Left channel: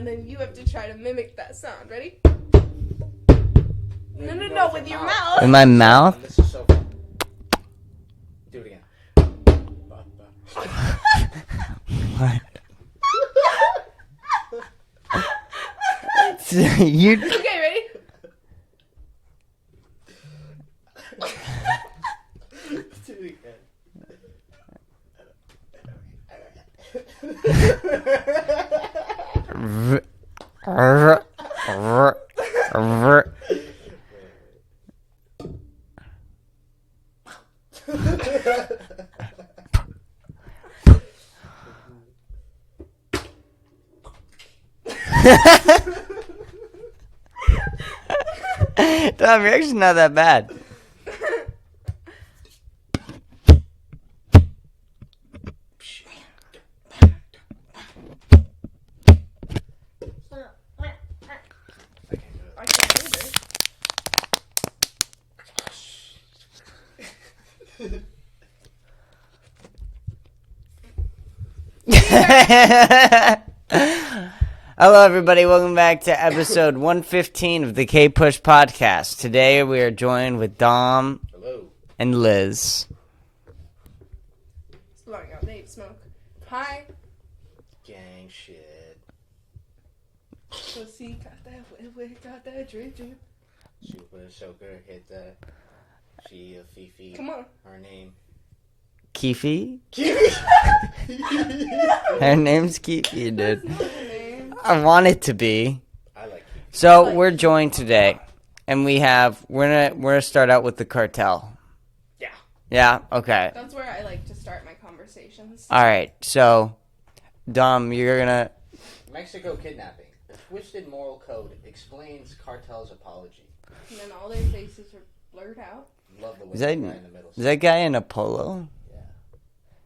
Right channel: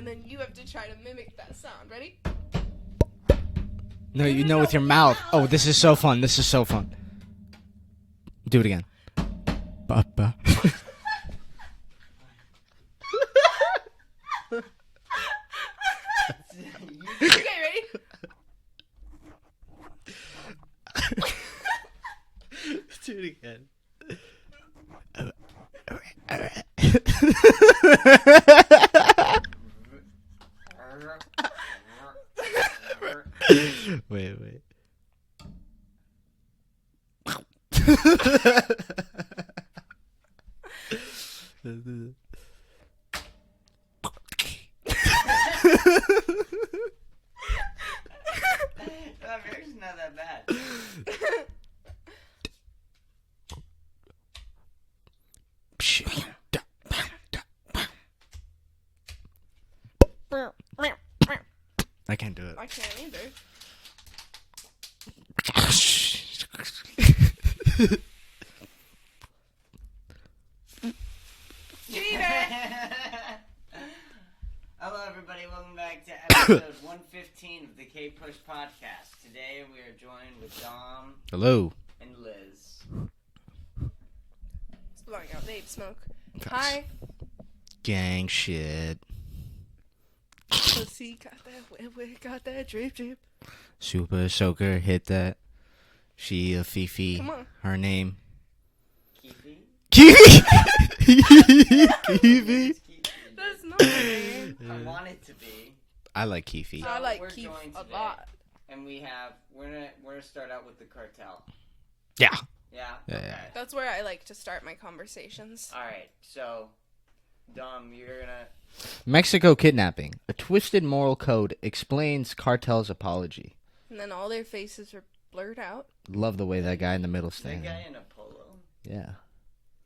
and then you have to try to mimic that sound. Ready? No, you know with your mouth. Oh, in my mouth? So fun. This is so fun. Do it again. Ba-ba. What? You. Okay, ready? Do it again. Wait. Tom, you're actually not that bad. I can't do it. I can't either. Hello, everybody. Welcome back to episode 115 of the Kpush Podcast. Today, we are joined with Dom. Hello. And Liz. It's blowing out vape smoke. Hi. Gang shit. Pussy got that wet, got that drip. Super Soaker hit that. She a Fifi. Come on. Her name. Kifi? Kifi? Her name's Kifi, dude. I want it to be. I like Kifi. So we're joined today, and we're gonna start out with the cartel. Yeah. Yeah. Okay. That's where I like to start my conversations. All right. So, Dom, you're gonna. Mexico kidnapping. A twisted moral code explains cartel's apology. And then all their faces are blurred out. Love the way Is that that- guy in the middle. Is that guy in a polo? Yeah.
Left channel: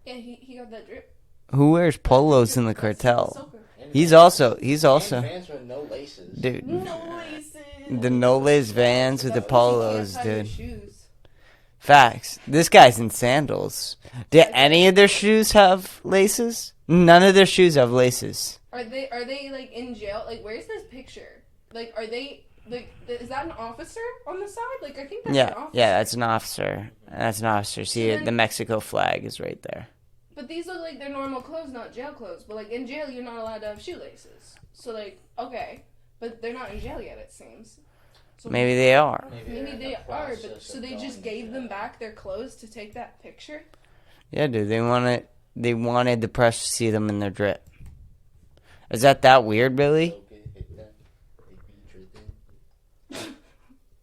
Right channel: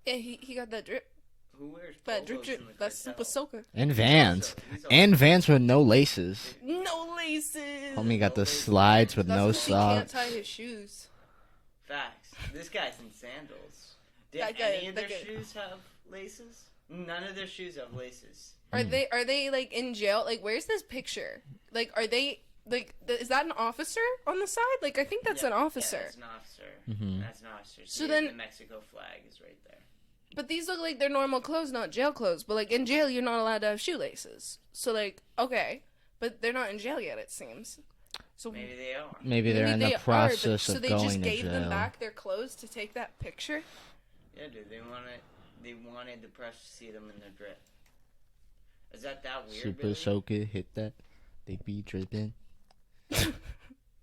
Yeah, he got that drip. Who wears That polos drip, in the that's cartel? Ahsoka. And He's Vans. also And Vans with no laces. dude. No laces. The Only got no the lace slides Vans with with the no polos, Can't tie your dude. shoes. Facts. This guy's in sandals. Did any of their shoes have laces? None of their shoes have laces. Are they like in jail? Like, where's this picture? Like, are they like? Is that an officer on the side? Like, I think that's an officer. Yeah, that's an officer. Mm-hmm. That's an officer. See, then- the Mexico flag is right there. But these look like they're normal clothes, not jail clothes. But like in jail, you're not allowed to have shoelaces. So like, okay, but they're not in jail yet. It seems. So Maybe they are. Maybe they're in they the are, process so of they going just to gave jail. them back their clothes to take that picture. Yeah, dude. They wanted the press to see them in their drip. Is that weird, Billy? Ahsoka hit that. They be dripping.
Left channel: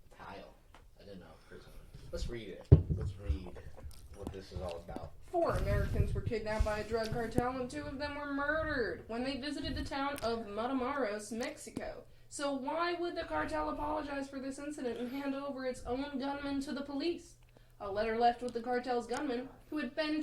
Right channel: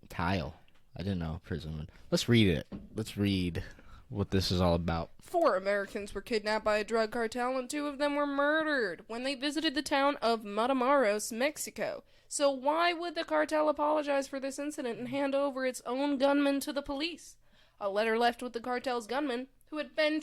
Tile. I didn't know. Prison. Let's read it. Let's read what this is all about. 4 Americans were kidnapped by a drug cartel and 2 of them were murdered when they visited the town of Matamoros, Mexico. So why would the cartel apologize for this incident and hand over its own gunmen to the police? A letter left with the cartel's gunman, who had been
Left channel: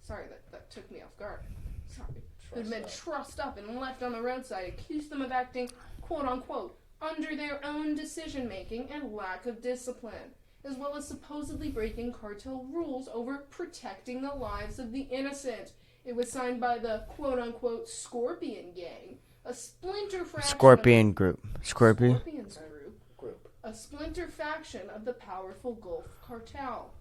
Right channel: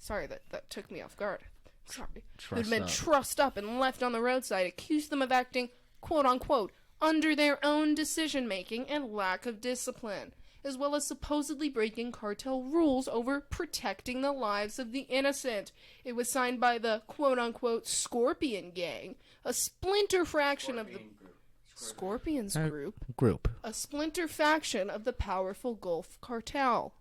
Sorry, that took me off guard. Sorry. Who had been trussed up and left on the roadside, accused them of acting, quote-unquote, under their own decision-making and lack of discipline, as well as supposedly breaking cartel rules over protecting the lives of the innocent. It was signed by the quote-unquote Scorpion Gang, a splinter fraction Scorpions group. Group. a splinter faction of the powerful Gulf Cartel.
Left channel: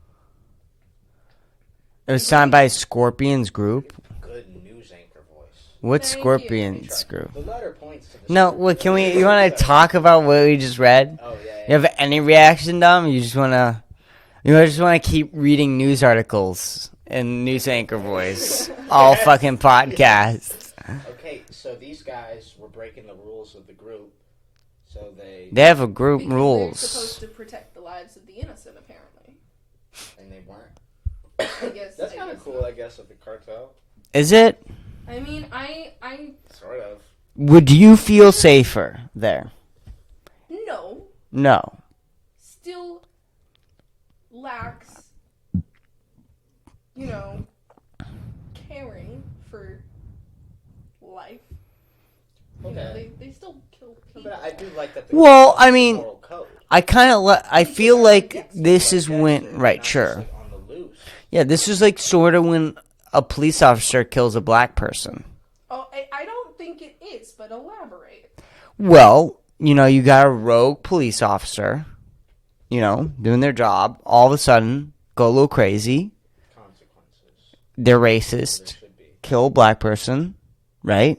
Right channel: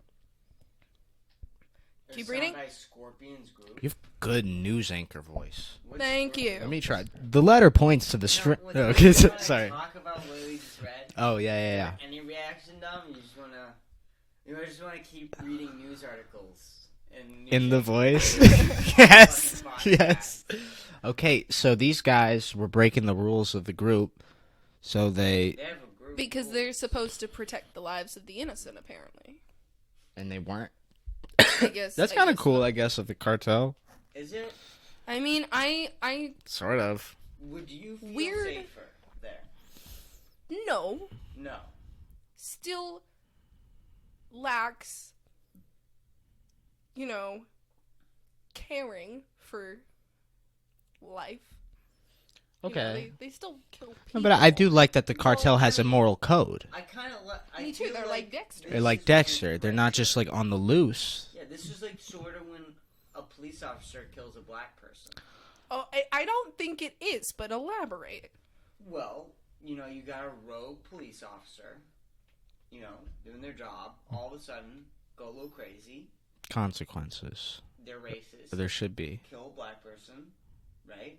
It was signed by Scorpions group. You have a good news anchor voice. What's Thank you. Scorpions group? The letter points to the No, script. what, can we? You want to talk about what we just read? Oh, yeah. You have any reaction, Dom? You just want to? You just want to keep reading news articles and news In the anchor voice. voice all Yes, fucking podcast. yes. Okay, so these guys were breaking the rules of the group. So they They have a group Because rules. they're supposed to protect the lives of the innocent, apparently. and they weren't. I guess That's kind of cool, I guess, of the cartel. Is it? I mean, I Sort of. Would you feel safer there? no, No. still lacks, caring for life. Okay. They still kill people. No, but I do like that the Well, cartel has I mean, a moral code. I kind of. I feel they're like like Dexter. this Like is Dexter. when. They're Right. not Sure. just like on the loose. Yeah. This is like sort of when a police officer kills a black person. Oh, I don't think it is, but elaborate. Well, you got a rogue police officer, doing their job. All of a sudden, go a little crazy. Consequences. They're racist. There should be. Kill a black person, right?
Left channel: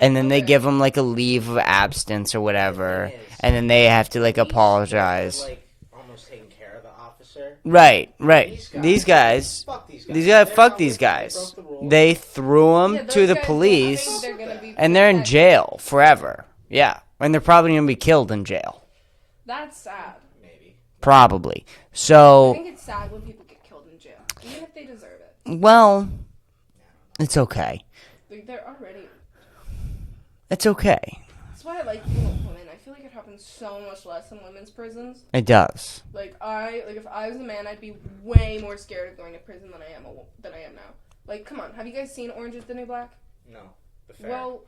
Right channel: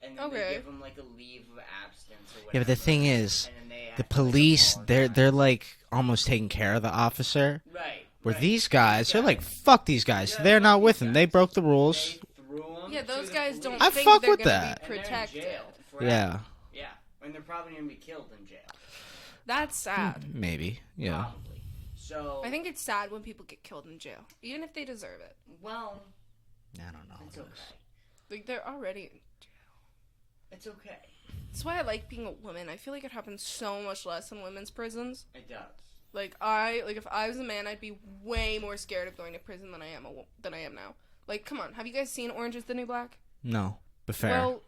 And then they Okay. give them like a leave of absence or whatever. The thing is, and then they have to like police, apologize. They're like almost taking care of the officer. Right. These guys, fuck these guys. They're fuck not these with them. guys. They broke the rules. They threw them Yeah, to those the guys don't police. think I fuck they're with gonna that. be And they're in protected. jail forever. Yeah. And they're probably going to be killed in jail. That's sad. Maybe. Yeah. Probably. I So, think it's sad when people get killed in jail, even if they deserve it. well, I don't know. it's okay. Like, they're already... It's okay. That's why I like being a woman. I feel like it happens so much less in women's prisons. It does. Like if I was a man, I'd be way more scared of going to prison than I am now. Like, come on, have you guys seen Orange Is the New Black? No, but fair. Well,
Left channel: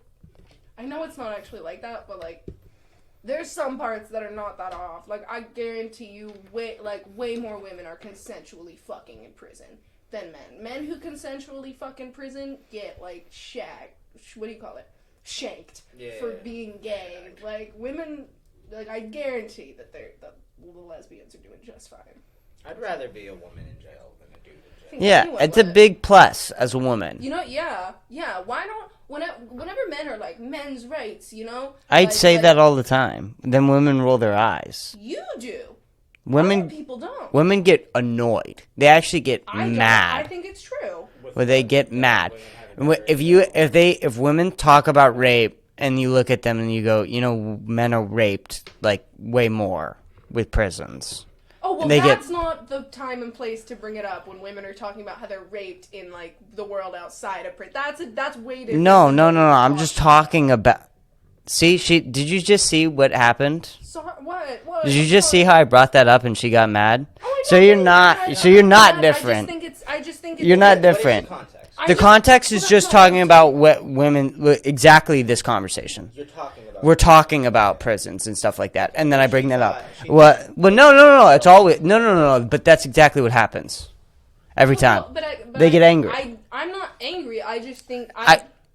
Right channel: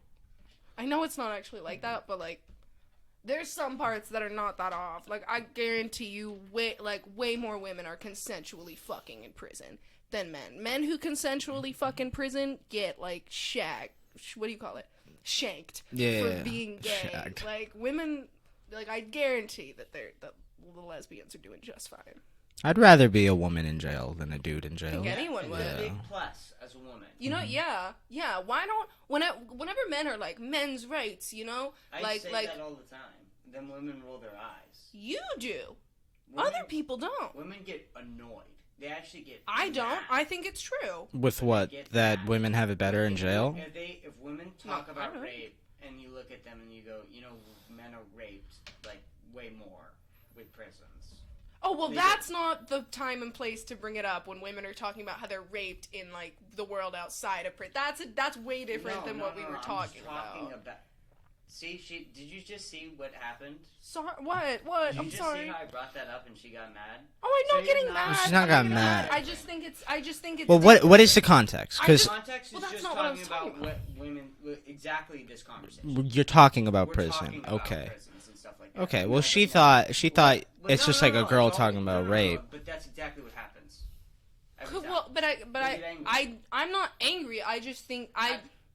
I know it's not actually like that, but like, there's some parts that are not that off. Like, I guarantee you, way more women are consensually fucking in prison than men. Men who consensually fuck in prison get like what do you call it? Shanked for being gay. Shagged. Like, women, like, I guarantee that the lesbians are doing just fine. I'd rather be a woman in jail than a dude in jail. Yeah, anyone it's a would. big plus as a woman. You know, yeah. Why don't whenever men are like men's rights, I'd say that all the time. Then women roll their eyes. you do. Women Other people don't. Women get annoyed. They actually get I don't. mad. I think it's true. With Where they what? get That mad. Women have it better if in you jail? if women talk about rape and you look at them and you go, men are raped like way more with prisons. Oh, well, They that's not the time and place to bring it up when women are talking about how they're raped in like the world outside of prison. That's way different. No. than what we're I'm just talking about. See, did you just see what happened? Sorry, what? Did you just see how I brought that up and she got mad? Oh, I So know, you're but not. I'm So you're not mad. different. I just think it's. You're Well, not what is the different. context? The context is Well, just that's not talking what I'm about what women. Exactly this conversation. You're talking about. We're prison. talking about Okay. prisons and stuff like that, Okay, and then well, I bring she that thought- up. she What? thought Well, it's no, just like a girl it's always talking no. about rape. But that's exactly what happens every time. But They get angry. I'm not angry. I just think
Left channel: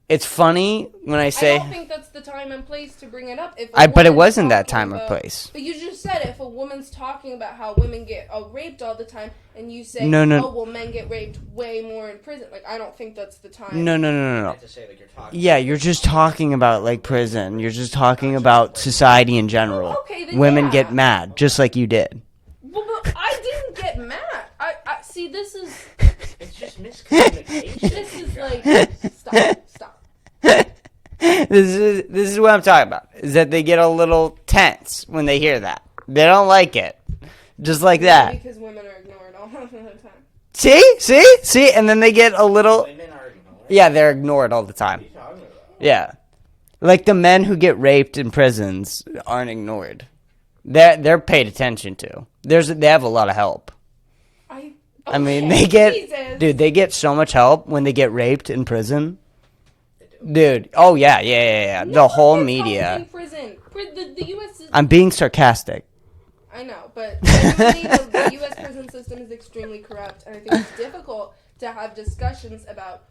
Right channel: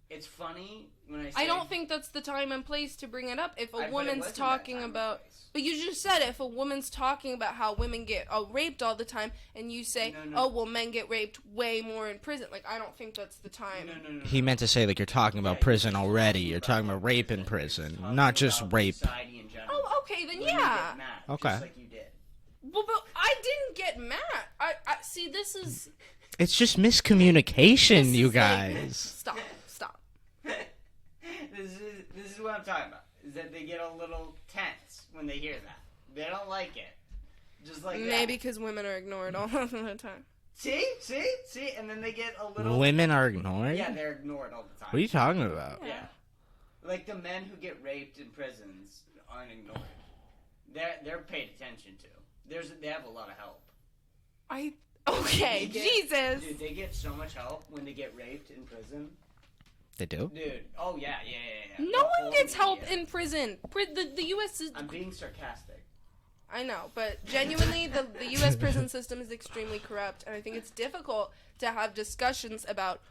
It's funny when I I say, don't think that's the time and place to bring it up. If but it woman's wasn't that talking time or about- place. But you just said if a woman's talking about how women get raped all the time, and you say, No. oh, well, men get raped way more in prison. Like, I don't think that's the time. No. He meant to say like you're talking. Yeah, about you're prison just already. talking You're about talking like about rape in prison. You're just not talking just about rape. society in general. Oh, okay, then Women yeah. get mad, just Okay. like you did. Well, but I didn't get mad. I see. This is. It's just miscommunication, this you is like- guys. Stop. This is what I'm talking about. Is that they get a little tense when they hear that. They don't like it, just like that. Because women are ignored all the time. See, and then they get a little. Women are ignored. Yeah, they're ignored all the What are time. you talking about? Yeah, like the men who get raped in prisons aren't ignored. They're paid attention to. They have a lot of help. I mean, they get, Jesus. dude, they get so much help when they get raped in prison. They do. Dude, oh yeah. No The one whole gets media. help in prison. The U.S. is. I'm being sarcastic. I know, but genuinely, the U.S. prison system is extremely corrupt, and I think it's difficult to have discussions about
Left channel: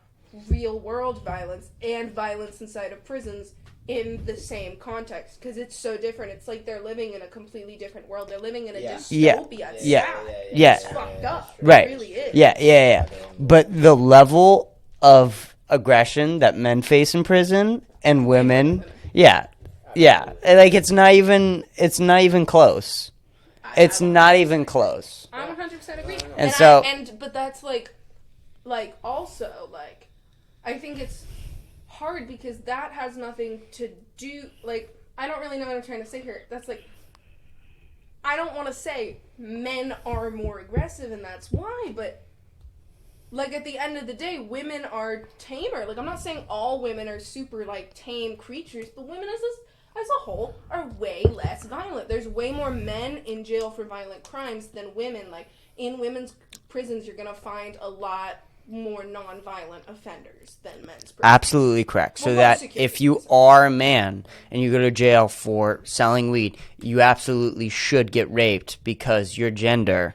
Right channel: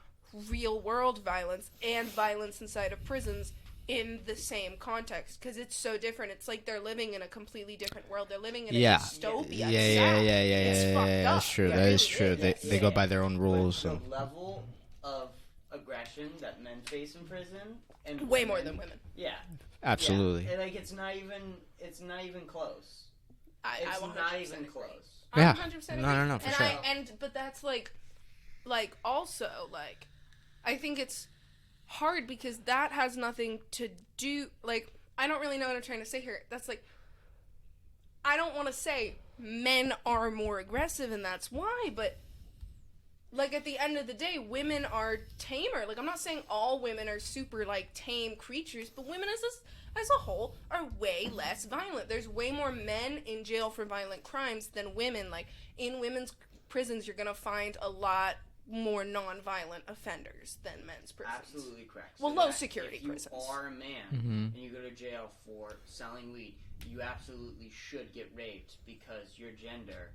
real-world violence and violence inside of prisons in the same context, because it's so different. It's like they're living in a completely different world. They're living in a Yeah. dystopia. Yeah. It's fucked up. That's true. Right. That is true. Yeah, They go yeah. by their own But rules. the level of aggression that men face in prison and women, yeah, Absolutely. yeah, like it's not even close. It's not even close. I Yeah. 100% agree. No. And so- but that's like also like, I think it's hard because that has nothing to do, like, I don't really know what I'm trying to say here. That's like, I don't want to say men are more aggressive and that's why, but like at the end of the day, women are tamer. Like, I'm not saying all women are super like tame creatures, but women as a whole are way less violent. There's way more men in jail for violent crimes than women. Like, in women's prisons, you're gonna find a lot more non-violent offenders than men's prisons. Absolutely correct. So Well, that security if you prisons. are a man and you go to jail for selling weed, you absolutely should get raped because your gender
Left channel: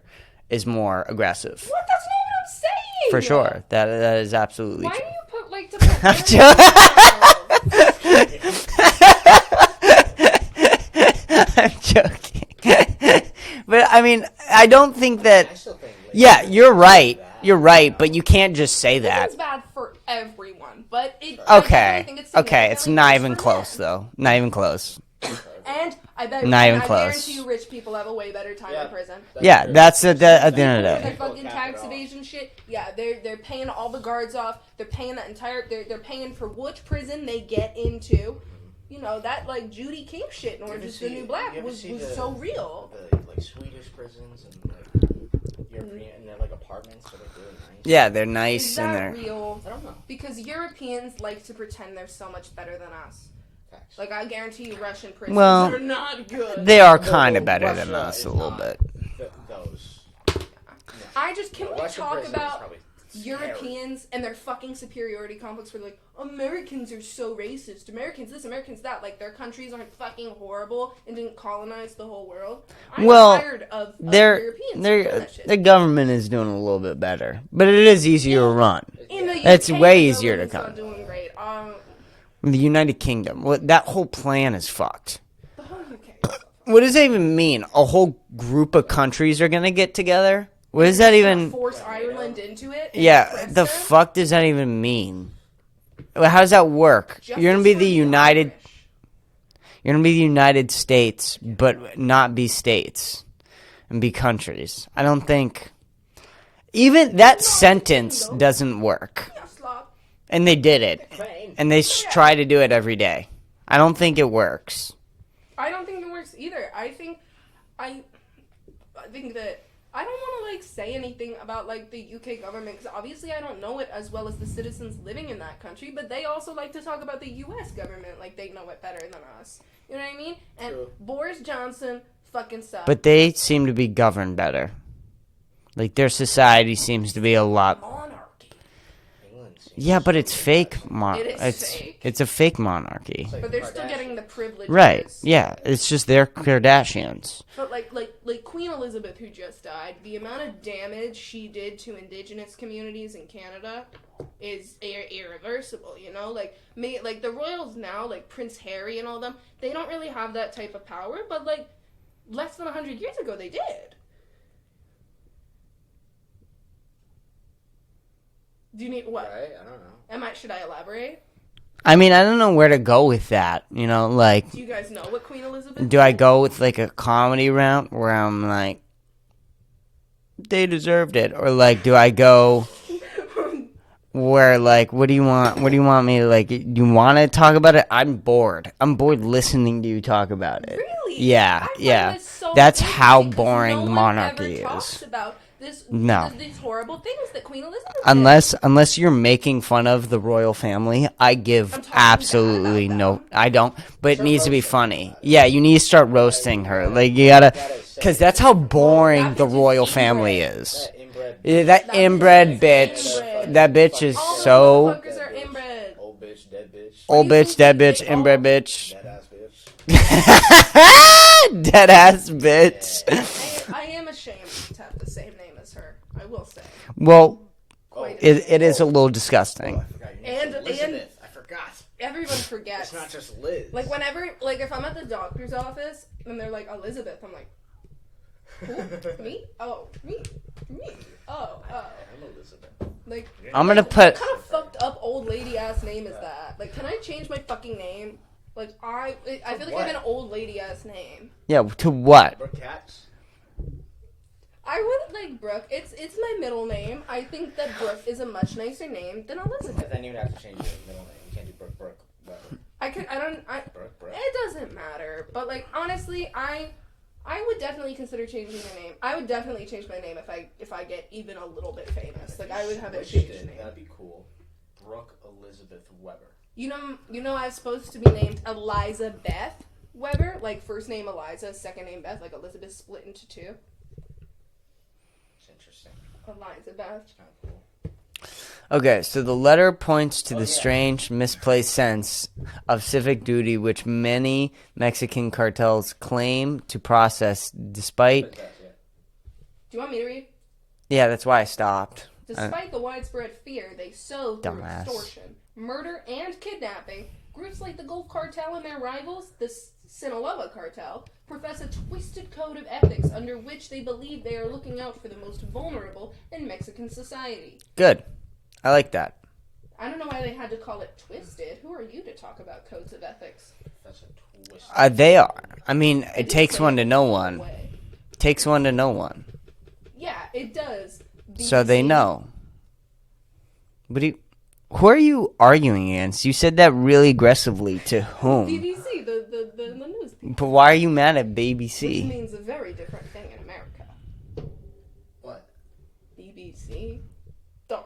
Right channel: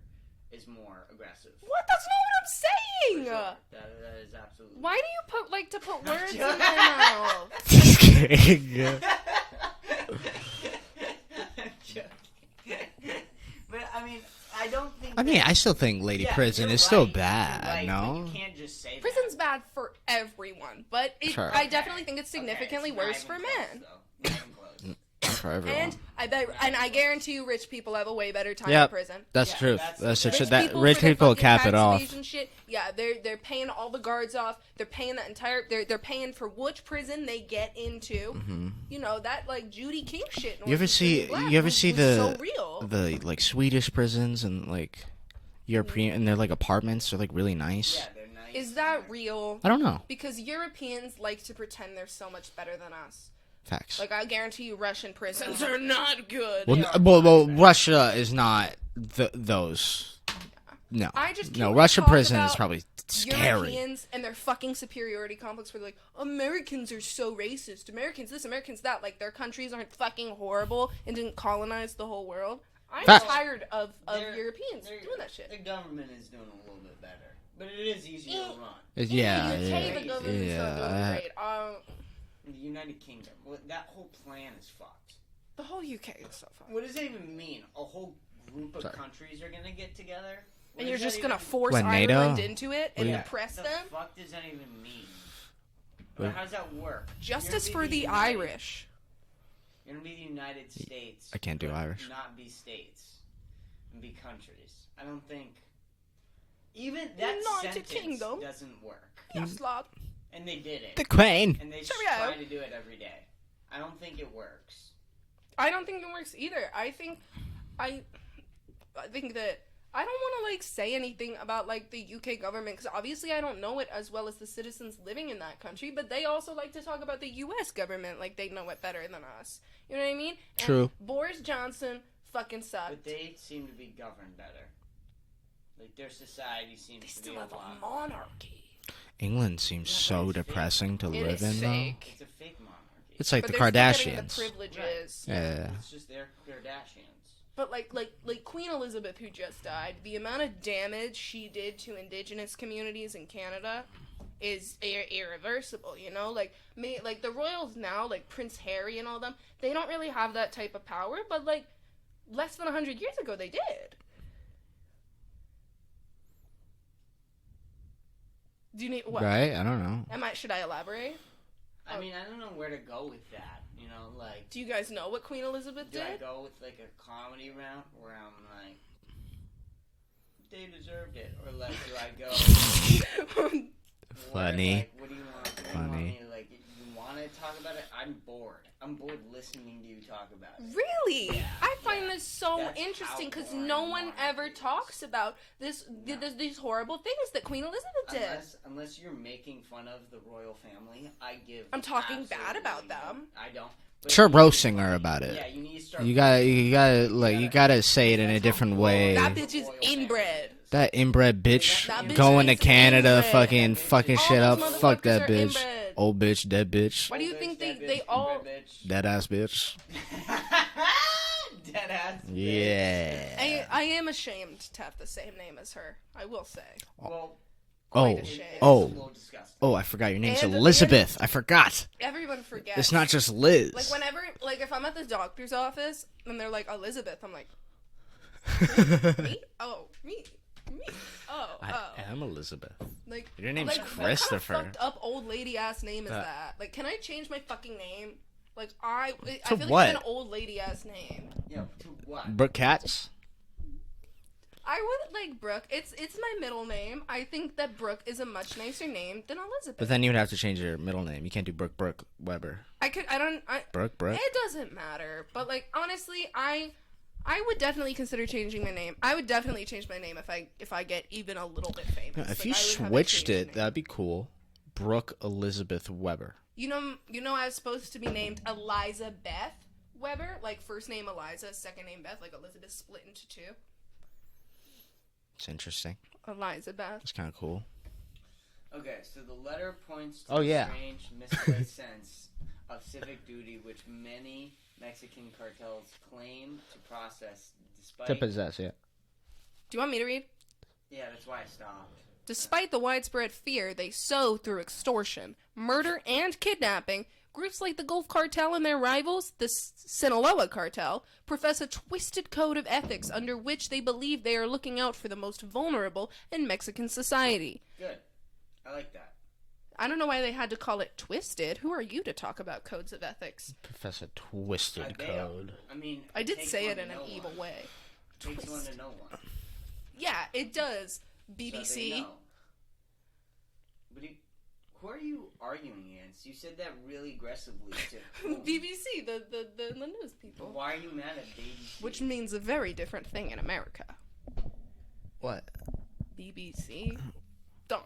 is more aggressive. What? That's not what I'm saying. For sure. That is absolutely Why true. do you like to put I'm joking. I'm joking. But I mean, I don't think that. I still think late Yeah, you're right. Bad, you're right, you know? but you can't just say that. It's bad for everyone, but it, Sure. I Okay. definitely think it's Okay, it's significantly not worse even for close, men. though. Not even close. For everyone. And I bet, Not even I close. guarantee you, rich people have a way better time in prison. Yeah, true. that's That's the- true. at the end of the Rich day. people Fucking cap it tax off. evasion shit. Yeah, they're paying all the guards off. They're paying that entire. They're paying for which prison they get into. Mm-hmm. You know that like Judy King shit. You ever see? You ever see so real. the like Swedish prisons and like European and they're like apartments. They're like really nice. Yeah, they're nice Is and that they're. real? I don't know. Because Europeans like to pretend they're so much better than us. Facts. Like I guarantee you, Russian prisons Well, are not good. They are Well, kind of better. Russia than us is a little not bit. those. No. I just can't No, wait to Russian talk prison about is probably scary. Europeans and their fucking superiority complex where they're like, Americans are so racist. Americans this, Americans that. Like, their countries aren't fucking horrible and didn't colonize the whole world. I'm tired of Europeans doing that shit. Their government is doing a little bit better, but it is easier to run. Yeah. That's UK, way the easier to government's cut. not doing great. The United Kingdom, that whole plan is fucked. The whole UK is so fucked. What does that even mean? A whole group of countries are gonna get together? What does You're that just gonna even? force What, NATO? Ireland into it? and Yeah, oppress the them? fuck does that even mean? How does that work? Justice You're gonna be for the United. Irish. You're gonna be the United States, can't do but Irish. not be states and be countries. I don't think even that sentence kingdom. doesn't work. Yeah, slop. And they did it, Queen. and they try to do it every day. I don't think it works. I don't think it works either. I think that I don't want to like say anything about like the UK government because obviously I don't know it as well as the citizens living in that country, but they also like to talk about the US government like they know it better than us. You know what I mean? And True. Boris Johnson fucking sucks. But they seem to be governed better. Like their society seems to be a lot. Monarchy. England seems. Yeah, but so it's fake depressing to monarchy. It is live in. fake. It's a fake monarchy. It's like But the they're still getting the Kardashians. privileges. Right? Yeah, Yeah. it's just they're Kardashians. But like Queen Elizabeth, who just died, the amount of damage she did to Indigenous communities in Canada is irreversible. You know, like the royals now, like Prince Harry and all them, they don't really have that type of power. But like less than 100 years ago, they did. Do you need what? Right? I don't know. Should I elaborate? I mean, I don't know where to go with that. You know, like, Do you guys know what Queen Elizabeth? do I go with like a comedy route where I'm like, they deserved it, or like, do I go where like, what do you want? What do you want me to like? You want to talk about it? I'm bored. I'm bored listening to you talk about it. Really? Yeah, I find yeah. this so That's how interesting 'cause boring no one monarchy ever talks is. about No. these horrible things that Queen Elizabeth did. Unless you're making fun of the royal family, I give I'm talking absolutely bad about no. them. I don't. But Start it needs to be roasting her funny. about it. Yeah, you need to start You gotta- roasting you her. gotta- Like like, you you gotta, gotta say it because in that's a how different boring way. That the bitch is royal inbred. family is. That inbred bitch. That That inbred going to bitch. Canada, fucking, That bitch fucking is shit so- up. Fuck that Fuckers are bitch. inbred. Old bitch, dead bitch. Old do you bitch, dead think bitch, they inbred all- bitch, Dead ass bitch. dead ass bitch. Yeah. I am ashamed to have the same name as her. I will say. Well, Oh, it is a Oh. little disgusting. oh, I forgot your name's And at the Elizabeth. I forgot. Everyone forgets. It's not just Liz. Like whenever, like if I'm at the doctor's office and they're like Elizabeth, I'm like, who? Me? Oh, me. Oh. I'm Elizabeth. Like I'm gonna like, put- what kind of fucked up old lady ass name is that? Like, can I change my fucking name? Like I feel like I what? have an old lady ass name. Yeah, to what? Brooke Katz? I would like Brooke. It's my middle name. I think that Brooke is a much nicer name than Elizabeth. But then you would have to change your middle name. You can't do Brooke Weber. Brooke. Brooke? It doesn't matter. But like honestly, I would definitely consider changing my name. I would definitely change my name if I get even a little bit famous. If Like, you I would have a switched changed it, name. that'd be cool. Brooke Elizabeth Weber. You know, I was supposed to be named Eliza Beth Weber, like first name Eliza, second name Beth, like Elizabeth split into two. It's interesting. Eliza Beth. It's kind of cool. Okay, so the letter points to Oh, the yeah. strange, misplaced sense of civic duty which many Mexican cartels claim to process despite... Yeah. Do you want me to read? Yeah, that's why I stopped. Despite the widespread fear they sow through Dumbass. extortion, murder, and kidnapping, groups like the Gulf Cartel and their rivals, the Sinaloa Cartel, profess a twisted code of ethics under which they believe they are looking out for the most vulnerable in Mexican society. Good. I like that. I don't know why they had to call it twisted. Who are you to talk about codes of ethics? Professor Twisted. They are. I mean, I it takes one to know one. It takes one to know one. Yeah, it does. BBC. So they know. But who are you arguing against? You said that really aggressively. To whom? BBC, the news people. But why are you mad at BBC? Which means a very different thing in America. What? BBC. Dumb.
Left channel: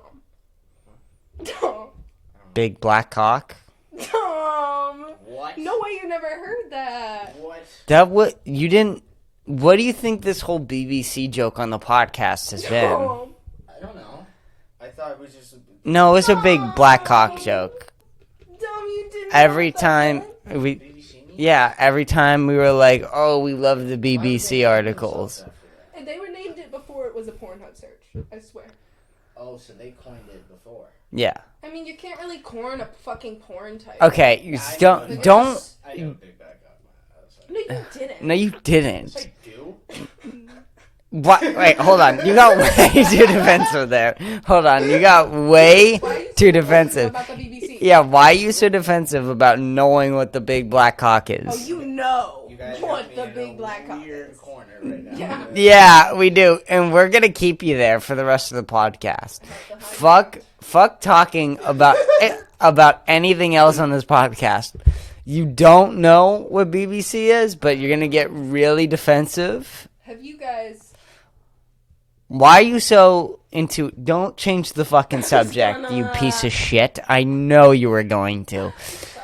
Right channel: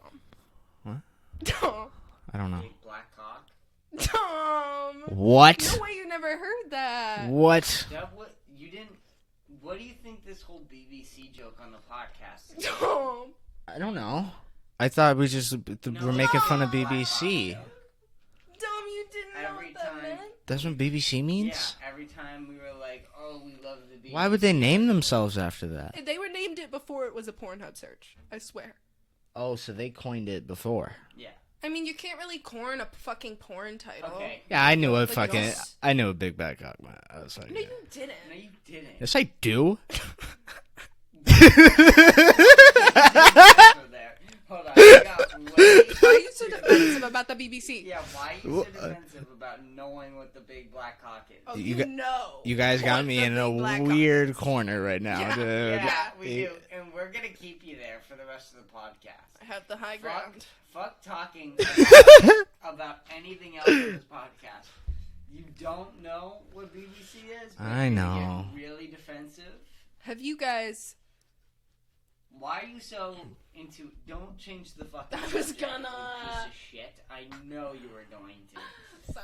What? Dumb. I don't know. Big black cock? Dumb. What? No way you never heard that. What? You didn't... What do you think this whole BBC joke on the podcast has been? Dumb. I don't know. I thought we just... No, it's a making big fun of black BBC. cock joke. Dumb, you didn't Every know that. time... That's what BBC means? Yeah, every time we were like, oh, we love the BBC Why would they name articles. themselves after that? They were named it before it was a Pornhub search. I swear. Oh, so they coined it before. Yeah. I mean, you can't really corn a fucking porn title. Okay, Yeah, I know don't... what fucking... don't I know a big black cock. I was like, No, you didn't. no, you didn't. yes, I do. What? Wait, hold on. You got way too defensive there. Hold on. You got way too defensive. About the BBC. Yeah, why are you so defensive about knowing what the big black cock Oh, is? you know. You guys got what me the in a big black cock weird is. corner right now. Yeah. Yeah, we do. And we're going to keep you there for the rest of the podcast. The high ground. Fuck talking about about anything else on this podcast. You don't know what BBC is, but I you're going to get know. really defensive. Have you guys... Why are you so into... Don't change the fucking subject, you piece of shit. I know you were going to. Sorry.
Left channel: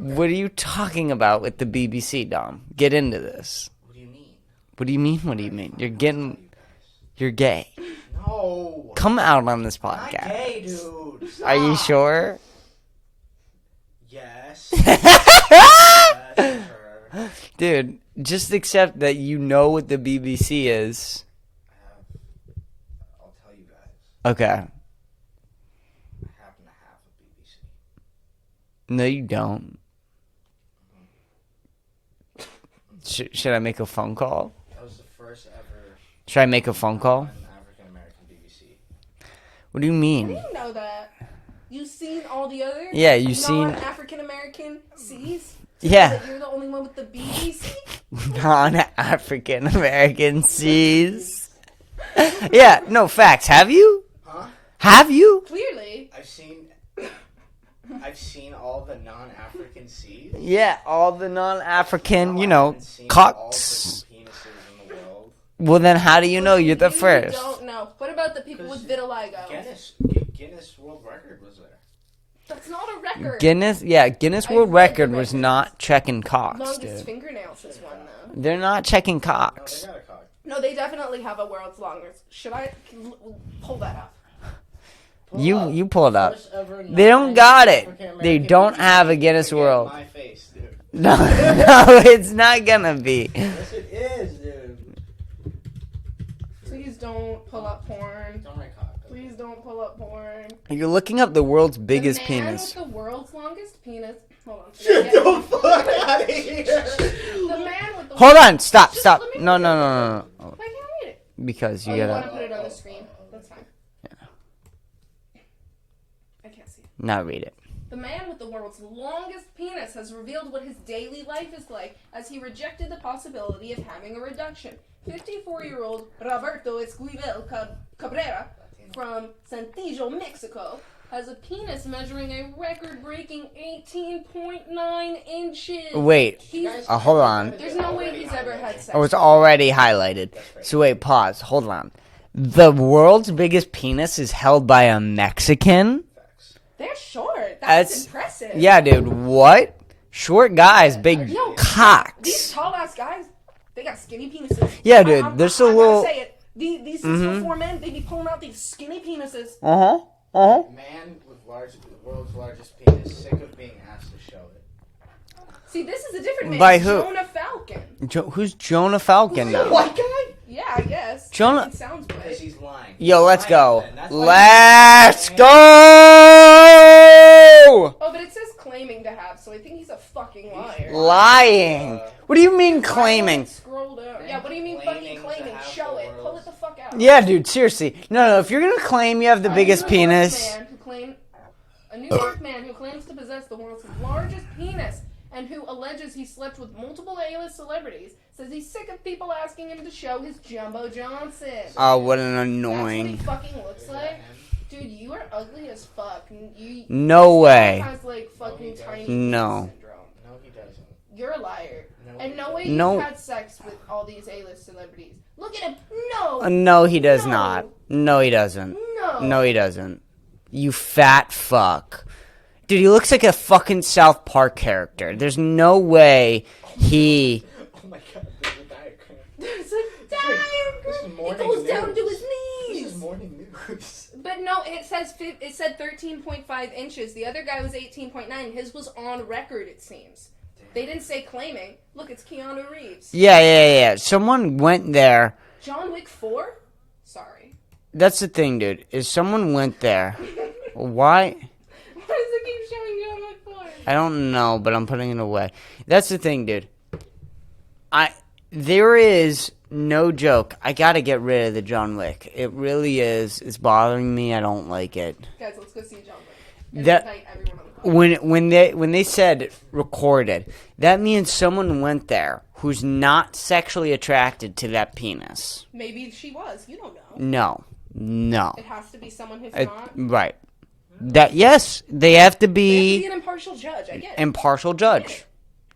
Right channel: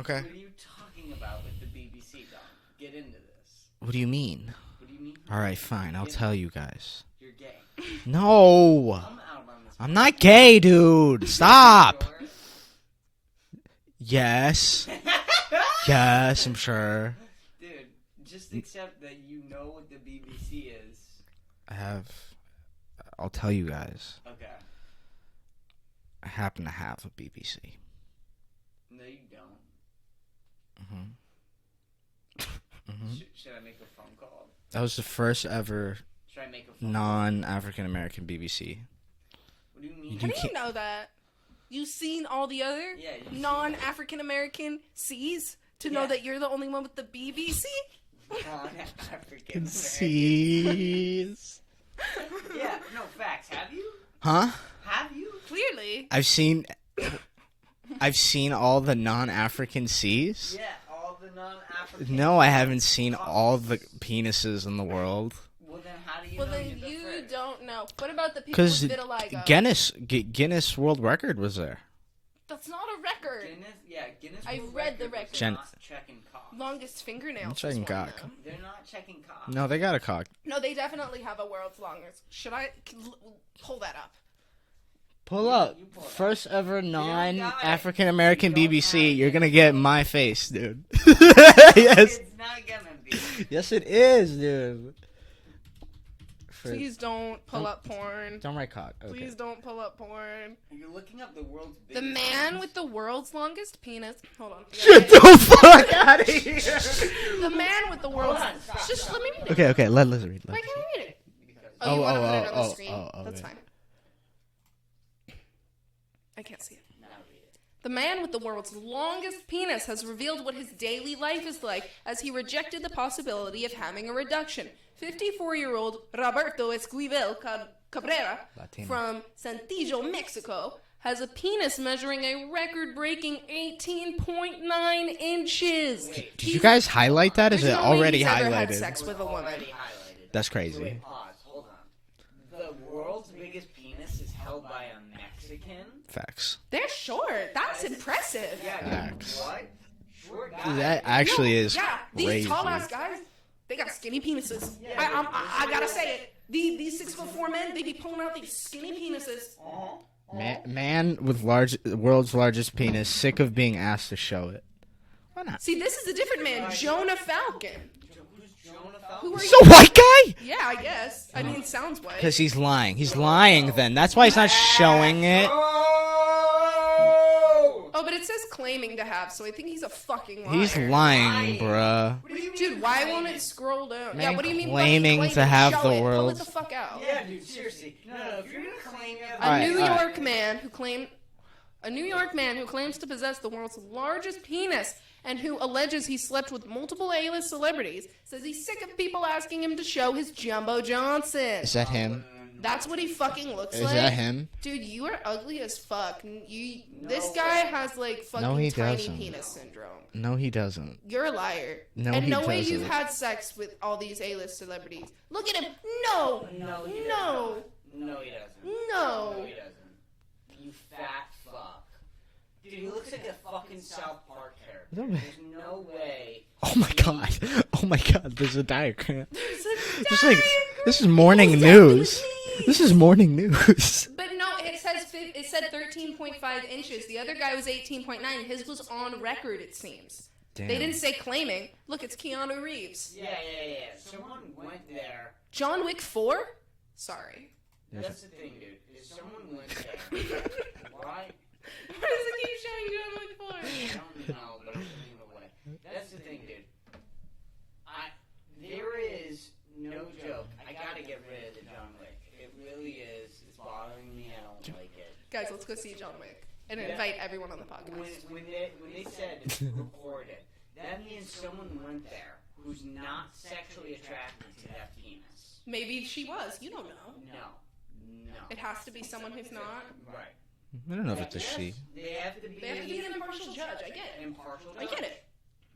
Okay. What are you talking about with the BBC, Dom? Get into this. What do you mean? What do you mean? What All do right, you mean? fine. You're I'll getting... tell you guys. You're gay. No. Come out on this podcast. I'm not gay, dude. Are Stop. you sure? Yes. Yes, I'm sure. Dude, just accept that you know what the BBC is. I'll tell you guys. Okay. I happen to have a BBC. No, you don't. Mm-hmm. Should I make a phone call? That was the first ever Should I make a phone call? non-African American BBC. What do you How mean? do you know that? You've seen all the other Yeah, you've seen non-African American C's? Yeah. That you're the only one with the BBC? non-African American C's. Yeah, no facts. Have you? Huh? Have you? Clearly. I've seen all the non-African C's. Yeah, all the non-African. No, I haven't seen cocks. all the penises in the world. Well, then how do you know you're the You first? don't know. What about the people with Because vitiligo? Guinness World Record was there. That's not a record. Guinness I World read Record the was record. not checking cocks, Longest dude. fingernails. checking was one, cock. though. They're not checking cocks. No, they got a cock. No, they definitely have a world's longest. Should I pull that up? You pull it up. First ever They don't got it. African American They don't BBC, have a you're Guinness gonna get World. my face, dude. No, it's not gonna be. Yes, it is, dude. Please don't pull up porn. Don't write cock. Okay. Please don't pull up porn. You're looking up the world's biggest the man penis. with the world's longest penis. Hold on. Get the fuck out of here. The man with the Hold on, stop. Just No, Okay, no, okay, no, let no, us no. read. I can read it. Because Oh, you. no, gotta- no, no, no, oh, see. oh, That's okay. fine. I can't see. Now read it. The man with the world's longest penis has revealed what his daily life is like as he rejected the possibility of having a reduction. 54-year-old Roberto Esquivel Cabrera from Santillo, Mexico, has a penis measuring a record-breaking 18.9 inches. Wait. Did you guys hold highlight on. that? Is it He's already ever had highlighted? sex Oh, it's with a already highlighted. That's crazy. So wait, pause. Hold on. The world's biggest penis is held by a Mexican? Facts. They're short. That's- That's impressive. Yeah, dude. What? Short guys, That big actually is cocks. These tall-ass guys, they got skinny penises. Yeah, dude. There's a I gotta little. say it. These 6'4" men, they be pulling out these skinny penises. Uh huh. Man with world's largest penis, sick of being asked to show it. Why not? See, this is a different man. By who? Jonah Falcon. Who's Jonah Falcon? The white guy? Yeah, I guess. Jonah, because he's lying. He's yo, lying, let's go. Then that's why Let's he's not showing go. Oh, but it says claiming to have, so I think he's a fucking liar. He's Lying. bruh. What do you mean claiming? Yeah, what do you mean Claiming to have the world. Pull it the fuck out. Yeah, dude, seriously. No, if you're gonna claim you have the biggest penis. A New York man who claims to possess the world's largest penis and who alleges he slept with multiple A-list celebrities says he's sick of people asking him to show his Jumbo Johnson. Oh, what an That's what he annoying. fucking looks Is like. that him? Dude, you are ugly as fuck. No this guy way. has, like, fucking No, he tiny doesn't. penis No. syndrome. No, he doesn't. You're a liar. No, and he no way doesn't. you've No. had sex with all these A-list celebrities. Look at him. No. No, he does No. not. No, he doesn't. No. No, he doesn't. You fat fuck. Dude, he looks like a fucking South Park character. There's no way he... Oh my god, there's a diagram. This is morning news. This is morning news. But no, it said 13.5 inches. The other guy was 18.9, and his was on record, it seems. Damn. They didn't say claiming. Look, it's Keanu Reeves. Yeah. Someone went there. John Wick 4? Sorry. That's the thing, dude, is someone went there. Why? I don't know, but I'm putting it away. That's the thing, dude. There is no joke. I gotta get rid of the John Wick. It really is. It's bothering me. I don't like it. Guys, let's go see John Wick. And That- invite everyone on the podcast. When they said recorded, that means someone went there who's not sexually attracted to that penis. Maybe she was. You don't know. No. It has to be someone who's not. Right. That yes, they have to They be have to be an impartial judge. I get it. impartial judge.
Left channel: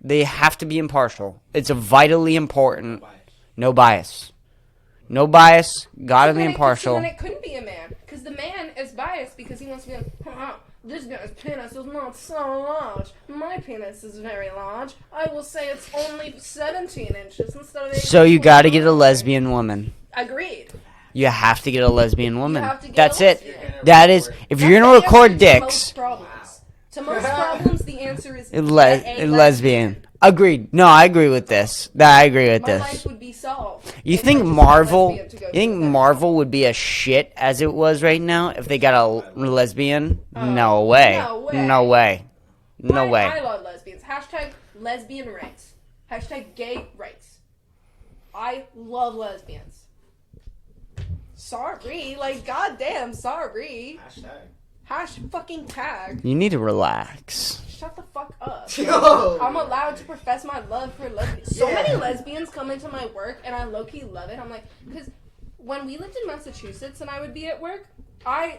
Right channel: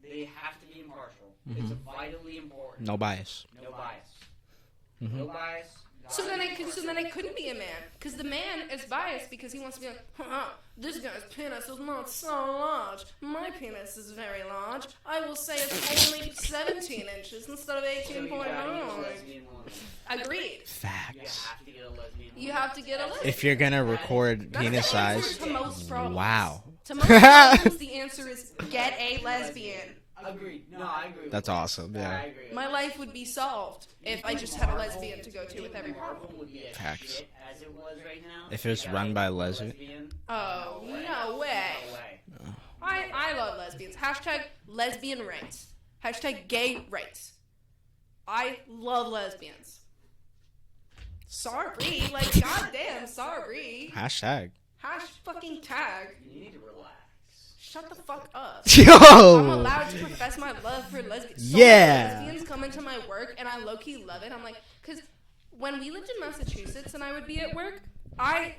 They have to be impartial. It's a vitally important. No bias. No bias. No bias. Gotta So be then impartial. it couldn't be a man. Because the man is biased because he wants to be like, this guy's penis is not so large. My penis is very large. I will say it's only 17 inches instead of 18. So you gotta get a lesbian woman. Agreed. You have to get a lesbian woman. have to get a That's lesbian. it. If you're gonna That is. record, If you're gonna record dicks, wow. To most problems, the answer is lesbian. Agreed. No, I agree with That's this. awesome. I agree with My this. life would be solved. You think Marvel? You think Marvel would be a shit as it was right now if they it's got a run by lesbian? No way. no way. No way. No way. I love lesbians. Hashtag lesbian rights. Hashtag gay rights. I love lesbians. Sorry. Like, goddamn, sorry. Hashtag. Hash fucking tag. You need to relax. Shut the fuck up. I'm Yo. allowed to profess my love for lesbians. Yeah. So many lesbians come into my work and I low-key love it. I'm like, because when we lived in Massachusetts and I would be at work, I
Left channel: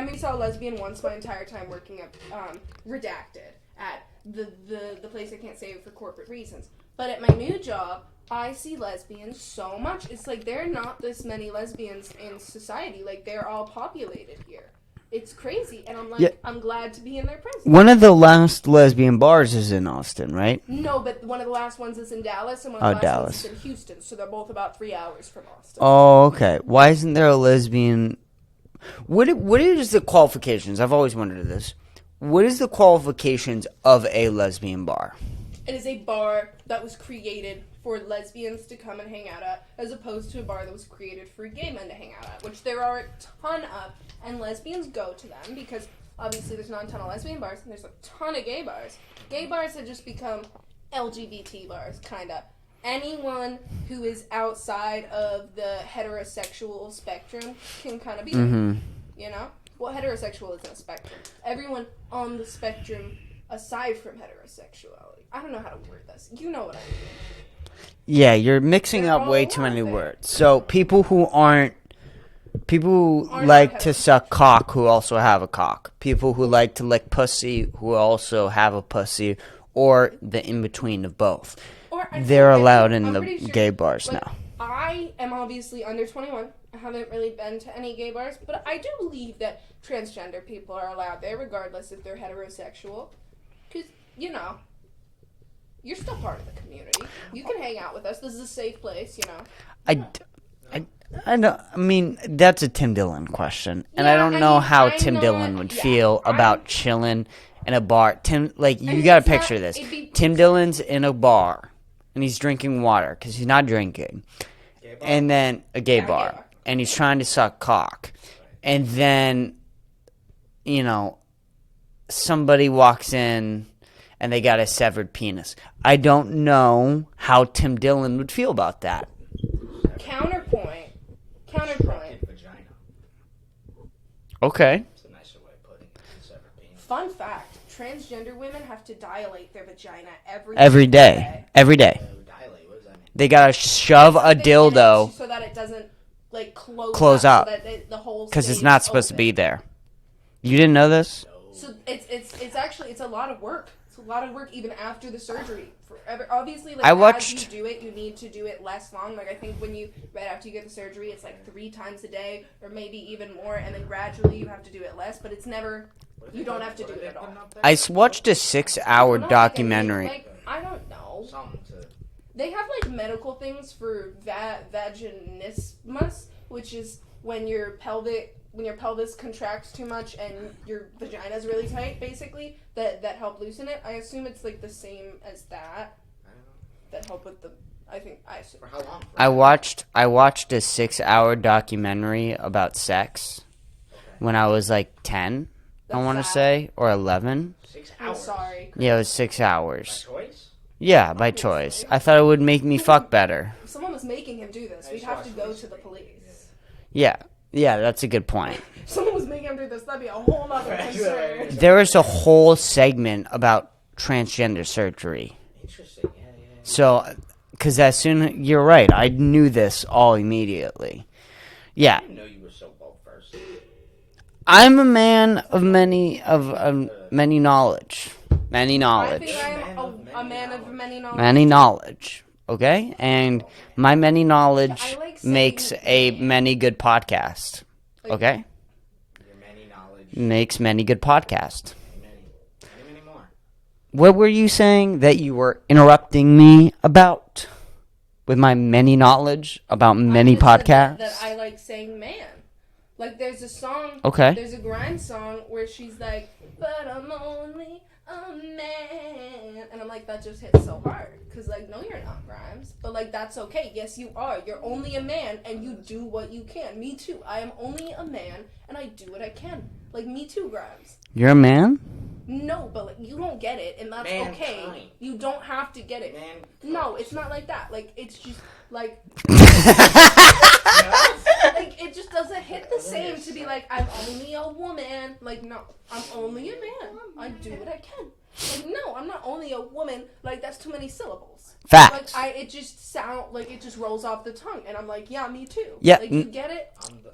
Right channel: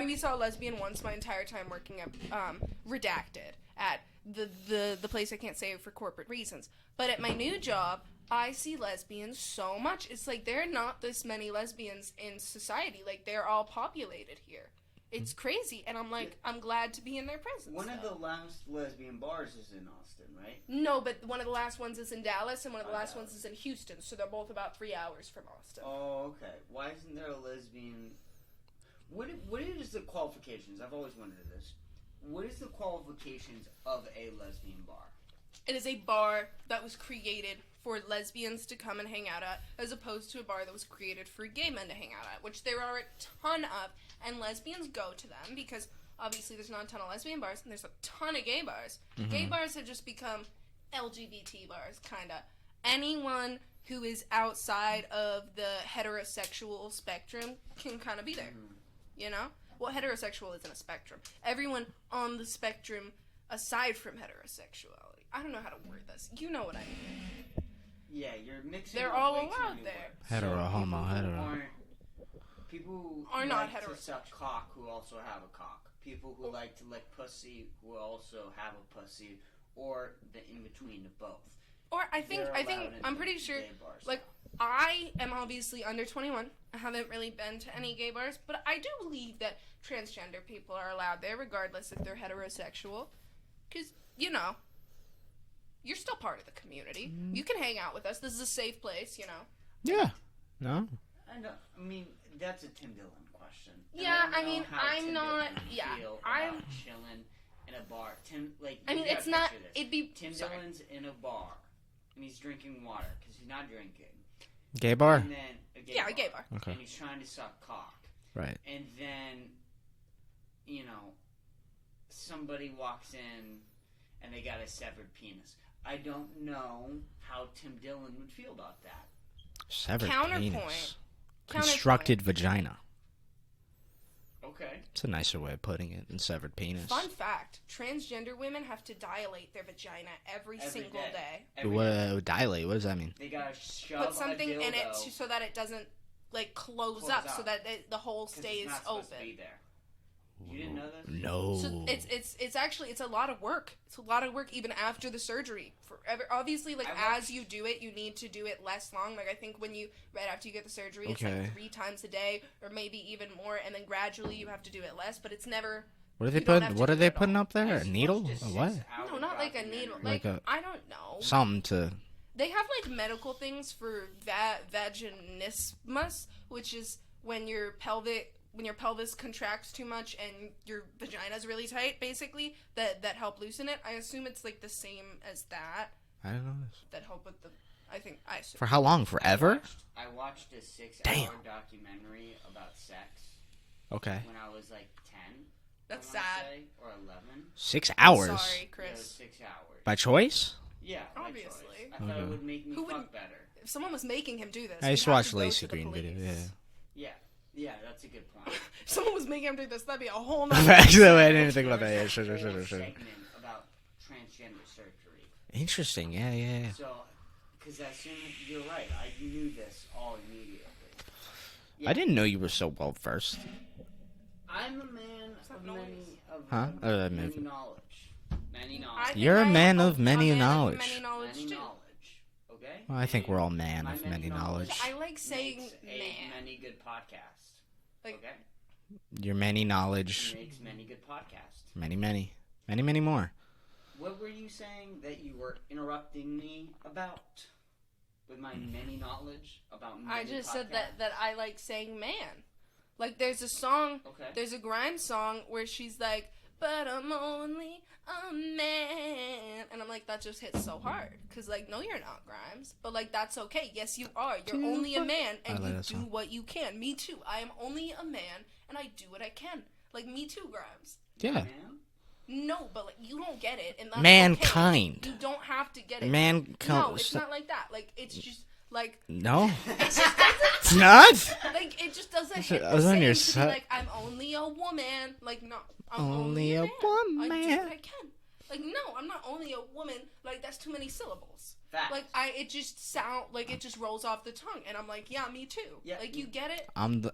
only saw a lesbian once my entire time working at Redacted at the place I can't say for corporate reasons. But at my new job, I see lesbians so much. It's like there are not this many lesbians in society. Like they're all populated here. It's crazy, and I'm like, Yeah. I'm glad to be in their presence. One of the last lesbian bars is in Austin, right? No, but one of the last ones is in Dallas, and one Oh, of the last ones Dallas. is in Houston. So they're both about 3 hours from Austin. Oh, okay. Why isn't there a lesbian? What is the qualifications? I've always wondered this. What is the qualifications of a lesbian bar? It is a bar that was created for lesbians to come and hang out at, as opposed to a bar that was created for gay men to hang out at, which there are a ton of, and lesbians go to them because obviously there's not a ton of lesbian bars, and there's a ton of gay bars. Mm-hmm. Gay bars have just become LGBT bars, kind of. Anyone who is outside of the heterosexual spectrum can kind of be there, you know? Well, heterosexual isn't a spectrum. Everyone on the spectrum aside from heterosexuality. I don't know how to word this. You know what I mean. Yeah, you're mixing They're up all way too alive many there. words. So people who Are like not to suck cock who also have a cock. People who like to lick pussy who also have a pussy, or the in between of both. Or I They're think- allowed I'm in the pretty sure, gay bars like, now. I am obviously under 21. I haven't really been to any gay bars, but I do believe that transgender people are allowed there, regardless if they're heterosexual. Because, you know, you're still part of the community. You can hang out with us. This is a safe place, you know. No. I know. I mean, that's a Tim Dillon question, and I Yeah, don't I know mean, how I'm Tim not- Dillon would yeah, feel I'm- about chilling in a bar. You mean, gotta it's not- picture this. it'd be- Tim Dillon's in a bar, and he's drinking water because he's not drinking, Gay bar? And then a gay Yeah, bar. gay bar. Okay. And he's trying to suck cock. Right. And then, somebody walks in and they got a severed penis. I don't know how Tim Dillon would feel about that. Severed Counterpoint. penis. Constructed vagina. Okay. It's a nicer way of putting it than severed penis. Fun fact: transgender women have to dilate their vagina Every day. Every day. Dilate. What does that mean? They gotta shove a Something in it dildo so that it doesn't close up. so that the hole because it's stays not supposed to open. be there. You didn't know this? No. So it's actually a lot of work. It's a lot of work even after the surgery. Obviously, like, as you do it, you need to do it less long. Like, I think right after you get the surgery, it's like 3 times a day, or maybe even more, and then gradually you have to do it less. But it's never. What are they putting up there? I watched a 6-hour Not documentary. Like, I don't know. Something to. They have like medical things for vaginismus, which is when your pelvis contracts too much and your vagina is really tight, basically, that help loosen it. I assume it's like the same as that. I don't know. That help with the. I assume. For how long? Forever? I watched a 6-hour documentary about sex Okay. when I was like 10. I That's want to sad. say, or 11. 6 I'm hours. sorry, Kris. Yeah, it was 6 hours. By choice? Yeah, by choice. I thought it would make me fuck better. If someone was making him do this, I we'd just have watched to go Lacey to the Green police. video. Yeah, that's a good point. If someone was making him do this, that'd be a whole nother. Actually, I didn't episode. think There about was a it. whole segment about transgender surgery. Interesting. Yeah. So, because you're right, I knew this all immediately. I Yeah, didn't know you were so well versed. I'm a man of many knowledge. Many knowledge. You're a man I'm of many knowledge. Many knowledge. Okay? I think And we're all man my of many knowledge I like saying makes a man. many good podcast. Like, Okay? Your many knowledge. Makes many good podcast. Many more. What were you saying that you were interrupting me about? With my many knowledge about many I just said podcasts? that I like saying man. Like, there's a song. Okay. There's a Grimes song where she's like, "But I'm only a man," and I'm like, that just hits so hard. Cause like, no, you're not, Grimes. But like, that's okay. Yes, you are. You're only a man, and you do what you can. Me too. I am only a man, and I do what I can. Like, me too, Grimes. You're a man? No, but like, you don't get it, and that's Mankind. okay. You don't have to get it. Mankind. No, it's not like that. Like, it's just like. It's not? Like, it just doesn't hit the was on same your to be side. like, I'm only a woman. Like, no, I'm only a man. I do woman. what I can. Like, no, I'm not only a woman. Like, that's too many syllables. Facts. Like, it just it just rolls off the tongue, and I'm like, yeah, me too. Yeah, Like, you get it? I'm the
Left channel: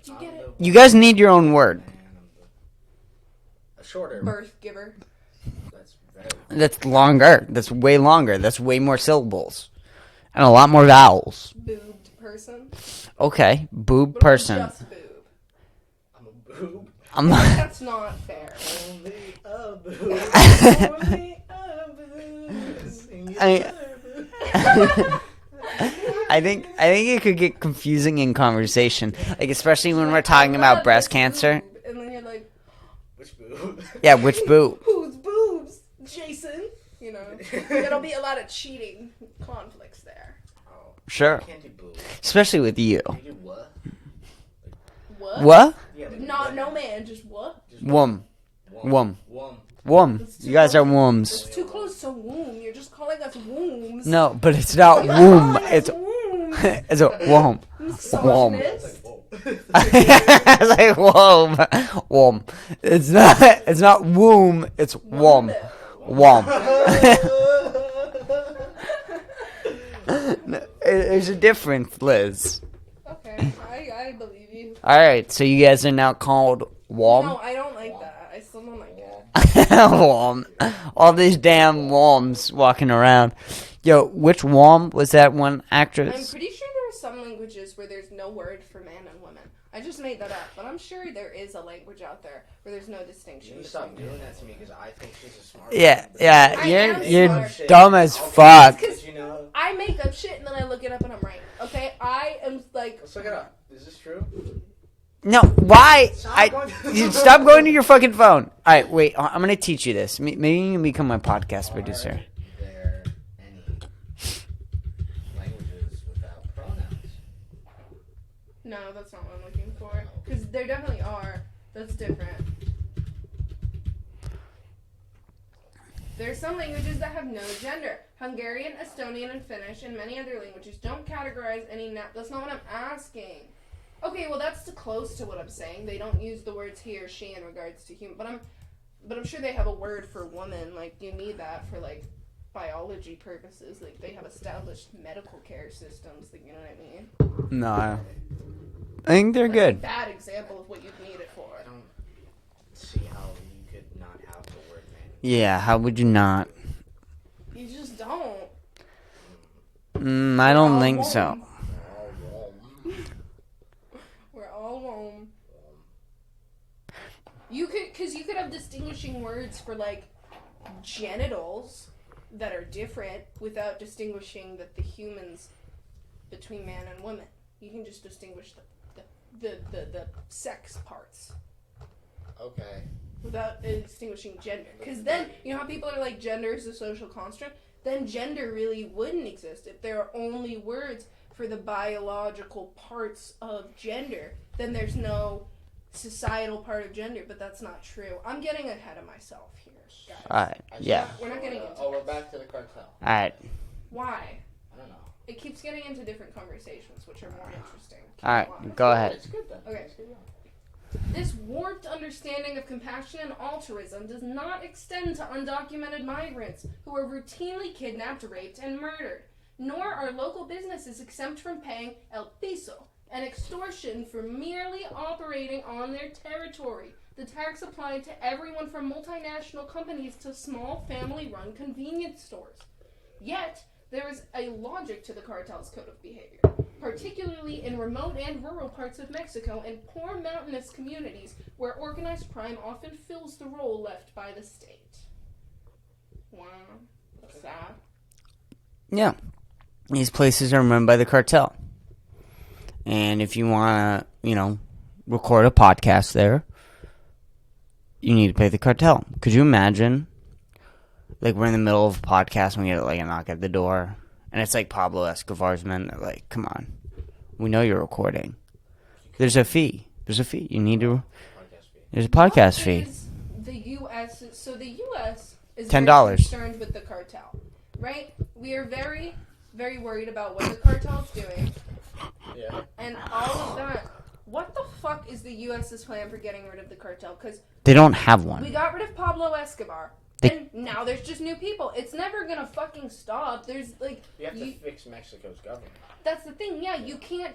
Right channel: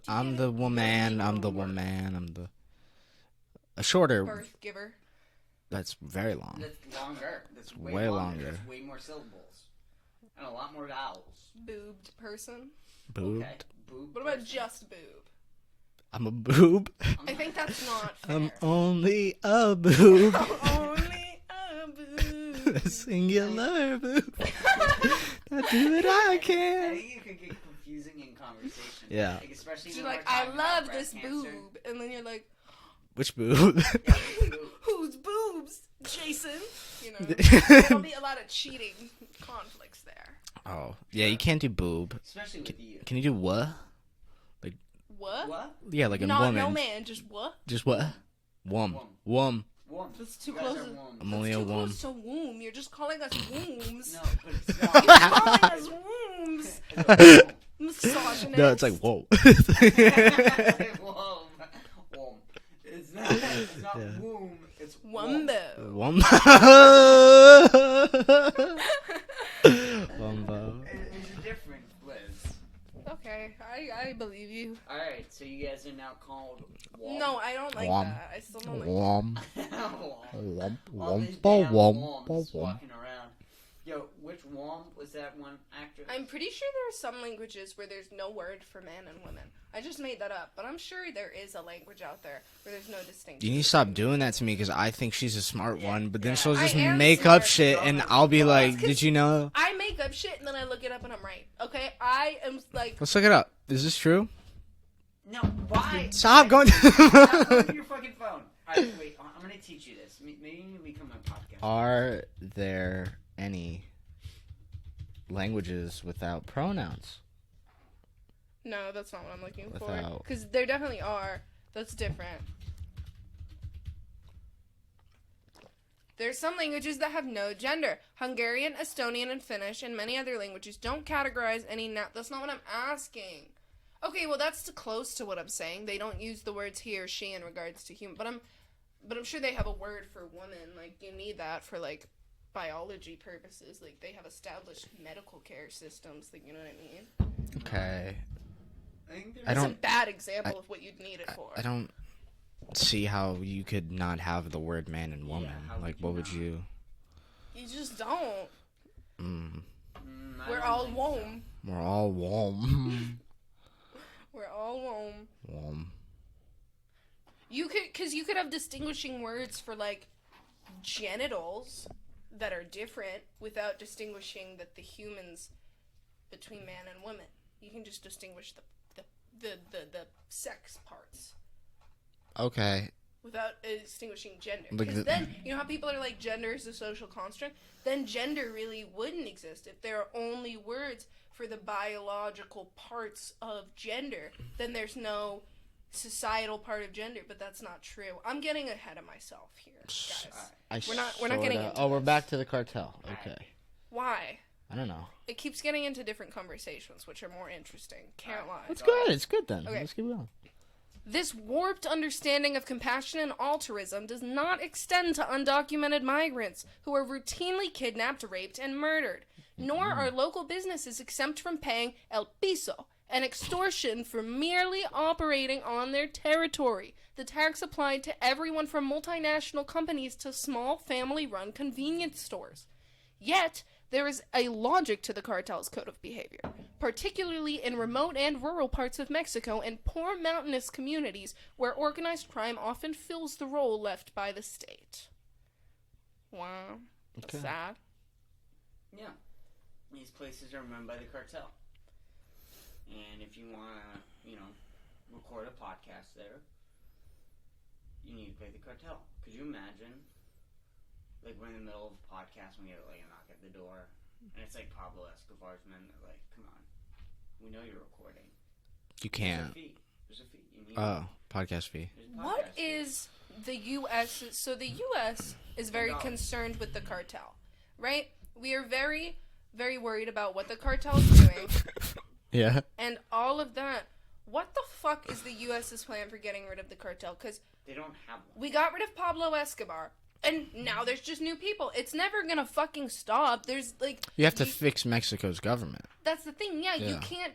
You guys woman, need your I'm own the word. Man, a shorter. Birth giver. That's very long. That's longer. That's way longer. That's way more syllables. And a lot more vowels. Boobed person. Okay. Boob What about person. just boob? I'm a boob. I'm That's not fair. I'm only a boob. Only a boob. Singular boob. I think it could get confusing in conversation. Yeah. Like especially when Like, we're talking I about love breast this cancer. boob. And then you're like, Which boob? Yeah, which boob? whose boobs, Jason? You know, there'll be a lot of cheating conflicts there. Oh, Sure. Yeah, you can't do boob. Especially with you. Can you do what? What? What? Yeah, like a No, woman. no man, just what? Just Wom. Wom. Wom. Wom. Wom. It's too You guys are close. wombs. Only a Too wom. close to womb. You're just calling us wombs. No, but it's not womb. It's wombs. it's a womb. Wom. No, it's like whoa. It's like womb. Womb. It's not womb. It's womb. Wom. Wom. There's a difference, Liz. Okay, I believe you. All right, so you guys are now called Wom. No, I don't like Wom. that. I still don't like Wom. Wom. All these damn Wom. Woms walking around. Yo, which Wom was that one I'm actress? pretty sure there are some languages where there's no word for man and woman. I just made that up, but I'm sure there is a language out there where there's no distinction. You need to stop doing that to me because I think she's a smart Yeah, one. But yeah, then she'll you're- just make you're up shit. dumb and as I'll be fuck. like, did you know? I make up shit and then I look it up and I'm right. Okay, I am like. Let's look it up. Is this true? No, why? Stop going. Dude, stop going to your fucking phone. All right, wait. I'm gonna teach you this. Maybe you can become my podcast Are producer. there any languages without pronouns? No, that's not what I'm looking for. Without. Because there definitely are. That's different. There's some languages that have no gender. Hungarian, Estonian, and Finnish, and many other languages don't categorize any... That's not what I'm asking. Okay, well, that's too close to what I'm saying. They don't use the words he or she in regards to human. But I'm sure they have a word for woman. Like, you need that for, like, biology purposes. Like, they have established medical care systems. Like, you know what I mean? No, I think they're That's good. a bad example of what you'd need it for. I don't see how you could not have the word man and woman. Yeah, how would you not? You just don't. I don't think so. We're all warm. We're all warm. Warm. You could have distinguishing words for, like, genitals that are different without distinguishing that the humans between man and woman. You can just distinguish the sex parts. Okay. Without distinguishing gender. Because then, you know how people are like, gender is a social construct? Then gender really wouldn't exist. If there are only words for the biological parts of gender, then there's no societal part of gender, but that's not true. I'm getting ahead of myself here, guys. Alright, yeah. We're not getting into we're this. back to the cartel. Alright. Why? I don't know. It keeps getting into different conversations, which are more interesting. Alright, Can't lie. go ahead. It's good then. Okay. Let's keep going. This warped understanding of compassion and altruism does not extend to undocumented migrants who are routinely kidnapped, raped, and murdered. Nor are local businesses exempt from paying el piso, an extortion for merely operating on their territory. The tax applied to everyone from multinational companies to small family-run convenience stores. Yet, there is a logic to the cartel's code of behavior, particularly in remote and rural parts of Mexico and poor mountainous communities where organized crime often fills the role left by the state. Wow. That's sad. Yeah. These places are run by the cartel. And if you want to, record a podcast there, you need to pay the cartel. Could you imagine, like, we're in the middle of a podcast and we get, like, a knock at the door, and it's, like, Pablo Escobar's men. They're like, come on. We know you're recording. There's a fee. You need to... Podcast fee. There's a podcast What fee. is the U.S. So the U.S. is $10. very concerned with the cartel, right? We are very, very worried about what the cartel is doing. Yeah. And all of that. What the fuck is the U.S.'s plan for getting rid of the cartel? Because They don't have one. we got rid of Pablo Escobar, and now there's just new people. It's never gonna fucking stop. There's like You have to fix Mexico's government. That's the thing. Yeah, Yeah. you can't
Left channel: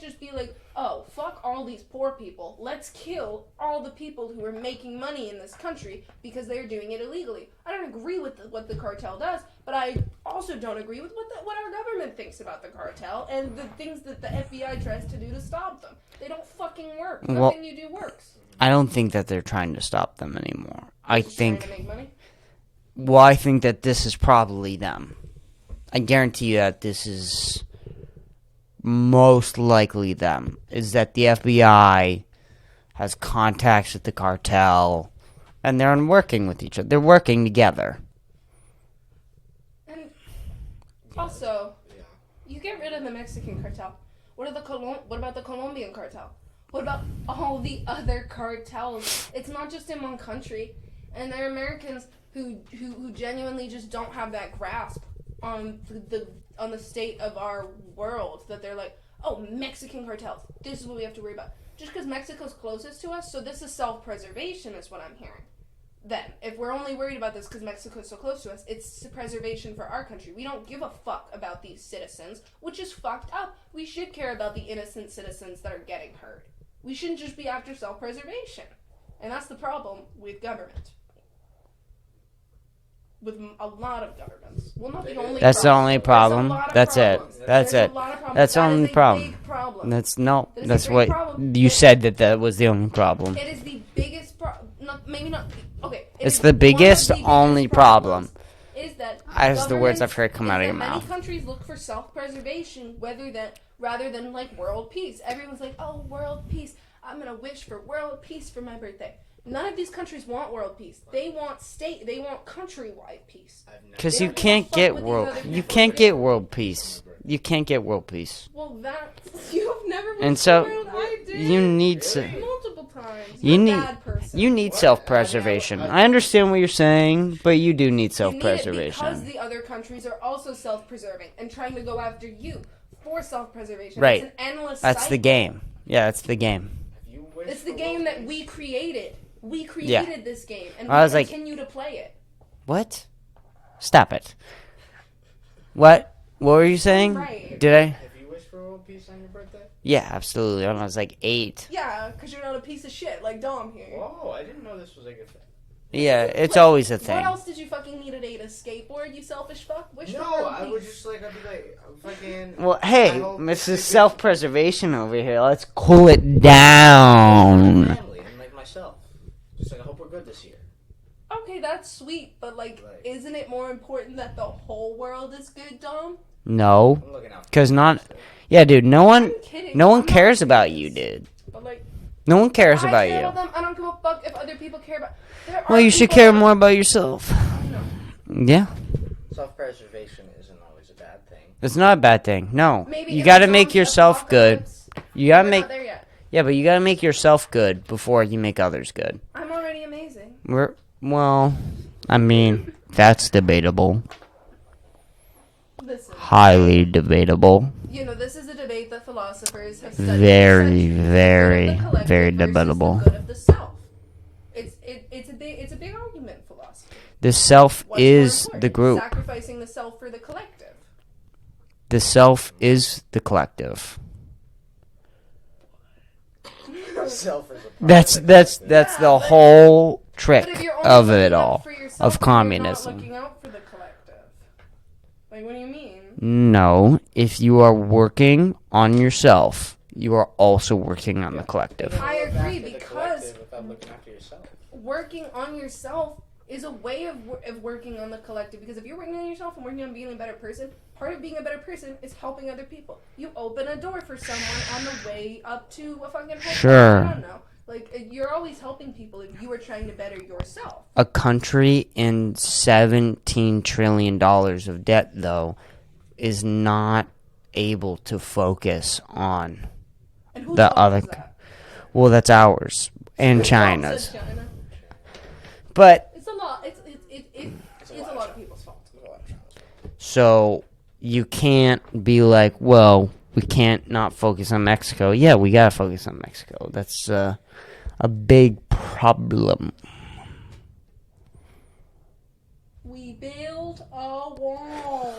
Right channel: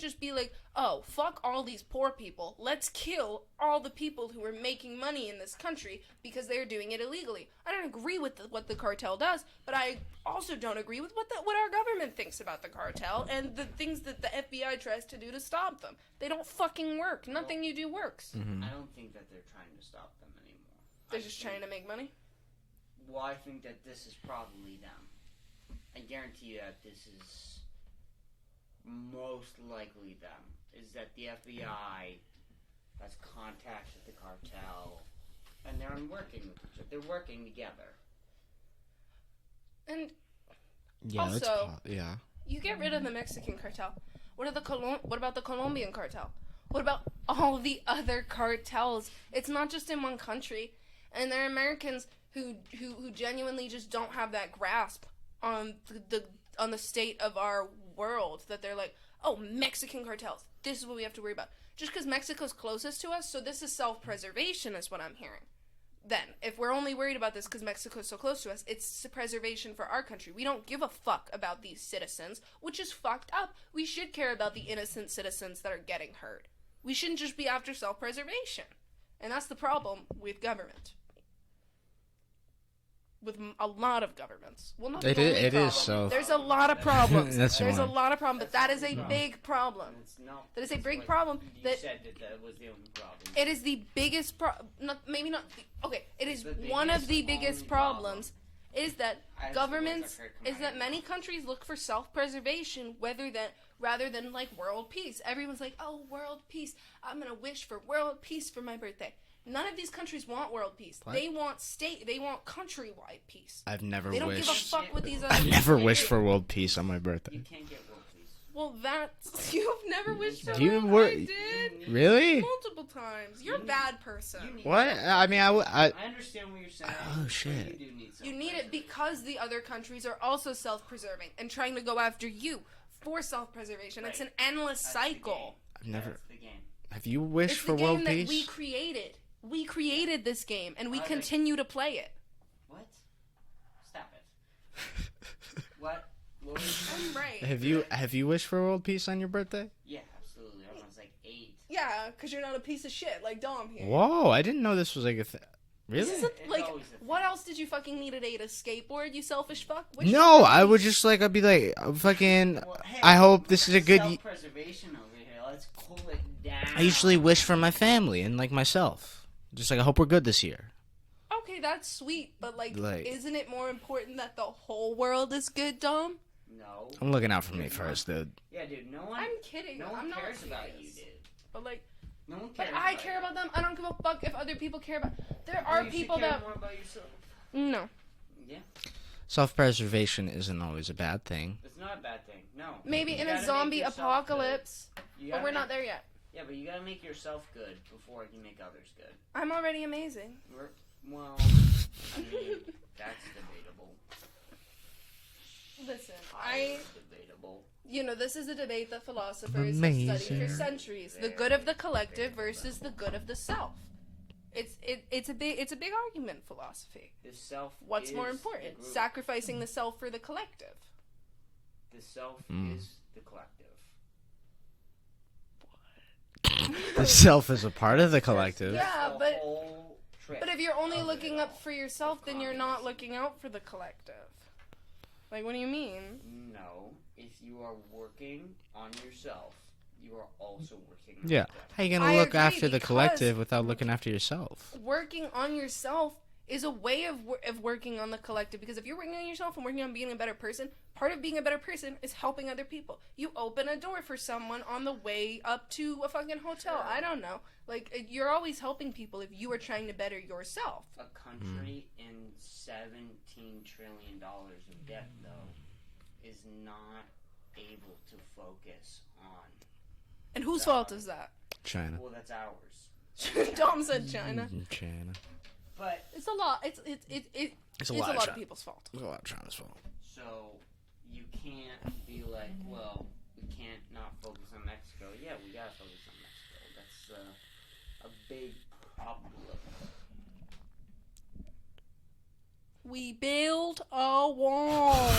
just be like, oh, fuck all these poor people. Let's kill all the people who are making money in this country because they're doing it illegally. I don't agree with what the cartel does, but I also don't agree with what our government thinks about the cartel and the things that the FBI tries to do to stop them. They don't fucking work. Well, Nothing you do works. I don't think that they're trying to stop them anymore. I Just think... trying to make money. Well, I think that this is probably them. I guarantee you that this is most likely them. Is that the FBI has contacts with the cartel, and they're working with each other. They're working together. And Yeah. Also- Yeah. you get rid of the Mexican cartel. What about the Colombian cartel? What about all the other cartels? It's not just in one country. And there are Americans who genuinely just don't have that grasp on the state of our world, that they're like, oh, Mexican cartels, this is what we have to worry about. Just because Mexico's closest to us, so this is self-preservation is what I'm hearing. Then, if we're only worried about this because Mexico's so close to us, it's preservation for our country. We don't give a fuck about these citizens, which is fucked up. We should care about the innocent citizens that are getting hurt. We shouldn't just be after self-preservation. And that's the problem with government. With a lot of governments. Well, not the only That's the problem. only There's a problem. There's a lot of That's problems. it. That's There's it. a lot of problems. That's the That is only a problem. big problem. That's That is a that's big what problem. you said that was the only problem. It is the biggest problem. Maybe not. Okay. It's is the biggest, one of the only biggest problem. problems Is that As the words I've governments- heard come out of is your that many mouth. countries look for self-preservation, rather than like world peace. Everyone's like, oh, world peace. I'm gonna wish for world peace for my birthday. None of these countries want world peace. What? They want countrywide peace. I've never. Because you wished- can't get with world. these You other- Never can't wished get for world peace on my birthday. You can't get world peace. Well, that's you've never. And wished so for it, were- I did. You need Really? multiple times. You You're need- a bad person. You need What? self-preservation. I mean, I understand what you're saying, shit. but you do need You need it self-preservation. because the other countries are also self-preserving and trying to go after you for self-preservation. Right. It's an endless That's cycle. the game. Yeah, that's the game. Have you wished It's for the world game that peace? we created. We created this game, and I we was like- continue to play it. What? Stop it. What? What were you saying? Right. Did I? Have you wished for world peace on your birthday? Yeah, absolutely. When I was like 8. Yeah, because you're not a piece of shit like Dom here. Whoa, I didn't know this was like a thing. Yeah, it's Like, always a thing. What else did you fucking need at 8? A skateboard, you selfish fuck? Wish No, for I would peace. just like I'd be like fucking. Well, hey, I hope Mr. this is a good- self-preservation over here. Let's cool it I wish for down. my family and like myself. Just like I hope we're good this year. Okay, that's sweet, but like, isn't it more important that the whole world is good, Dom? No, I'm looking out for 'Cause my not- friends, dude. yeah, dude. No one, I'm kidding. no one I'm not cares about serious. you, dude. But like, No one cares I about care you. about them. I don't give a fuck if other people care about. There Well, are you should people care that- more about yourself. No. Yeah, Self-preservation isn't always a bad thing. it's not a bad thing. No, Maybe you in got to a make zombie yourself good. apocalypse, You gotta we're make, not there yet. yeah, but you gotta make yourself good before you make others good. I'm already amazing. Well, I mean, that's debatable. Listen, Highly debatable. you know, this is a debate that philosophers have Amazing. studied Very, for centuries. The very, good of the collective very versus debatable. The good of the self. It's a big argument in philosophy. The self What's is more the important, group. sacrificing the self for the collective. The self is the collective. The self is a part That's of the that's collective. that's Yeah, the but- whole trick But if you're only of looking it out all, for yourself, of then communism. you're not looking out for the collective. Like, what do you mean? No, if you are working on yourself, you are also working on Yeah. the collective. You gotta I look agree, after the because- collective without looking after yourself. Working on yourself is a way of working on the collective, because if you're working on yourself and working on being a better person, part of being a better person is helping other people. You open a door for someone on the way up to a fucking hotel. Sure. I don't know. Like, you're always helping people if you are trying to better yourself. A country in $17 trillion of debt, though, is not able to focus on. And whose The fault other- is that? China. Well, that's ours and Dom China's. said China. China. But It's a lot. It's It's a a lot, lot of of people's fault. There's a lot of China's fault. so you can't be like, well, we can't not focus on Mexico. Yeah, we gotta focus on Mexico. That's a big problem. We build a wall.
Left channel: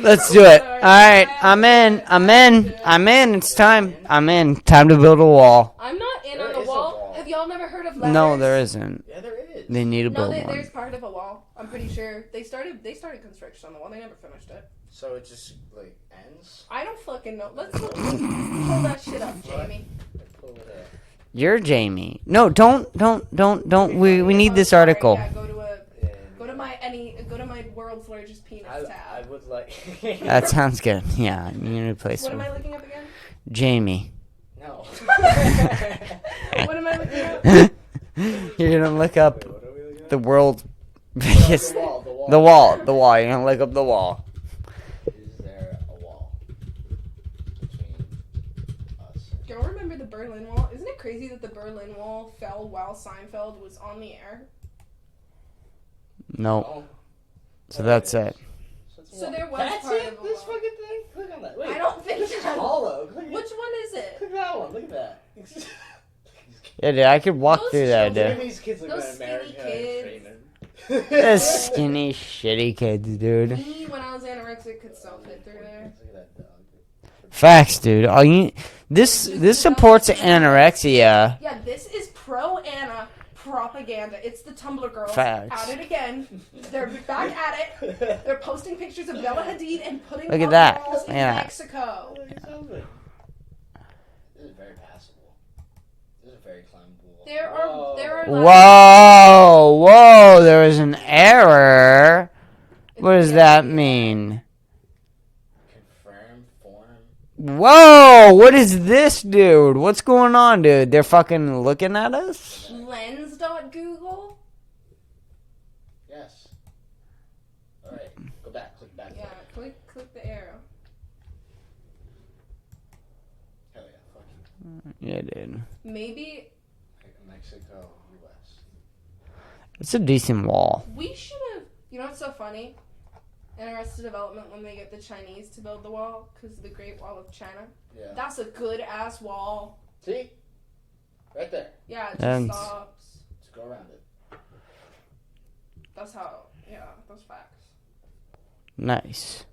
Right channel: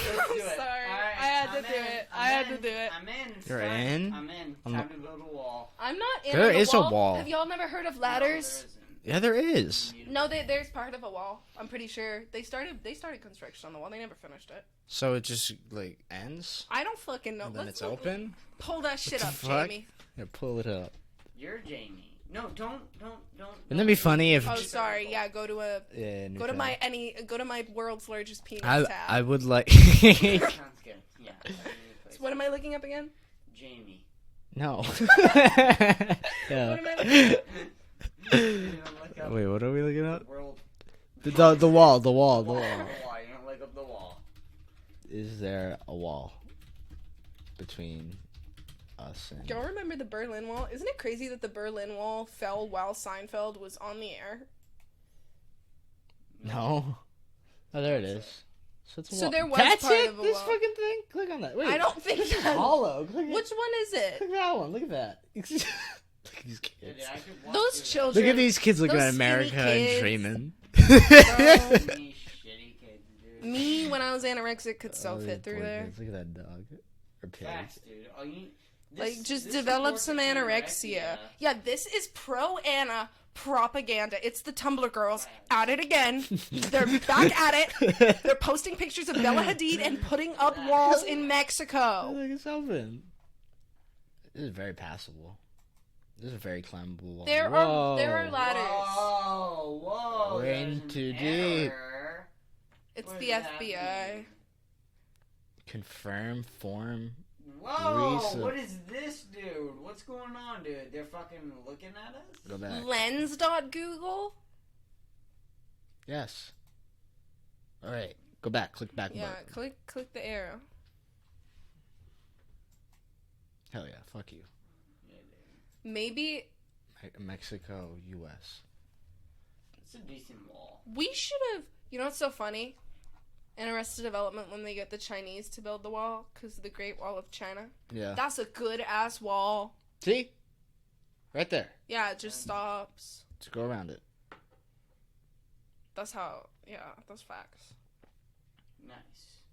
Let's do it. All Sorry, right, I I'm have in. to do it. I'm I have in. to do it. I'm in. It's You're time. in? I'm in. Time to build a wall. I'm not in There on is a wall. Have y'all never heard of ladders? No, there isn't. Yeah, there is. They need to No, build there's one. part of a wall. I'm pretty sure they started construction on the wall. They never finished it. So it just like ends. I don't fucking know. And then Let's it's open. hold that shit up, Fuck. Jamie. Yeah, pull it up. You're Jamie. No, don't. be We funny if- need Oh, this sorry, article. Yeah, go to Yeah. my world's largest penis I tab. would like. That sounds good. Yeah, you need to replace What am her. I looking up again? Jamie. No. What am I looking up? You're gonna look up Wait, what are we looking at? the world. The wall. The wall. The wall. The wall. You're gonna look up the wall. Is there a wall between us and... Y'all remember the Berlin Wall? Isn't it crazy that the Berlin Wall fell while Seinfeld was on the air? No. Oh. So Oh, there that's is. it. So, it's a So wall. there was That's part it? of a This wall. fucking thing? Click on that. Wait. I don't think It's that. hollow. Click Which one is it? Look at that one. Look at that. Yeah, dude, I could walk Those through that, Look at dude. these kids looking Those at America skinny and kids. dreaming. Those skinny, shitty kids, dude. Me, when I was anorexic, could so fit through there. Look at that dog. Facts, dude. All you this Just this develop supports some anorexia. Yeah, this is pro-Anna propaganda. It's the Tumblr girls Facts. at it again. They're back at it. They're posting pictures of Bella Hadid and putting Look at up that. walls in Yeah. Mexico. Look at something. This is very passable. This is a very climbable wall. There are Whoa, there was an error. It's What does the that FBI. mean? Confirm form Whoa, what is this, dude? What's going on, dude? They're fucking looking at us? Lens.google? Yes. All right, go back. Click back. Yeah, click the arrow. Hell yeah, fuck you. Yeah, dude. Maybe Mexico, U.S. It's a decent wall. we should have. You know what's so funny? In Arrested Development, when they get the Chinese to build the wall because of the Great Wall of China. Yeah. That's a good ass wall. See? Right there. Yeah, it just And- stops. Let's go around it. That's how. Yeah, that's facts. Nice.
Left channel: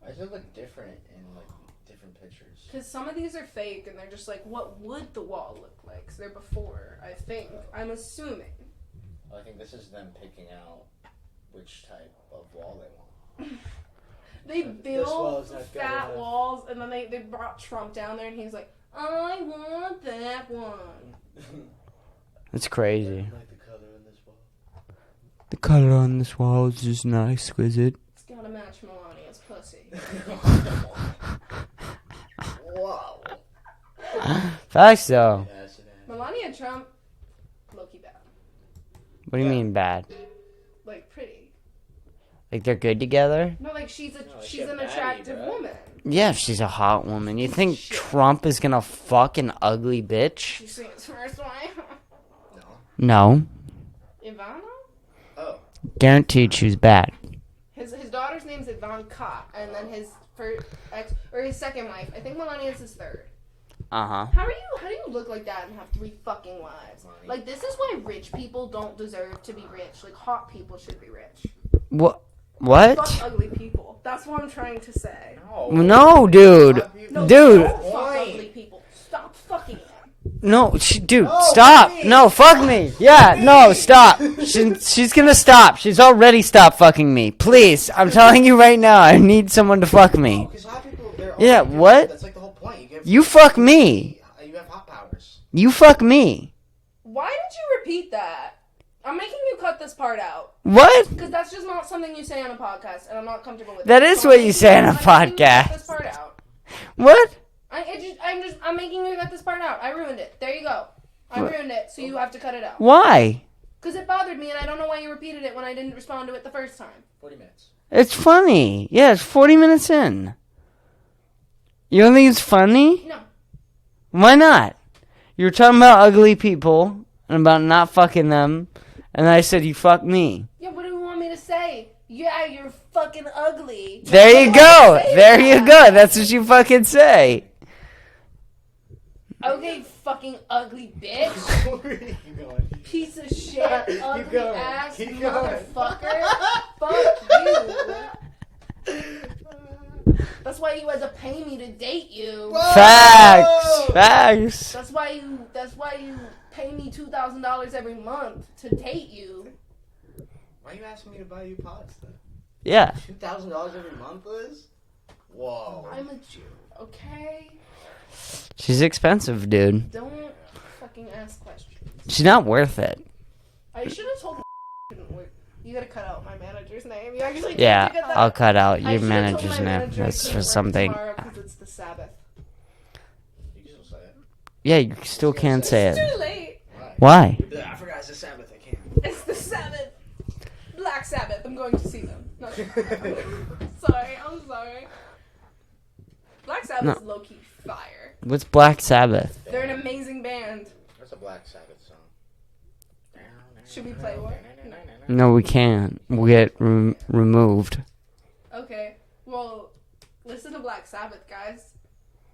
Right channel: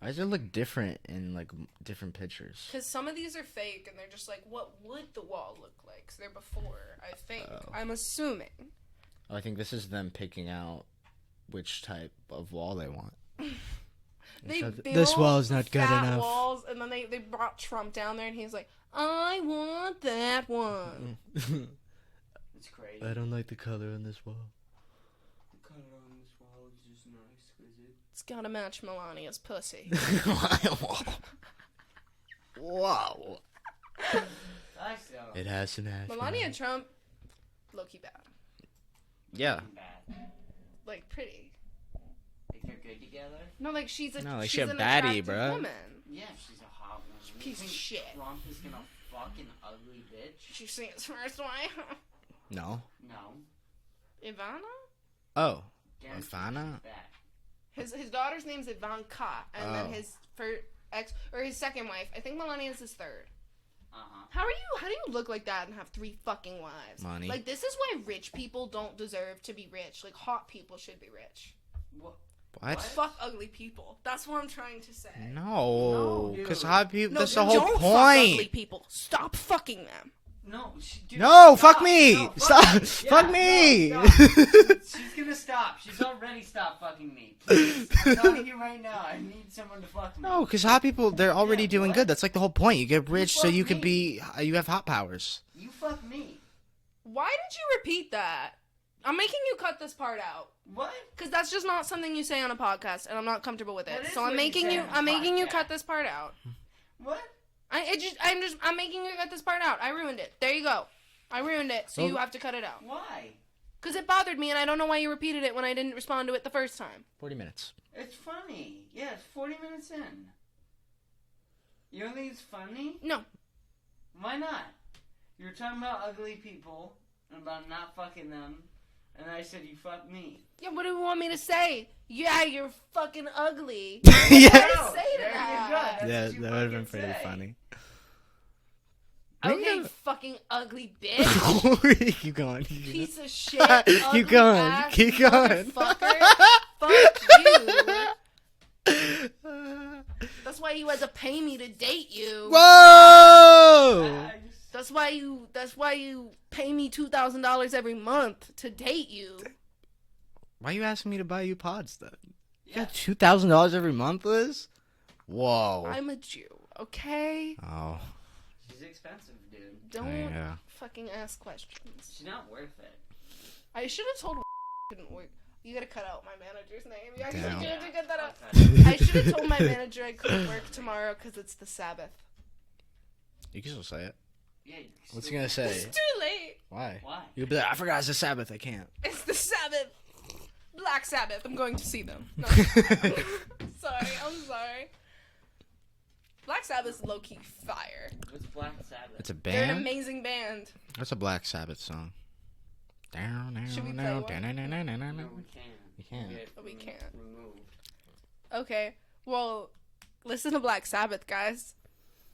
Why does it look different in, like, different pictures? Because some of these are fake, and they're just like, what would the wall look like? Because they're before, I think. I'm assuming. Oh, I think this is them picking out which type of wall they want. They This built wall is not good fat enough. walls, and then they brought Trump down there, and he's like, I want that one. It's crazy. like the color on this wall. The color on this wall is just not exquisite. It's gotta match Melania's pussy. Whoa. Facts, though. It has an ass. Melania and Trump, low-key bad. What do you Yeah. mean bad? Like, pretty. Like they're good together? No, like, she's No, like, she's she a an baddie, attractive bruh. woman. Yeah, she's a hot woman. You think Shit. Trump is gonna fuck an ugly bitch? You see his first wife? No. No. Ivana? Oh. Guaranteed she's bad. His daughter's name's Ivanka, and then his first his second wife. I think Melania's his third. Uh-huh. How do you look like that and have 3 fucking wives? Money. Like, this is why rich people don't deserve to be rich. Like, hot people should be rich. What? What? Fuck ugly people. That's what I'm trying to say. No, dude. No, Dude. don't fuck ugly people. Stop fucking them. No, dude, No, stop. fuck me. No, fuck me. Yeah, Fuck no, me. stop. She's gonna stop. She's already stopped fucking me. Please, I'm telling you right now, I need someone to fuck me. No, because hot people, they're already Yeah, doing what? good. That's like the whole point. You get You rich so fuck can me. you have hot powers. You fuck me. Why did you repeat that? I'm making you cut this part out. What? Because that's just not something you say on a podcast, and I'm not comfortable with That it. is So what I'm you making say on a I'm making you podcast. cut this part out. What? I'm making you cut this part out. I ruined it. There you go. I What? ruined it, so you have to cut it out. Why? Because it bothered me, and I don't know why you repeated it when I didn't respond to it the first time. 40 minutes. It's funny. Yeah, it's 40 minutes in. You don't think it's funny? No. Why not? You were talking about ugly people and about not fucking them, and I said you fuck me. Yeah, what do you want me to say? Yeah, you're fucking ugly. There you go. There you go. That's what you fucking say. Okay, fucking ugly bitch. Keep going. Piece of shit. Ugly Keep going. ass Keep going. Motherfucker. Fuck you. That's why you had to pay me to date you. Facts. Facts. That's why you pay me $2,000 every month to date you. Why are you asking me to buy you pods, though? Yeah. $2,000 every month, Liz? Whoa. I'm a Jew, okay? Oh, She's expensive, dude. Don't yeah. fucking ask questions. She's not worth it. I should have told couldn't work. You gotta cut out my manager's name. You actually Yeah, did you get that? I'll cut out I your should've told manager's my name. manager I That's couldn't just work something. tomorrow 'cause it's the Sabbath. You can still say it. Yeah, you still you gonna can't say? say it. Too late. Why? Why? You'll be like, I forgot it's the Sabbath. I can't. It's the Sabbath. Black Sabbath. I'm going to see them. No, sorry. I'm sorry. Black Sabbath's low-key fire. What's Black It's a Sabbath? They're an band? amazing band. That's a Black Sabbath song. Should we play one? No, we can't. We'll get removed. Okay. Well, listen to Black Sabbath, guys.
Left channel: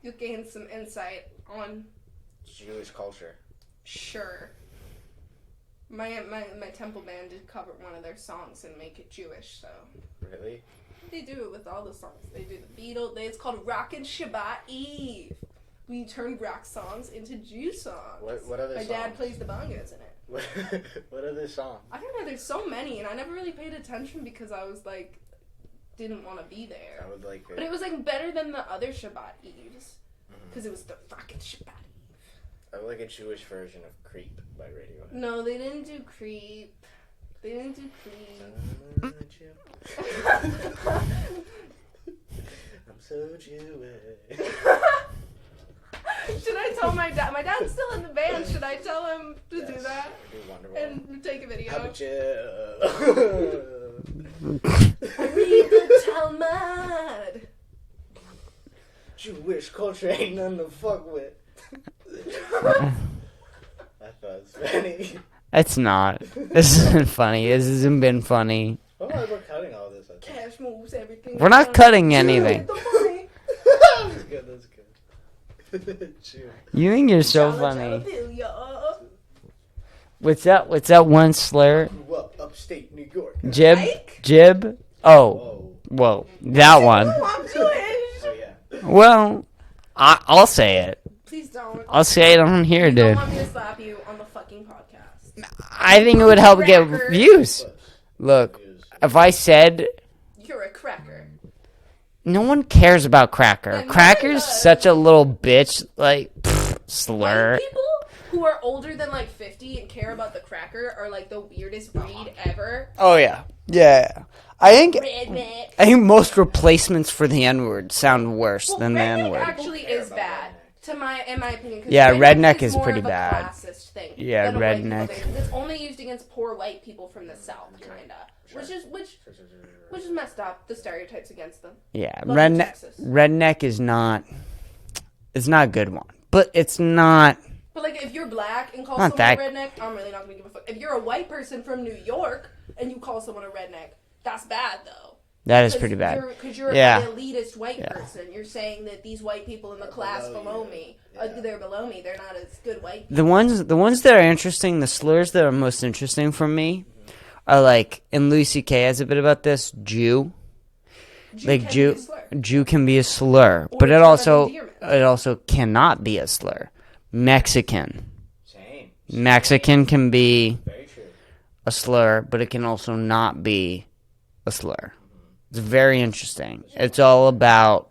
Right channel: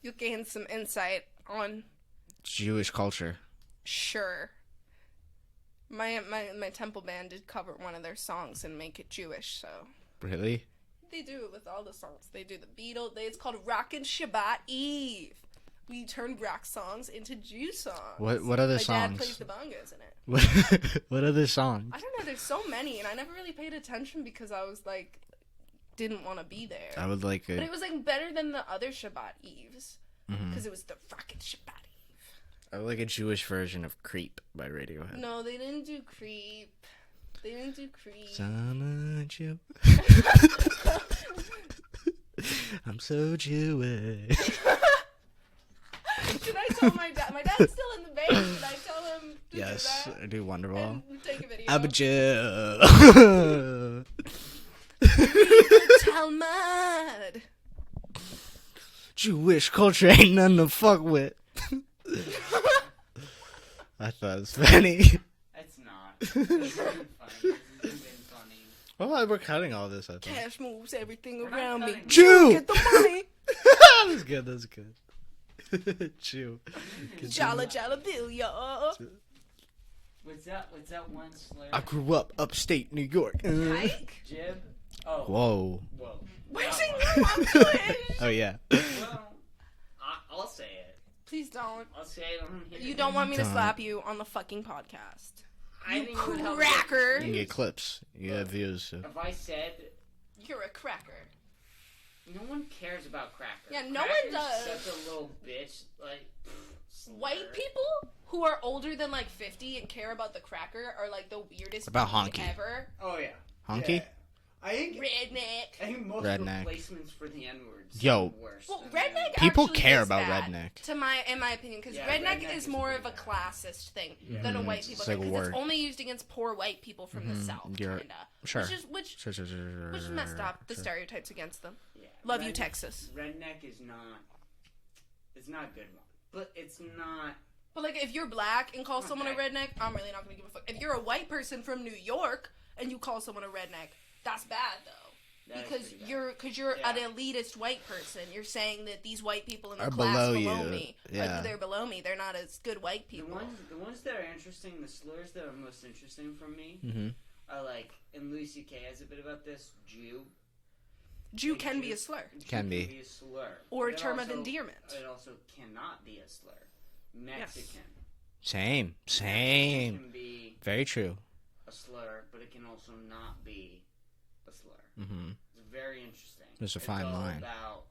You'll gain some insight on Jewish culture. Sure. My temple band did cover one of their songs and make it Jewish, so Really? they do it with all the songs. They do the Beatles. It's called Rockin' Shabbat Eve. We turn rock songs into Jew songs. What other My songs? dad plays the bongos in it. What other songs? I don't know. There's so many, and I never really paid attention because I was like, didn't want to be there. I would like But it. it was like better than the other Shabbat Eves Mm-hmm. because it was the Rockin' Shabbat Eve. I would like a Jewish version of Creep by Radiohead. No, they didn't do Creep. They didn't do Creep. Son of a chip. I'm so Jewish. Should I tell my dad? My dad's still in the band. Should I tell him to do Yes, that? do Wonderwall. And take a video. I'm a Jew. Read the Talmud. Jewish culture ain't nothing to fuck with. I thought it was funny. It's not. This isn't funny. This hasn't been funny. Oh, we're cutting all this, I think. Cash moves everything. We're not cutting anything. That's good, that's good. Chew. You think you're so Jala, funny. jala, What's that one I slur? grew up upstate New York. Jib? Mike? Jib? Oh. Whoa. Whoa. That one. I'm Jewish. Oh, yeah. Well, I'll say it. Please don't. I'll say it on here, You don't dude. want me to slap you on the fucking podcast. I think it would help get Cracker. views. Clips. Look, Views. if I said You're a cracker. no one cares about Cracker. Yeah, no one Cracker's does. such a little bitch, like slur. White people who are older than like 50 and care about the cracker are like the weirdest About breed honky. ever. Oh yeah. Yeah. I think Redneck. most Redneck. replacements for the N-word sound worse Well, than the redneck N-word. People actually care is about bad, redneck. in my opinion. 'Cause Yeah, redneck is more pretty of a bad. classist thing Yeah, than a white redneck. people thing, 'cause it's only used against poor white people from the South, you're- kinda. sure. Which Sure. is messed up. The stereotypes against them. Yeah, Love you, Texas. redneck is not. It's not a good one, but it's not. But like, if you're black and call Not someone that- a redneck, I'm really not gonna give a fuck. If you're a white person from New York and you call someone a redneck, that's bad though. That is pretty bad. Because you're Yeah. an elitist white person. You're saying that these white people in the Are class below below you. me, Yeah. they're below me. They're not as good white people. The ones that are interesting, the slurs that are most interesting for me, are like, and Louis C.K. has a bit about this. Jew, Jew like can Jew, be a slur. Jew can be a slur, Or but a it term of also endearment. cannot be a slur. Mexican, Same. Mexican can be Very true. a slur, but it can also not be a slur. It's very interesting. There's a It's fine all line. about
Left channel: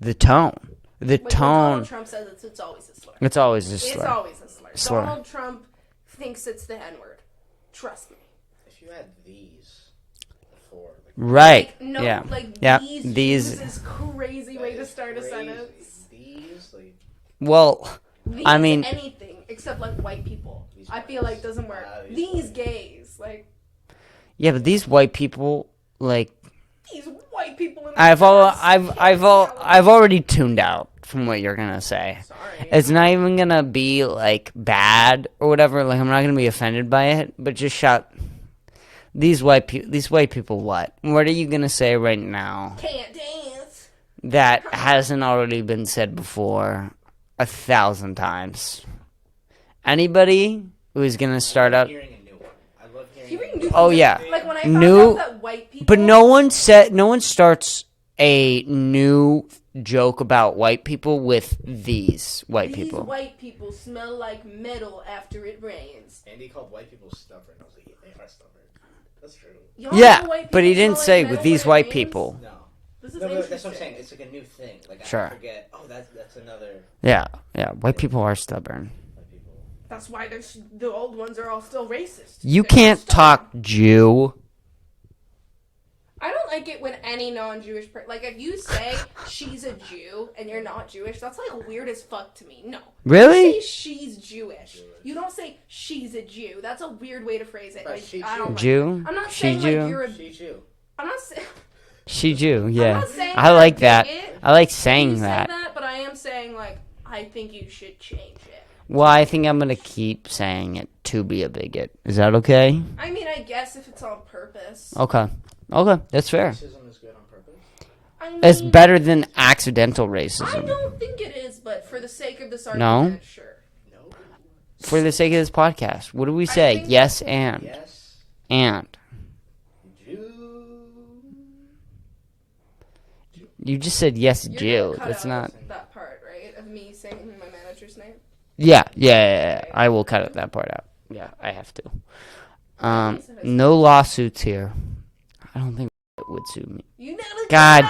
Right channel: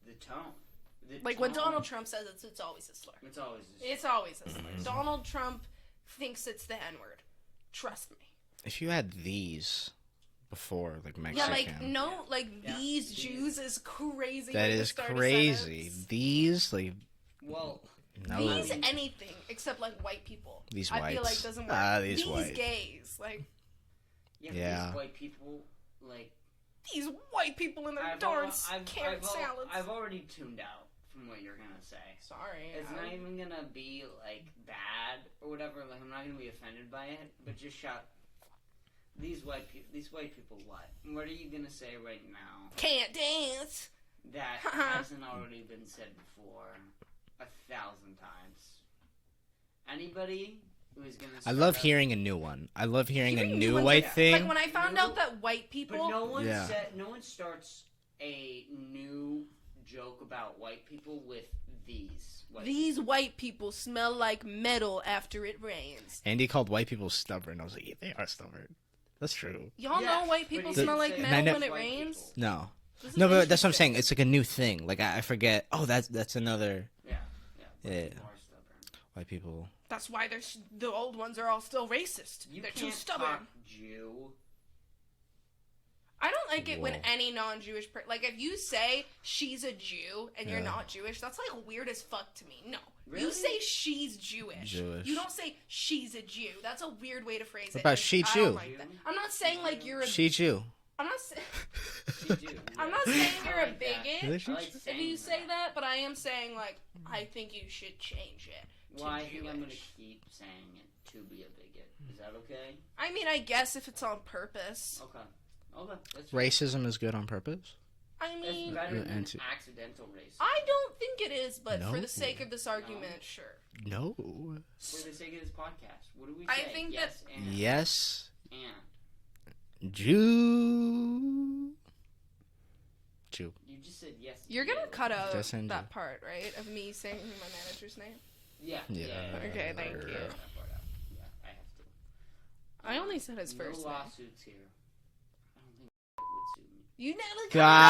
the tone. The Like when tone. Donald Trump says it's always a slur. It's always a slur. It's always a slur. Slur. Donald Trump thinks it's the N-word. Trust me. If you had these before, like Right. Like, no, Yeah. like Yeah. these These- Jews is crazy that way to is start a crazy. sentence. These, like, Well, These I mean, anything except like white people. These I feel whites. like doesn't work. Ah, these these whites. gays, like yeah, but these Yeah. white people, like, these white people in the I've I've already tuned out from what you're gonna say. Sorry. It's not even gonna be like bad or whatever. Like, I'm not gonna be offended by it, but just shout. These white people. What are you gonna say right now Can't dance. that hasn't already been said before 1,000 times? Anybody who is gonna I start love up, hearing a new one. I love hearing a Hearing new new Oh, white yeah. thing. Like when I found New- out that white people. but no one Yeah. no one starts a new joke about white people with these white These people. white people smell like metal after it rains. Andy called white people stubborn. I was like, yeah, they are stubborn. That's true. Y'all Yeah, know white but he people didn't smell say like with metal these when it white rains? people. No. This is No, but that's what I'm interesting. saying. It's like a new thing. Like, Sure. I forget. Oh, that's another Yeah, white Yeah. people are stubborn. white people. That's why the old ones are all still racist. You They're can't stubborn. talk Jew. I don't like it when any non-Jewish person, like if you say she's a Jew and you're not Jewish, that's like weird as fuck to me. No. Really? You say she's Jewish. You don't say she's a Jew. That's a weird way to phrase it. about Like, she I Jew? don't like Jew? it. I'm not She saying Jew? like you're a. She Jew. I'm not saying. She Jew, yeah. not saying I you're like a that. bigot. I like You saying say that. but I am saying like I think you should change it. Well, I think I'm gonna keep saying it to be a bigot. Is that okay? I mean, I guess if it's on purpose. Okay, that's fair. Racism is good on purpose. I mean, It's better than accidental I racism. don't think it is, but for the sake of this No? argument, sure. No. For the sake of this podcast, what do we I say? think- Yes and. Yes. And. Jew. You just said yes, You're Jew. gonna cut That's out not. that part, right? Of me saying my manager's name. Yeah. I will cut that part out. Yeah, I have to. only said his No first. lawsuits here. I don't think would sue me. You never. God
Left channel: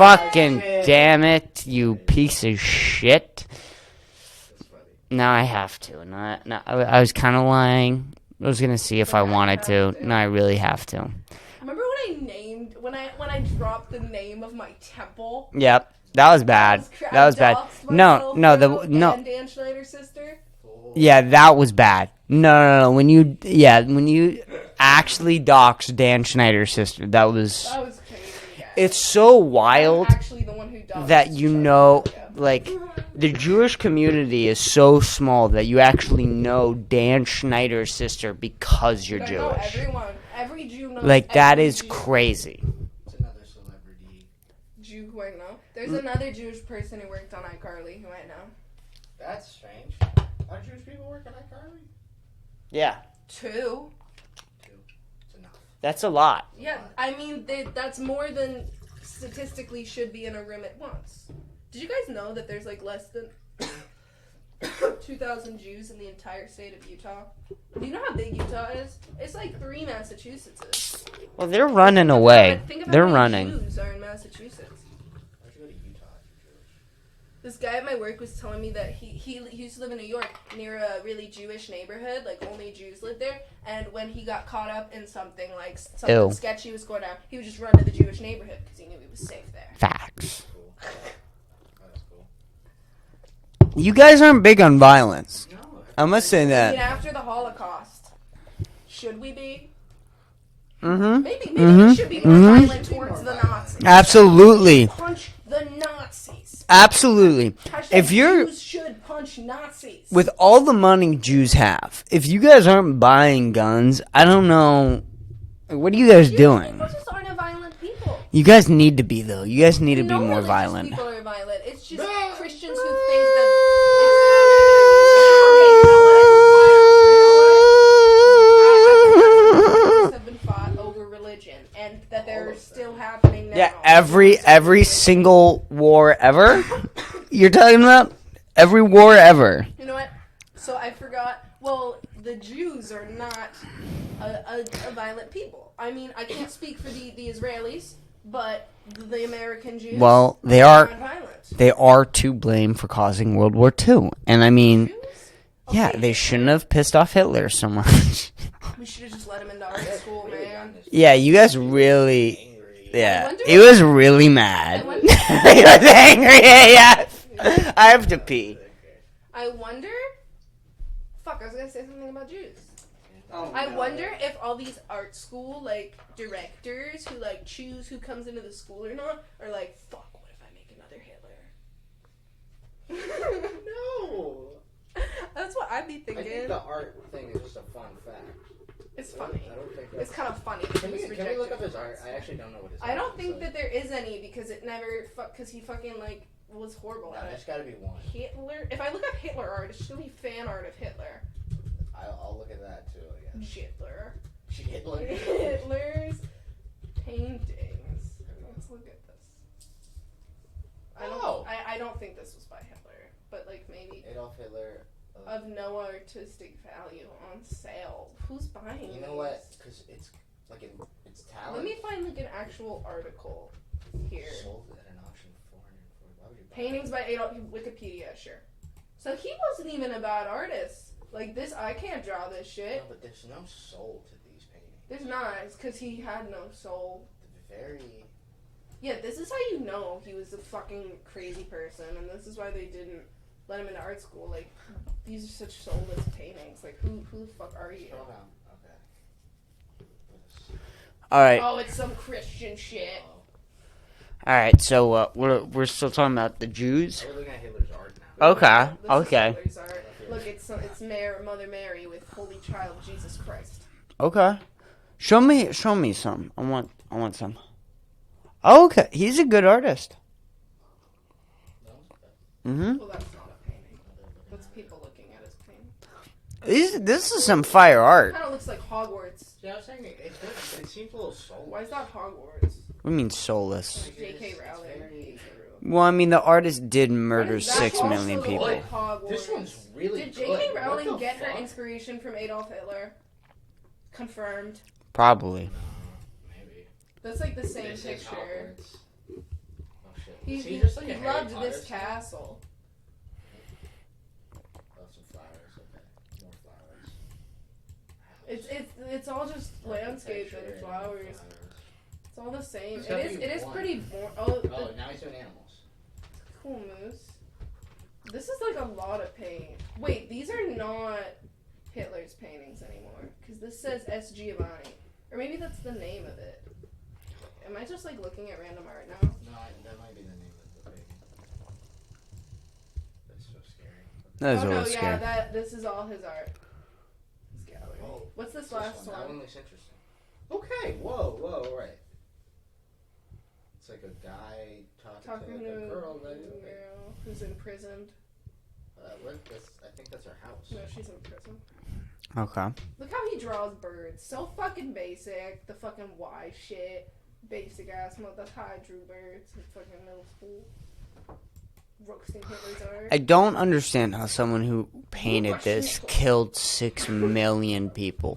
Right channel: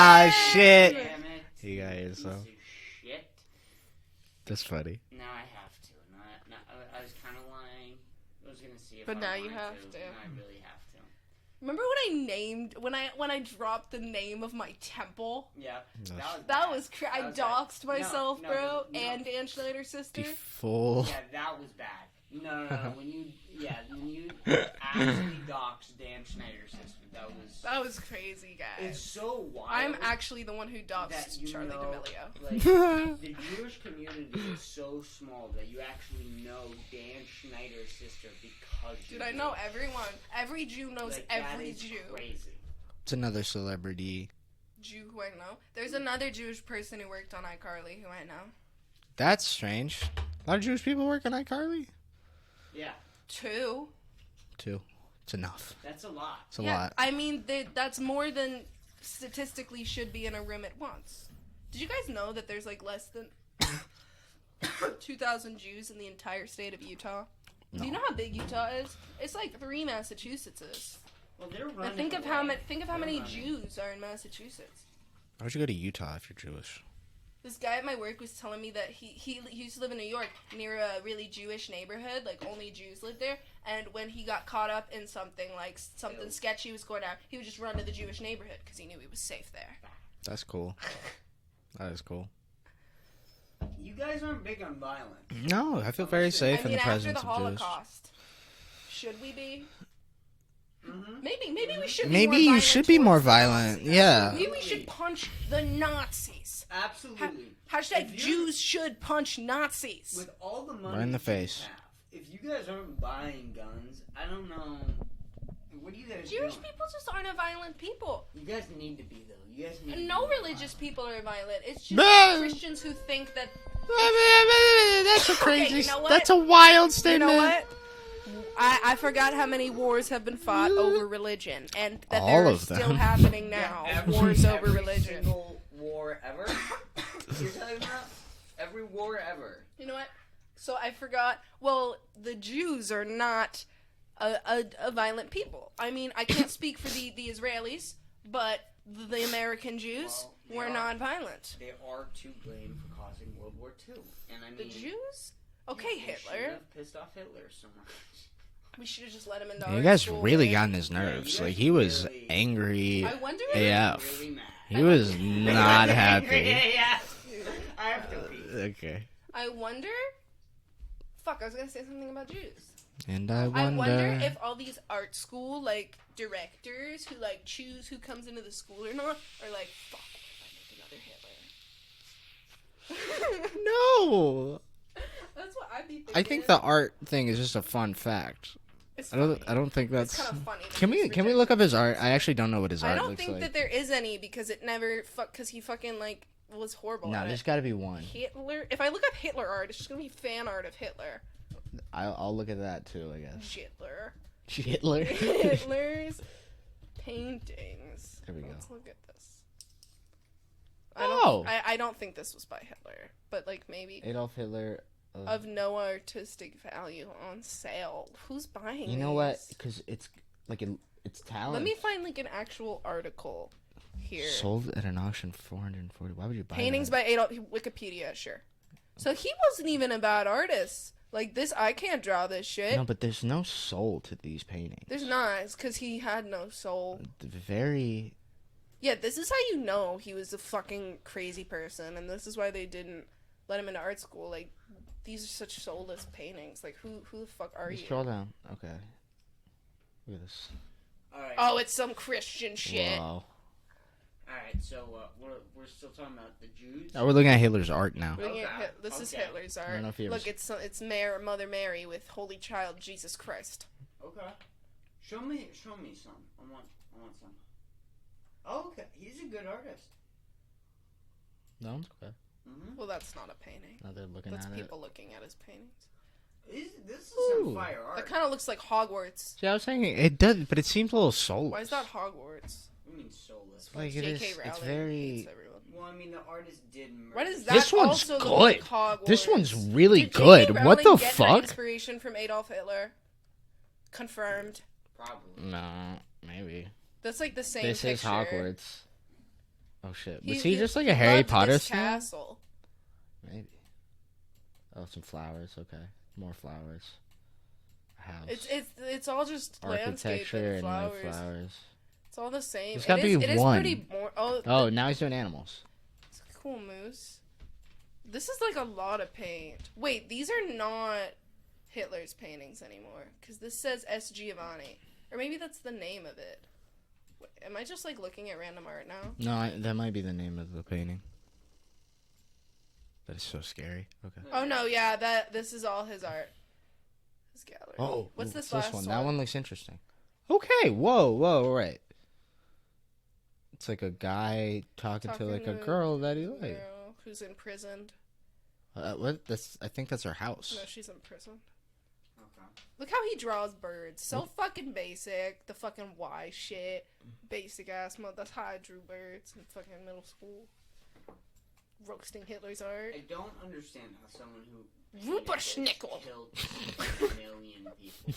fucking shit. damn it, you Yeah, you're piece of shit. That's funny. Now I have to. No, I was kind of lying. I was gonna see if But I now you wanted to. have to. No, I really have to. Remember when I dropped the name of my temple? Yep, that was bad. That was bad. No, Dan Schneider's sister. Yeah, that was bad. No. When you actually doxed Dan Schneider's sister, that was crazy. Yeah. It's so wild. I'm actually the one who doxed that like the Jewish community is so small that you actually know Dan Schneider's sister because you're Jewish. Know everyone. Every Jew knows. Like that is crazy. It's another celebrity. Jew who I know. There's another Jewish person who worked on iCarly who I know. That's strange. A lot of Jewish people work on iCarly? Yeah. Two. It's enough. That's a lot. It's a lot. I mean, that's more than statistically should be in a room at once. Did you guys know that there's like less than 2,000 Jews in the entire state of Utah? Do you know how big Utah is? It's like 3 Massachusettses. Well, they're running away. They're running. Jews are in Massachusetts. Why would you go to Utah if you're Jewish? This guy at my work was telling me that he used to live in New York near a really Jewish neighborhood, like only Jews lived there, and when he got caught up in something sketchy was going on, he would just run to the Jewish neighborhood because he knew he was safe there. Facts. That's cool. That is cool. You guys aren't big on violence. No, I must say that. I mean, after the Holocaust, should we be? Mm-hmm. Maybe we should be. Maybe we should be more violent. Absolutely. Punch the Nazis. Absolutely. If Jews should punch Nazis. With all the money Jews have, if you guys aren't buying guns, I don't know. What are you guys doing? People just aren't a violent people. You guys need to be, though. You guys need to be more religious violent. People are violent. It's just Christians who think that. That's a wild statement. I forgot how many wars have been fought over religion, and that they're still happening now. Yeah, every single war ever. You're talking about every war ever. You know what? So I forgot. Well, the Jews are not a violent people. I mean, I can't speak for the Israelis, but the American Jews. Well, they are not violent. They are to blame for causing World War II, and I mean, yeah, they shouldn't have pissed off Hitler so much. We should have just let him in the You guys really got in his nerves. Yeah, you guys he really was angry. Yeah, he was really mad. He was angry. Yeah. I have to pee. Okay. I wonder. Fuck, I was gonna say something about Jews. And I wonder if all these art school directors who choose who comes into the school or not are like, fuck, what if I make another Hitler? No. That's what I'd be thinking. I think the art thing is just a fun fact. It's I don't think that's. It's kind of funny. Can we look up his art? I actually don't know what his art looks like. I don't think that there is any because it never because he fucking was horrible. No, there's got to be one. Hitler. If I look up Hitler art, it's just gonna be fan art of Hitler. I'll look at that too, I guess. Hitler. Hitler's paintings. There we go. Let's look at this. I don't think this was by Hitler, but maybe Adolf Hitler of no artistic value on sale. Who's buying? You know what? Because it's it's talent. Let me find an actual article here. Sold at an auction for $440. Why would you buy paintings by Adolf? Wikipedia, sure. So he wasn't even a bad artist. This, I can't draw this shit. No, but there's no soul to these paintings. There's not. It's because he had no soul. Very. Yeah, this is how you know he was a fucking crazy person, and this is why they didn't let him into art school. These are such soulless paintings. Who the fuck are you? Scroll down. Okay. Look at this. All right. Oh, it's some Christian shit. Wow. All right, so we're still talking about the Jews. Oh, we're looking at Hitler's art now. Okay. This Okay. Is Hitler's art. Look, it's Mother Mary with Holy Child Jesus Christ. Okay. Show me some. I want some. Oh, okay. He's a good artist. No. Okay. Mhm. Well, that's not a painting. No, they're looking That's at people looking at his painting. This is some fire art. Kind of looks like Hogwarts. Yeah, I was saying it does, but it seems a little soulless. Why is that Hogwarts? What do you mean soulless? J.K. Rowling. It's very. Well, I mean, the artist did murder 6 million people. Good. This one's really good. What the fuck? Her inspiration from Adolf Hitler. Confirmed. Probably. No, maybe. That's the same This picture. is Hogwarts. Oh shit. Was he just a Harry Potter this style? castle. Maybe. Oh, some flowers. Okay. More flowers. house. It's all just landscape and flowers. It's all the same. There's gotta be one. It is pretty more. Oh, now he's doing animals. It's a cool moose. This is like a lot of paint. Wait, these are not Hitler's paintings anymore because this says S. Giovanni, or maybe that's the name of it. Am I just like looking at random art now? No, that might be the name of the painting. That's so scary. Okay. Oh no, yeah, this is all his art. His gallery. Oh, what's this last one? one? That one looks interesting. Okay, whoa, right. It's like a guy talking to like a girl that he likes. Who's imprisoned. What? I think that's her house. No, she's in prison. Okay. Look how he draws birds. So fucking basic. The fucking Y shit. Basic ass mode. That's how I drew birds in fucking middle school. Roasting Hitler's art. I don't understand how someone who painted this killed 6 million people.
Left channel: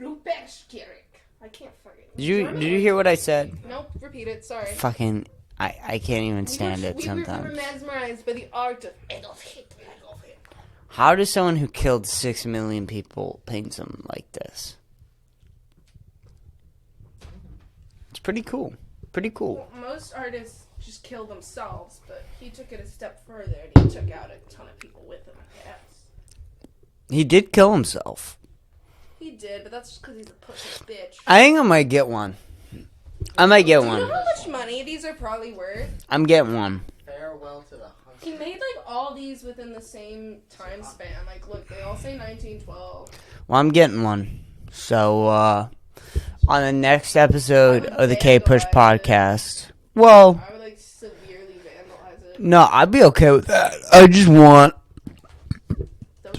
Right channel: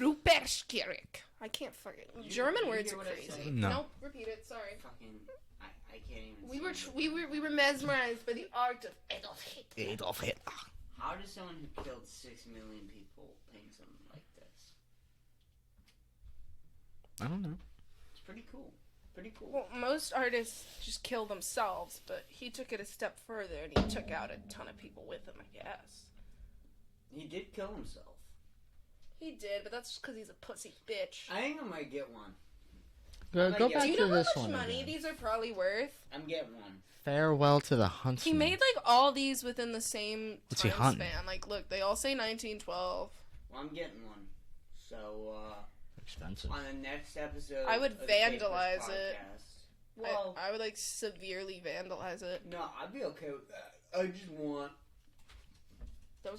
Ruperschkirik. I can't fucking. Did you hear what I said? No. Nope. Repeat it. Sorry. Fucking. I can't even stand it sometimes. We were mesmerized by the art of Adolf Hitler. How does someone who killed 6 million people paint something like this? I don't know. It's pretty cool. Well, most artists just kill themselves, but he took it a step further and he took out a ton of people with him, I guess. He did kill himself. He did, but that's just because he's a pussy bitch. I think I might get one. I might get Do one. you know how much money these are probably worth? I'm getting one. Farewell to the Huntsman. He made like all these within the same time span. Like, look, they all say 1912. Well, I'm getting one. So, on the next episode of the Kpush Podcast. Well, I would like severely vandalize it. No, I'd be okay with that. I just want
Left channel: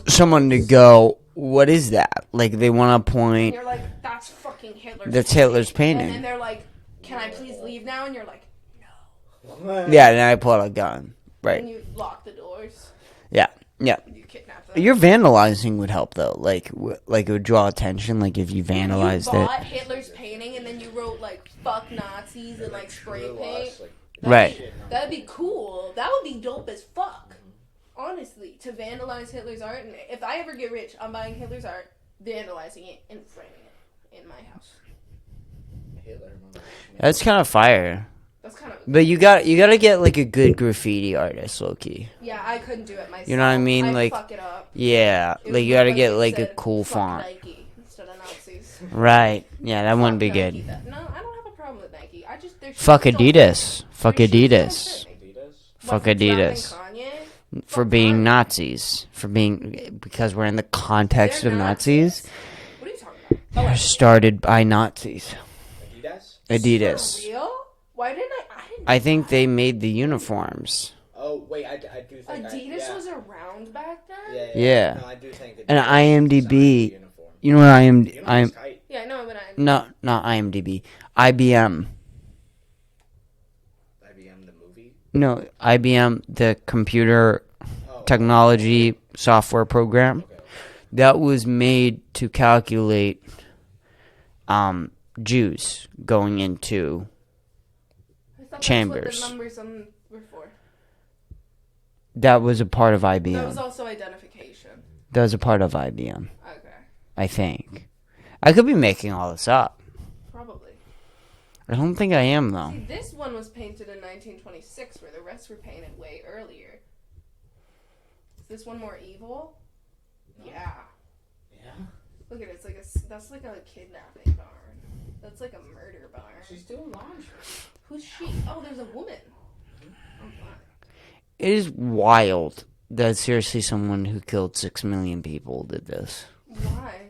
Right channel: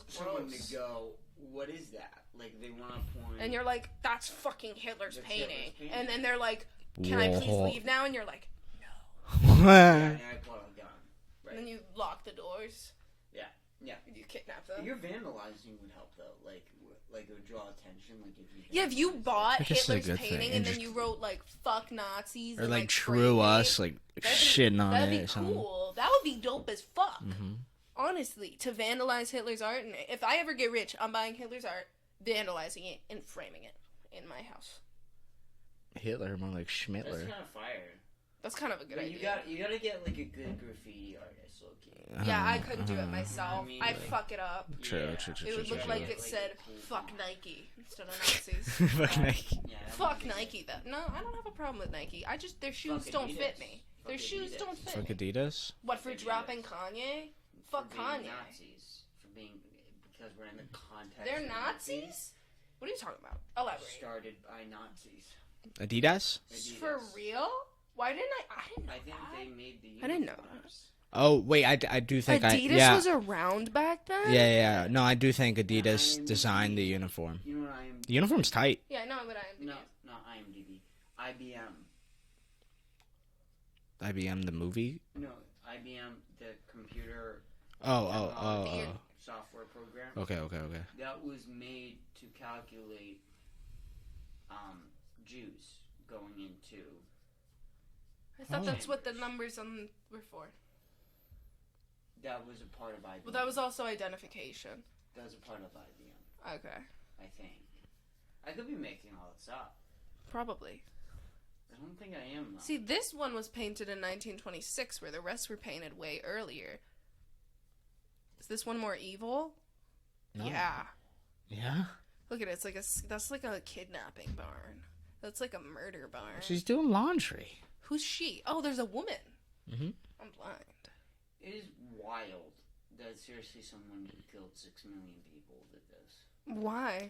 someone to go, what is that? Like, they want to point. And you're like, that's fucking Hitler's That's painting. Hitler's painting. And then they're like, can I please leave now? And you're like, no. Yeah, then I pull out a gun. Right. And you lock the doors. Yeah. You kidnap them. Your vandalizing would help, though. Like it would draw attention, like, if you vandalized if you bought it. Hitler's painting and then you wrote, like, fuck Nazis or, and, like, true us, like, right. shitting on that'd it. be cool. That would be dope as fuck. Mm-hmm. Honestly, to vandalize Hitler's art. And if I ever get rich, I'm buying Hitler's art, vandalizing it, and framing it in my house. Hitler, more like Schmidt. That's kind of fire. That's kind of. But you gotta get like a good graffiti artist, low-key. Yeah, I couldn't do it myself. You know what I mean? I'd like, fuck it up. yeah, like you gotta get like a cool font. Nike instead of Nazis. Right? Yeah, that wouldn't be Nike, good. No, I don't have a problem with Nike. I just fuck Adidas. Fuck Fuck Adidas. Adidas. Fuck Adidas. For being Nazis. Because we're in the context of Nazis. What are you talking about? They're started by Nazis. Adidas? Adidas. For real? Why didn't I think they made the uniforms. Oh, wait, I do think Adidas was around back then? Yeah. No, I do think Adidas and designed the IMDb. uniform. You know what The uniform's tight. Yeah, I know, but No, not IMDb. IBM. IBM, the movie? No, IBM, the computer technology software program. Okay. That was made to calculate Jews going into chambers. That's what the numbers were for. That was a part of IBM. That was also identification. That was a part of IBM. Okay. I think. I could be making all this up. Probably. I don't think I am, though. See, this one was painted in 1926, where the rest were painted way earlier. Is this one more evil? No. Yeah. Yeah? Look at it. That's like a kidnapping barn. That's like a murder barn. She's doing laundry. Who's she? Oh, there's a woman. Mm-hmm. I'm blind. It is wild that seriously someone who killed 6 million people did this. Why?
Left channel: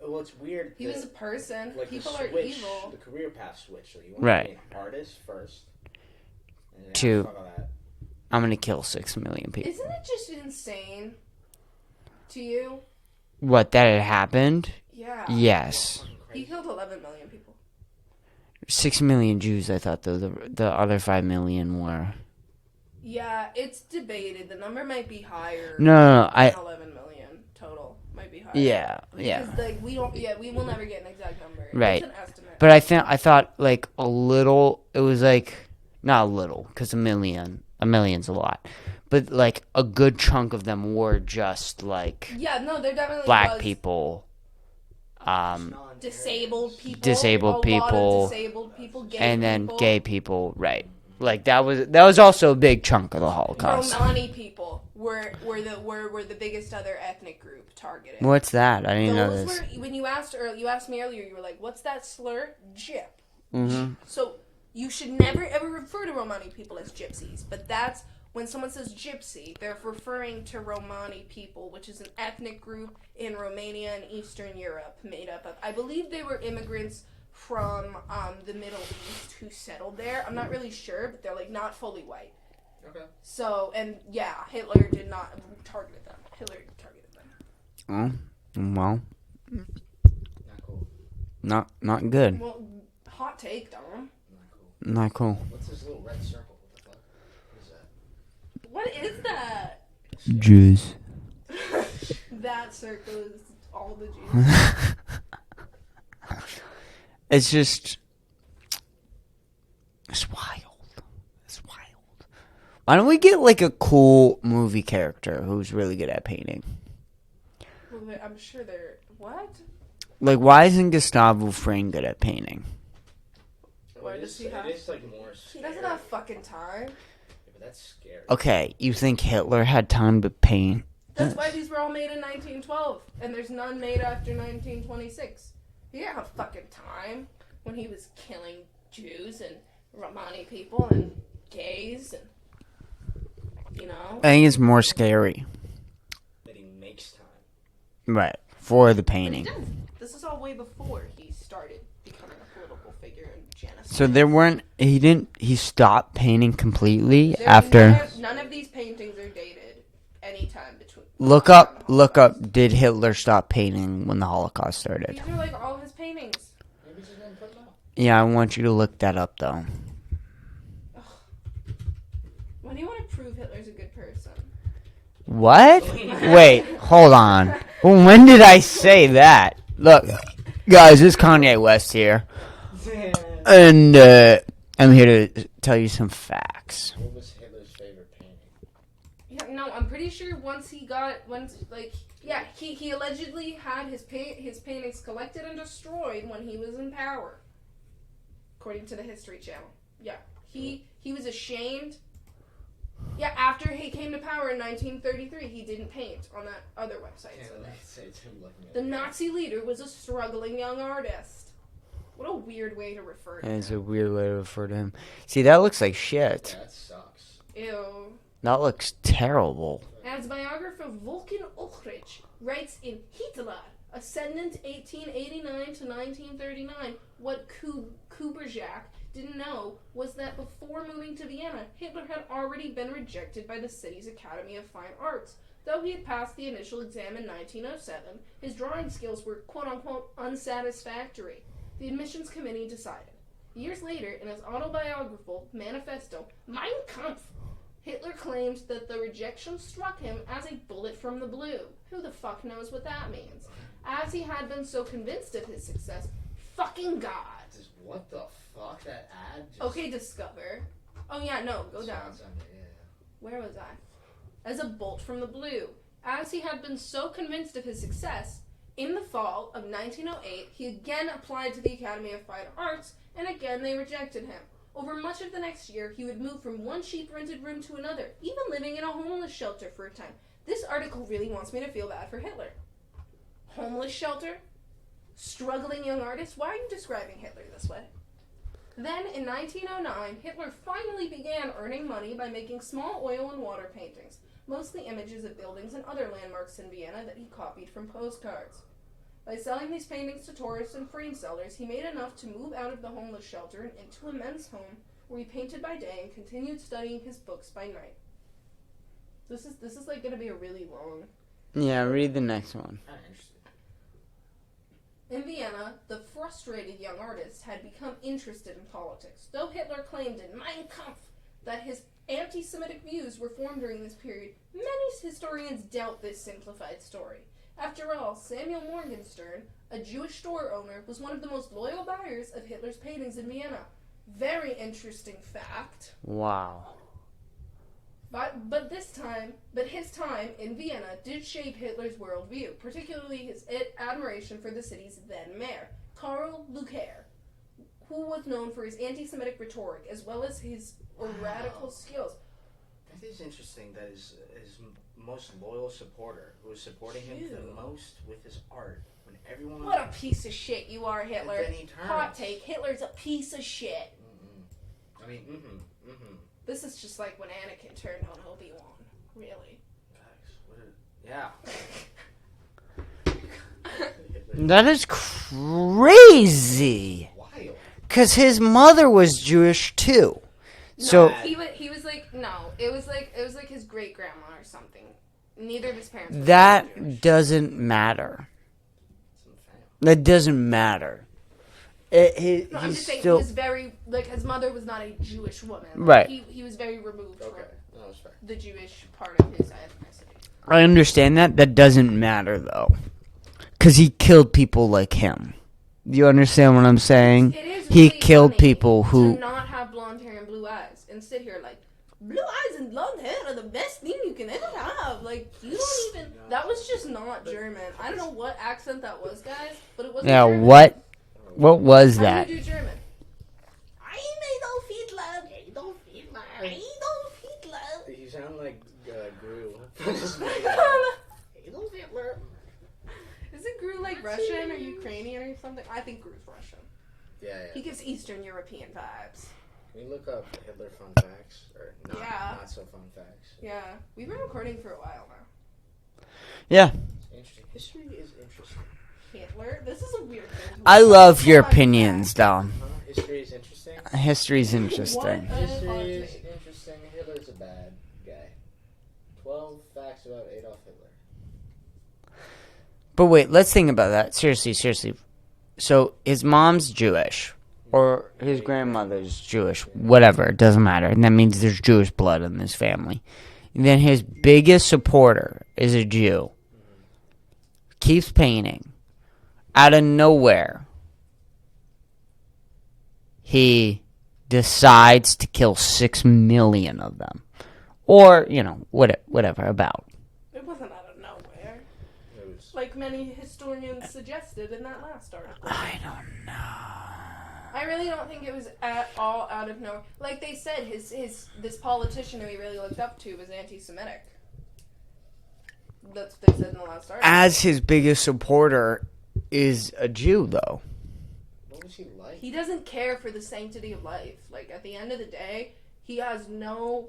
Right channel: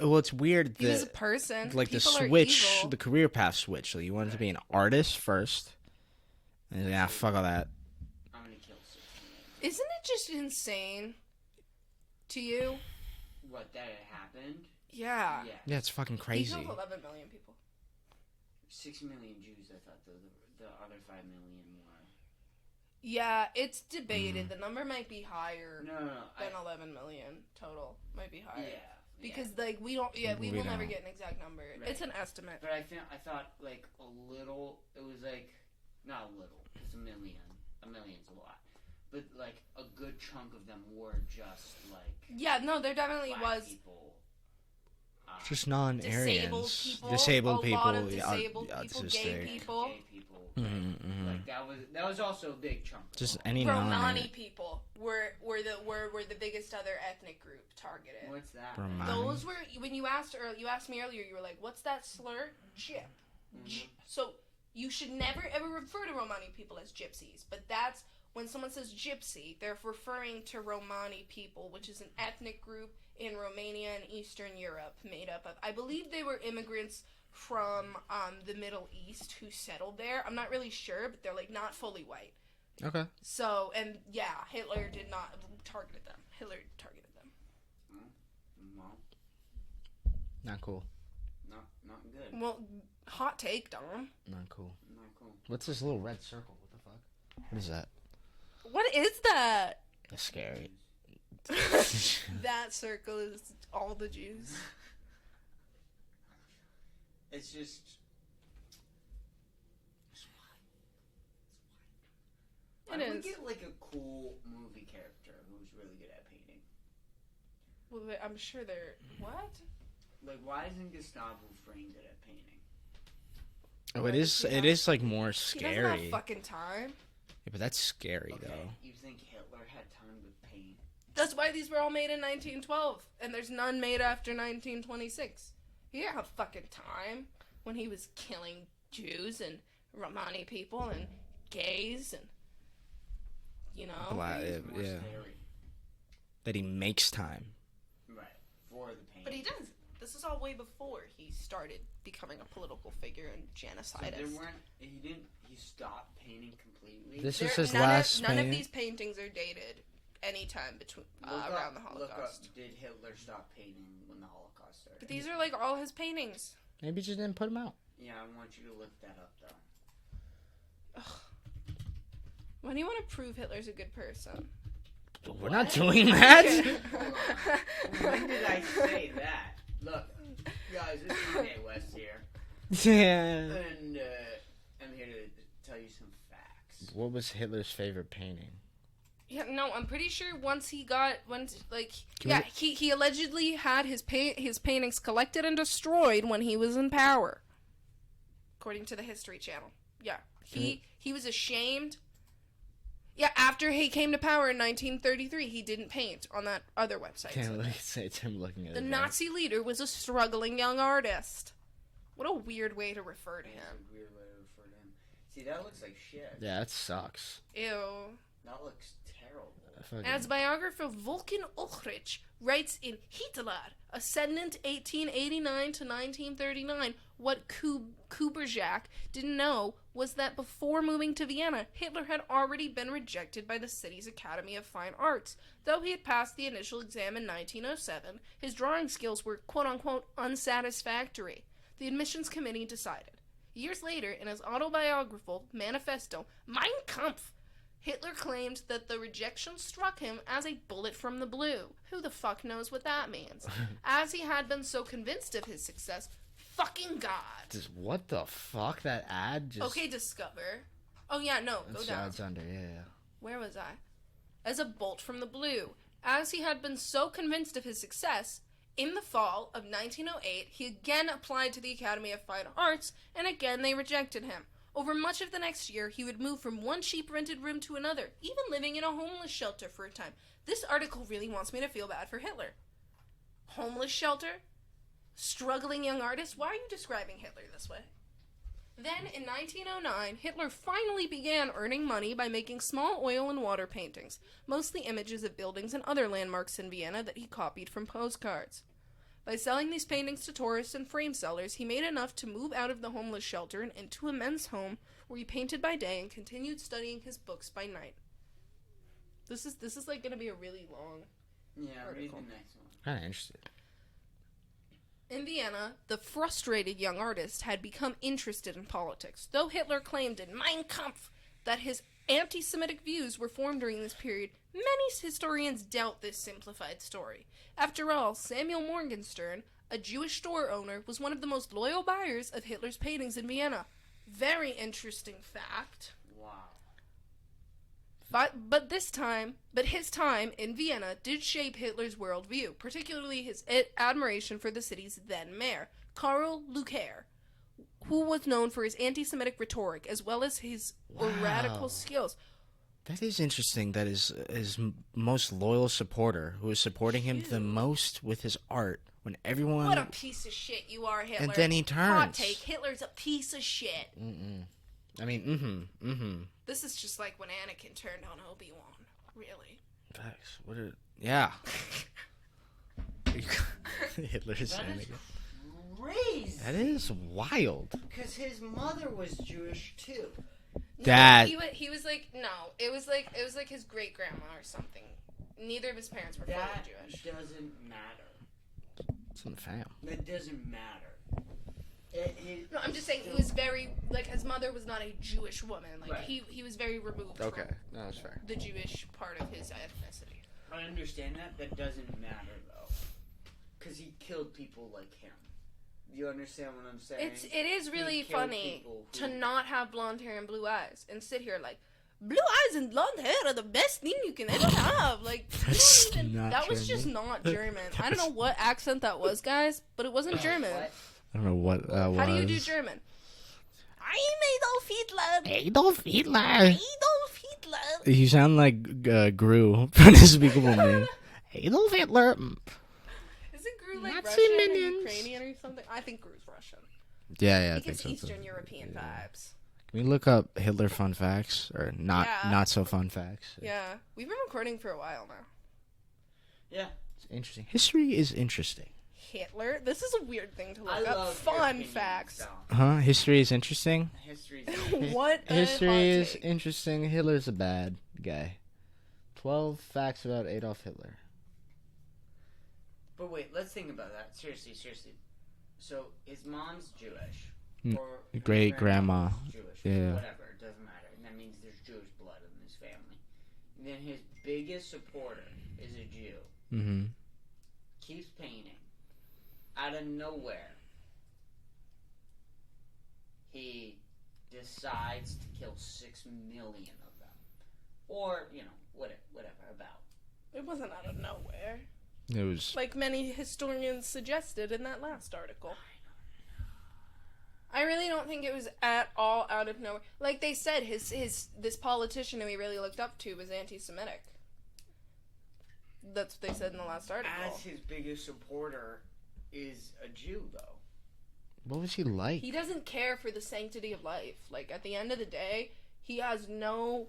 Well, it's weird. He was a person. Like People the are switch, evil. the career path switch. Like you want Right. to be an artist first. And Two. fuck all that. I'm gonna kill 6 million people. Isn't it just insane to you? What, that had happened? Yeah. That's Yes. fucking He crazy. killed 11 million people. 6 million Jews, I thought, though. The other 5 million were. Yeah, it's debated. The number might be higher. No, than 11 million total. Might be higher. Yeah. Because, like, we will never get an exact number. Right. It's an estimate. But I thought, like, a little, it was like, not a little, because a million's a lot. But, like, a good chunk of them were just, like, yeah, no, there definitely black was. people. Just disabled people, disabled people, and then people. gay people, right? Like that was also a big chunk of the Holocaust. Romani people were the biggest other ethnic group targeted. What's that? I didn't know this. When you asked me earlier, you were like, "What's that slur?" Gyp. Mm-hmm. So you should never ever refer to Romani people as gypsies, but that's when someone says gypsy, they're referring to Romani people, which is an ethnic group in Romania and Eastern Europe, made up of, I believe they were immigrants from the Middle East who settled there. I'm not really sure, but they're like not fully white. Okay. So, and yeah, Hitler did not target them. Hitler targeted them. Oh, well. Not cool. Not good. Well, hot take, Dom. Not cool. Not cool. What's this little red circle? What the fuck? What is that? What is that? Jews. That circle is all the Jews. It's just... It's wild. It's wild. Why don't we get, like, a cool movie character who's really good at painting? Well, I'm sure they're... What? Like, why isn't Gustavo Fring good at painting? Oh, it is, like, more scary. He doesn't have fucking time. Yeah, but that's scary. Okay, you think Hitler had time to paint? That's why these were all made in 1912, and there's none made after 1926. He didn't have fucking time when he was killing Jews and Romani people and gays and, you know. I think it's more scary. That he makes time. Right, for the But he painting. does. This is all way before he started becoming a political figure and genocide. So there weren't, he stopped painting completely There's after... None of these paintings are dated anytime between... Look up, did Hitler stop painting when the Holocaust started? These are like all his paintings. Maybe he just didn't put them out. Yeah, I want you to look that up, though. Ugh. When do you want to prove Hitler's a good person? What? Wait, hold on. When did I say that? Look, guys, it's Kanye West here. And I'm here to tell you some facts. What was Hitler's favorite painting? Yeah, no, I'm pretty sure he allegedly had his paintings collected and destroyed when he was in power, according to the History Channel. Yeah, he was ashamed. Yeah, after he came to power in 1933, he didn't paint on that other website. It's him looking at the Nazi leader was a struggling young artist. What a weird way to refer to him. It's a weird way to refer to him. See, that looks like shit. Yeah, that sucks. Ew. That looks terrible. As biographer Volkan Ulrich writes in Hitler, Ascendant 1889 to 1939, what Kpush didn't know was that before moving to Vienna, Hitler had already been rejected by the city's Academy of Fine Arts. Though he had passed the initial exam in 1907, his drawing skills were quote-unquote unsatisfactory. The admissions committee decided. Years later, in his autobiographical manifesto, Mein Kampf, Hitler claimed that the rejection struck him as a bullet from the blue. Who the fuck knows what that means? As he had been so convinced of his success, fucking God. What the fuck? That ad just... Okay, Discover. Oh yeah, no, go down. Under, yeah. Where was I? As a bolt from the blue. As he had been so convinced of his success, in the fall of 1908, he again applied to the Academy of Fine Arts, and again they rejected him. Over much of the next year, he would move from one cheap rented room to another, even living in a homeless shelter for a time. This article really wants me to feel bad for Hitler. Homeless shelter? Struggling young artist? Why are you describing Hitler this way? Then, in 1909, Hitler finally began earning money by making small oil and water paintings, mostly images of buildings and other landmarks in Vienna that he copied from postcards. By selling these paintings to tourists and frame sellers, he made enough to move out of the homeless shelter and into a men's home where he painted by day and continued studying his books by night. This is like going to be a really long... Yeah, read the next one. Kind of interested. In Vienna, the frustrated young artist had become interested in politics, though Hitler claimed in Mein Kampf that his anti-Semitic views were formed during this period. Many historians doubt this simplified story. After all, Samuel Morgenstern, a Jewish store owner, was one of the most loyal buyers of Hitler's paintings in Vienna. Very interesting fact. Wow. But his time in Vienna did shape Hitler's worldview, particularly his admiration for the city's then mayor, Karl Luecker, who was known for his anti-Semitic rhetoric as well as his radical skills. That is interesting. That is his most loyal supporter, who is supporting him the most with his art. When everyone... What a piece of shit you are, Hitler. And then he turns. Hot take. Hitler's a piece of shit. I mean, This is just like when Anakin turned on Obi-Wan. Really. Yeah. That is crazy. Wild. Because his mother was Jewish too. So he was like, no, it was like his great grandma or something. Neither of his parents were Jewish. That doesn't matter. It's in the family. That doesn't matter. I'm just saying he was very, like, his mother was not a Jewish woman. Like, right. He was very removed from that's fair. the Jewish part of his ethnicity. I understand that. That doesn't matter, though. Because he killed people like him. Do you understand what I'm saying? It is really he killed funny people who... to not have blonde hair and blue eyes and sit here like, blue eyes and blonde hair are the best thing you can ever have. Like, that was just not German. I don't know what accent that was, guys, but it wasn't German. What? I don't know what was that? How do you do German? I'm Adolf Hitler. Adolf Hitler. Adolf Hitler. You sound like Gru from Despicable Me. Adolf Hitler. Is it Gru like Russian or Ukrainian or something? I think Gru's Russian. Yeah. He gives Eastern European vibes. Can we look up Hitler fun facts or not so fun facts? Yeah, we've been recording for a while now. Yeah. It's interesting. History is interesting. Hitler? This is a weird thing to I look love up. your Fun opinions, fact. Dom. Huh? History is interesting? History's interesting. What? History is interesting. Hitler's a bad guy. 12 facts about Adolf Hitler. But wait, let's think about that. Seriously. So his mom's Jewish. Or his grandmother's Jewish. Yeah. Whatever. It doesn't matter. And that means there's Jewish blood in this family. And then his biggest supporter is a Jew. Mm-hmm. Keeps painting. Out of nowhere, he decides to kill 6 million of them. Or, whatever, about. It wasn't out of nowhere. It was... Like many historians suggested in that last article. I don't know. I really don't think it was at all out of nowhere. Like they said, this politician who he really looked up to was anti-Semitic. That's what they said in the last article. As his biggest supporter is a Jew, though. What was he like? He doesn't care for the sanctity of life. Like, at the end of the day, he has no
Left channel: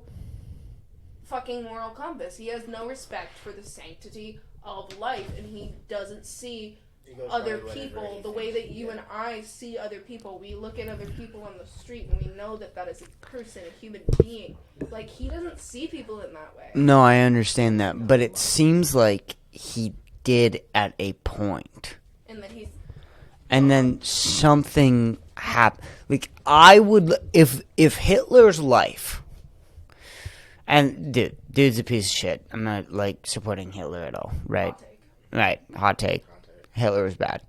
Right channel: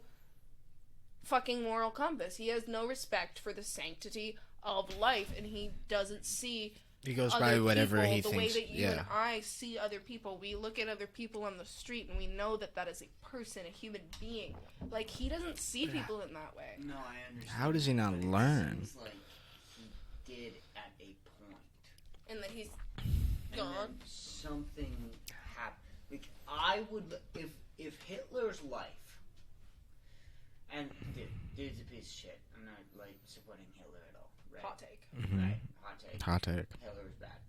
fucking moral compass. He has no respect for the sanctity of life, and he doesn't see... He goes other by whatever people, he the thinks. way that you and I see other people. We look at other people on the street and we know that is a person, a human being. Like, he doesn't see people in that way. No, I understand How does he that, not but it learn? seems like he did at a point. And then And then something happened. Like, I would, if Hitler's life, and dude's a piece of shit. I'm not, like, supporting Hitler at all, right? hot take. Right, hot take. Hot take. Hitler was bad.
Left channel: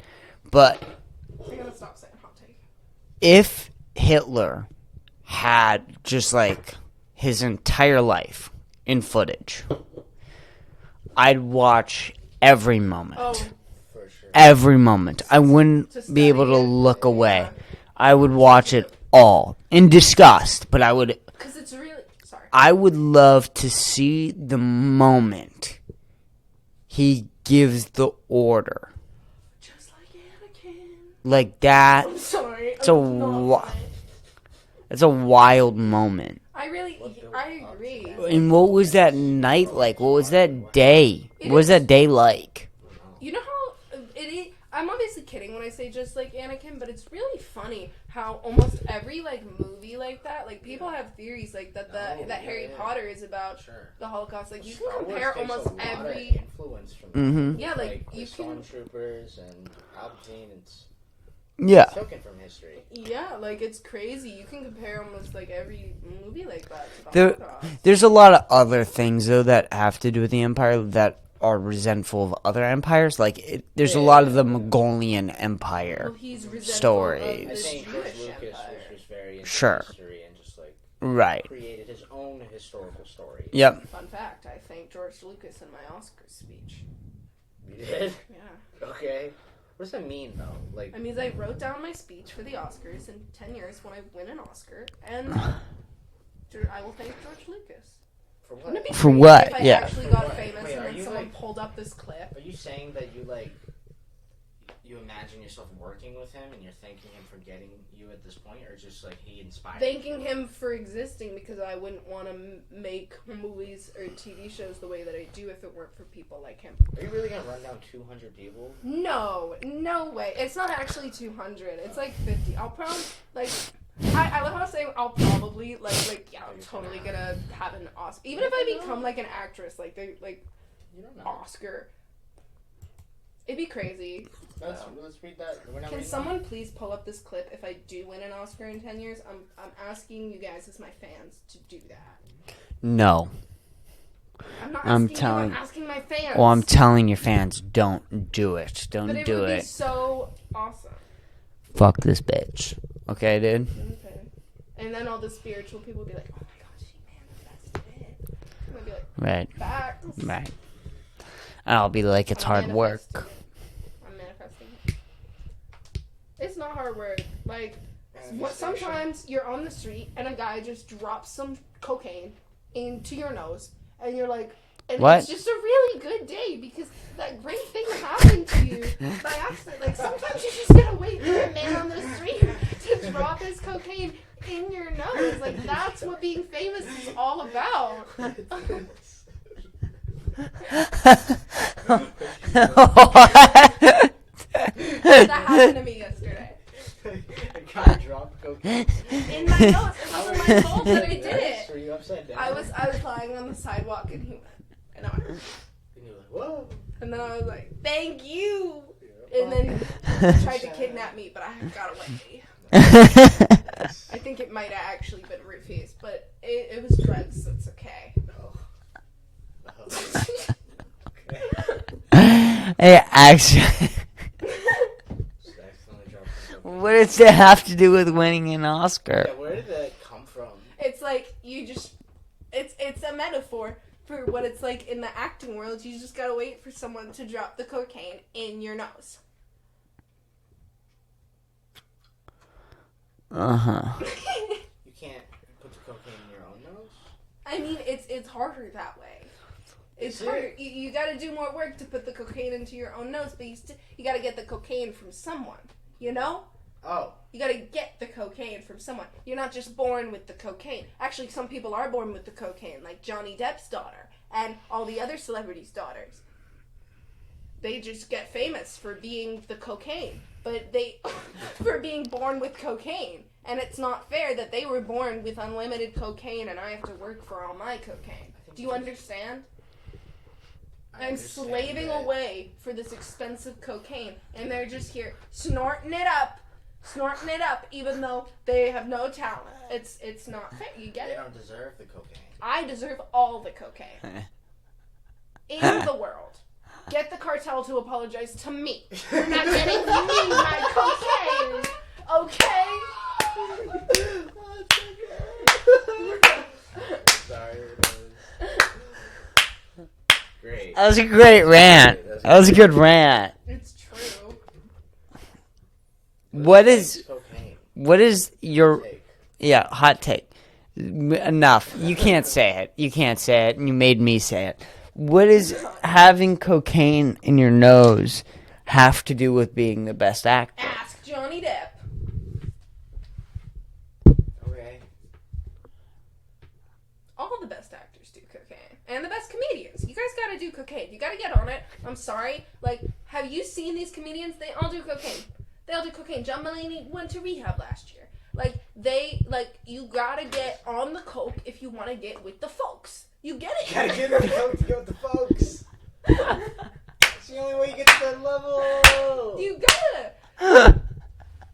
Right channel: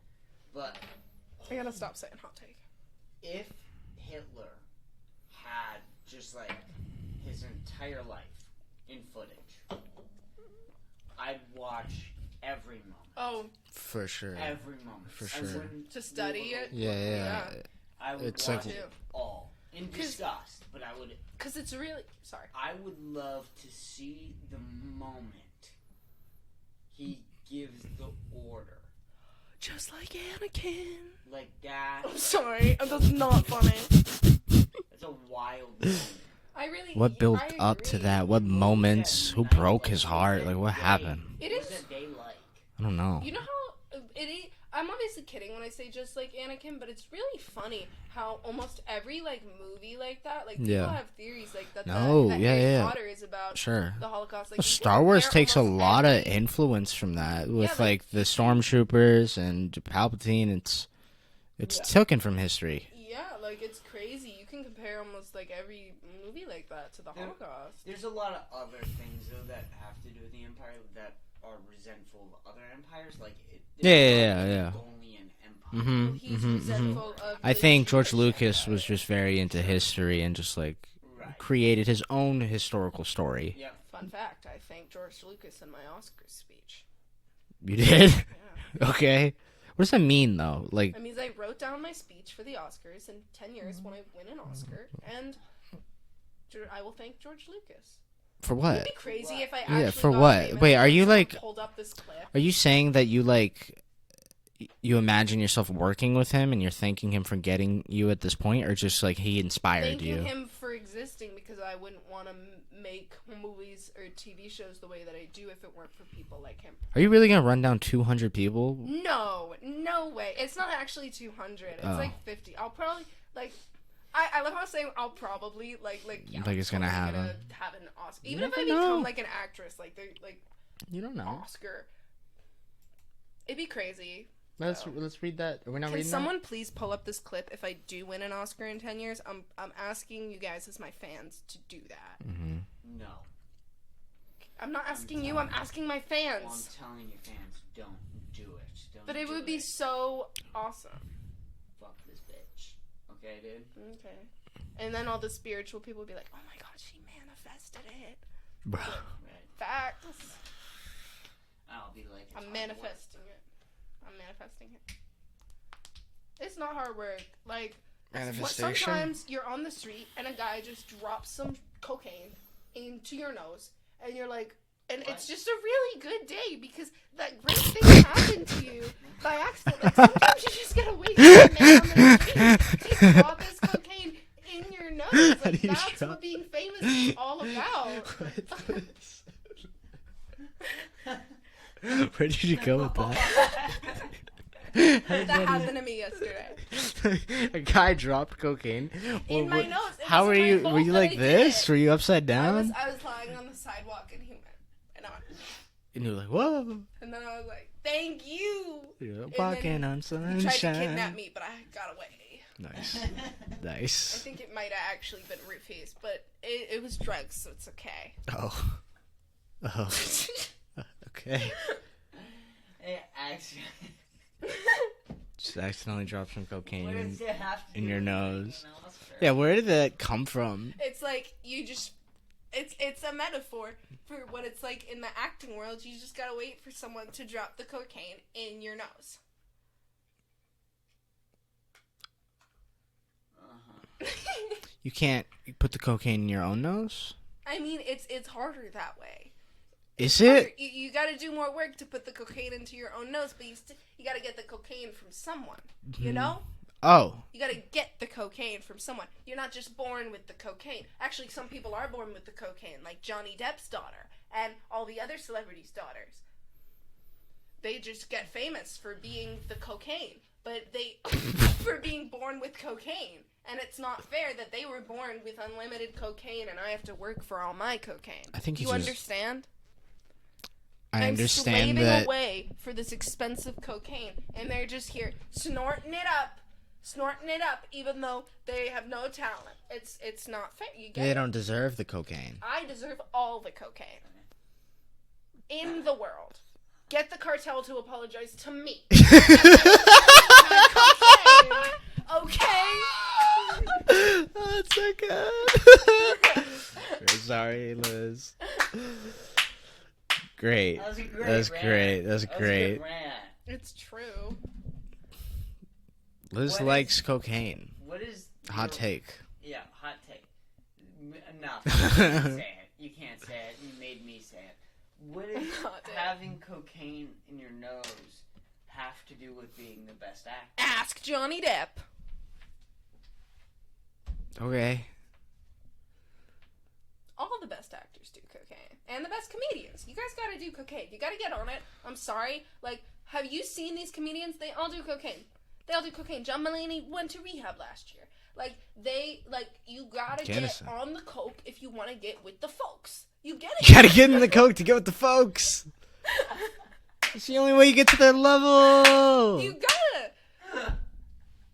But I gotta stop saying hot take. if Hitler had just, like, his entire life in footage, I'd watch every moment. Oh, For sure. Every moment. I wouldn't To be able to study it? look Yeah. away. I would watch it all in disgust, but because it's really... Sorry. I would love to see the moment he gives the order. Just like Anakin. Like that. I'm sorry. It's a It's a wild moment. I really... What built I up to agree. that? And what was that moments? Who night broke like? his What was heart? that Like, what day? happened? What was that day like? I don't know. You know how I'm obviously kidding when I say just like Anakin, but it's really funny how almost every like movie like that, like people Yeah. have theories like that. No, that yeah, Harry yeah. Potter is about Sure. the Holocaust. Like, Star Wars takes a lot of every... influence from that Mhm. with Yeah, like, like the stormtroopers and Palpatine. It's Yeah. taken from history. Yeah, like it's crazy. You can compare almost like every movie like that to the There- Holocaust. There's a lot of other things though that have to do with the Empire that are resentful of other empires. Like, there's a lot of the yeah. Mongolian Empire story. I think George Lucas was just very into history and just, like, created his own historical story. Yep. Fun fact, I thanked George Lucas in my Oscar speech. You did? Yeah. Okay. What does that mean, though? Like, I mean, I wrote down my speech for the Oscars in 10 years when I win an Oscar, and I will thank George Lucas. For what? For what? Yeah, for what? Wait, are you, like... Pulled up this clip. Are you saying that you, like... You imagine yourself working with him and you're thanking him for getting you at this point, or just like he inspired you? Thanking him for existing because I wouldn't want to make movies or TV shows the way that I do if it weren't for people like him. Are you really gonna run down 200 people? No way. It's not actually 200. It's like 50. I'll probably I love how I'm saying I'll probably it's gonna happen. Gonna have an Oscar. Even if I become like an actress, you don't know. Oscar. It'd be crazy. Let's read that. We're not Can reading someone please pull up this clip if I do win an Oscar in 10 years? I'm asking you guys as my fans to do that. Mm-hmm. No. I'm not asking you, I'm asking my fans. Well, I'm telling your fans, don't do it. Don't do it. But it would be so awesome. Fuck this bitch. Okay, dude? Okay. And then all the spiritual people will be like, oh my god, she manifested it. Right. Facts. Right. And I'll be like, it's hard work. I'm manifesting it. It's not hard work. Like, sometimes you're on the street and a guy just drops some cocaine into your nose and you're like, and what? It's just a really good day because that great thing happened to you by accident. Like, sometimes you just gotta wait for a man on the street to drop his cocaine in your nose. Like, that's what being famous is all about. Where did you go? That happened to me yesterday. A guy dropped cocaine. In my nose. How were you? Were you like this? Were you upside down? I was lying on the sidewalk and he went. And you were like, whoa. And then I was like, thank you. Yeah, and then he tried to kidnap me, but I got away. Nice. I think it might have actually been roofies, but it was drugs, so it's okay. Oh. Okay. Hey, actually... Just accidentally dropped some cocaine. What does that have to do with winning an Oscar? Yeah, where did that come from? It's like, you just... It's a metaphor for what it's like in the acting world. You just gotta wait for someone to drop the cocaine in your nose. Uh-huh. You can't put the cocaine in your own nose? I mean, it's harder that way. Is it? You got to do more work to put the cocaine into your own nose, but you got to get the cocaine from someone, you know? Oh. You got to get the cocaine from someone. You're not just born with the cocaine. Actually, some people are born with the cocaine, like Johnny Depp's daughter and all the other celebrities' daughters. They just get famous for being the cocaine, but for being born with cocaine. And it's not fair that they were born with unlimited cocaine and I have to work for all my cocaine. I think Do you understand? I understand I'm slaving that. away for this expensive cocaine, and they're just here snorting it up, even though they have no talent. It's not fair. You get They it? don't deserve the cocaine. I deserve all the cocaine in the world. Get the cartel to apologize to me. My cocaine, okay? That's so good. Sorry, Liz. Great. That was a great rant. That was a good rant. It's true. Liz likes cocaine. What is your hot take? Yeah, hot take. Enough. You can't say it. You can't say it, and you made me say it. What does having cocaine in your nose have to do with being the best actor? Ask Johnny Depp. Okay. All the best actors do cocaine. And the best comedians. You guys gotta do cocaine. You gotta get on it. I'm sorry. Like, have you seen these comedians? They all do cocaine. They all do cocaine. John Mulaney went to rehab last year. You gotta get on the coke if you want to get with the folks. You get it. You gotta get in the coke to get with the folks. It's the only way you get to that level. You gotta.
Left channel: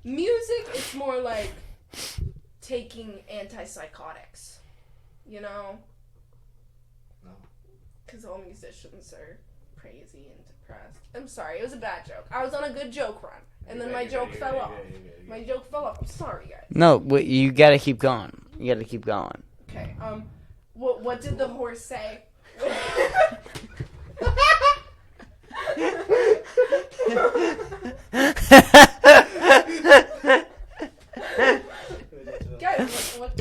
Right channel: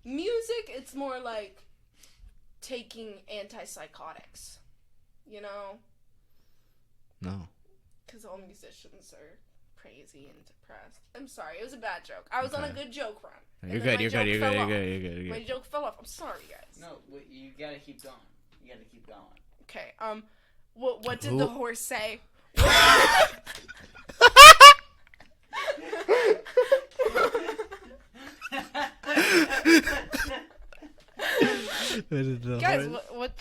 Music, it's more like taking antipsychotics. You know? No. Because all musicians are crazy and depressed. I'm sorry, it was a bad joke. I was on a good joke run. And You're then good, my you're joke good, you're fell good, off. you're good, you're good. My joke fell off. I'm sorry, guys. No, you gotta keep going. You gotta keep going. Okay, what did the horse say? Guys, what?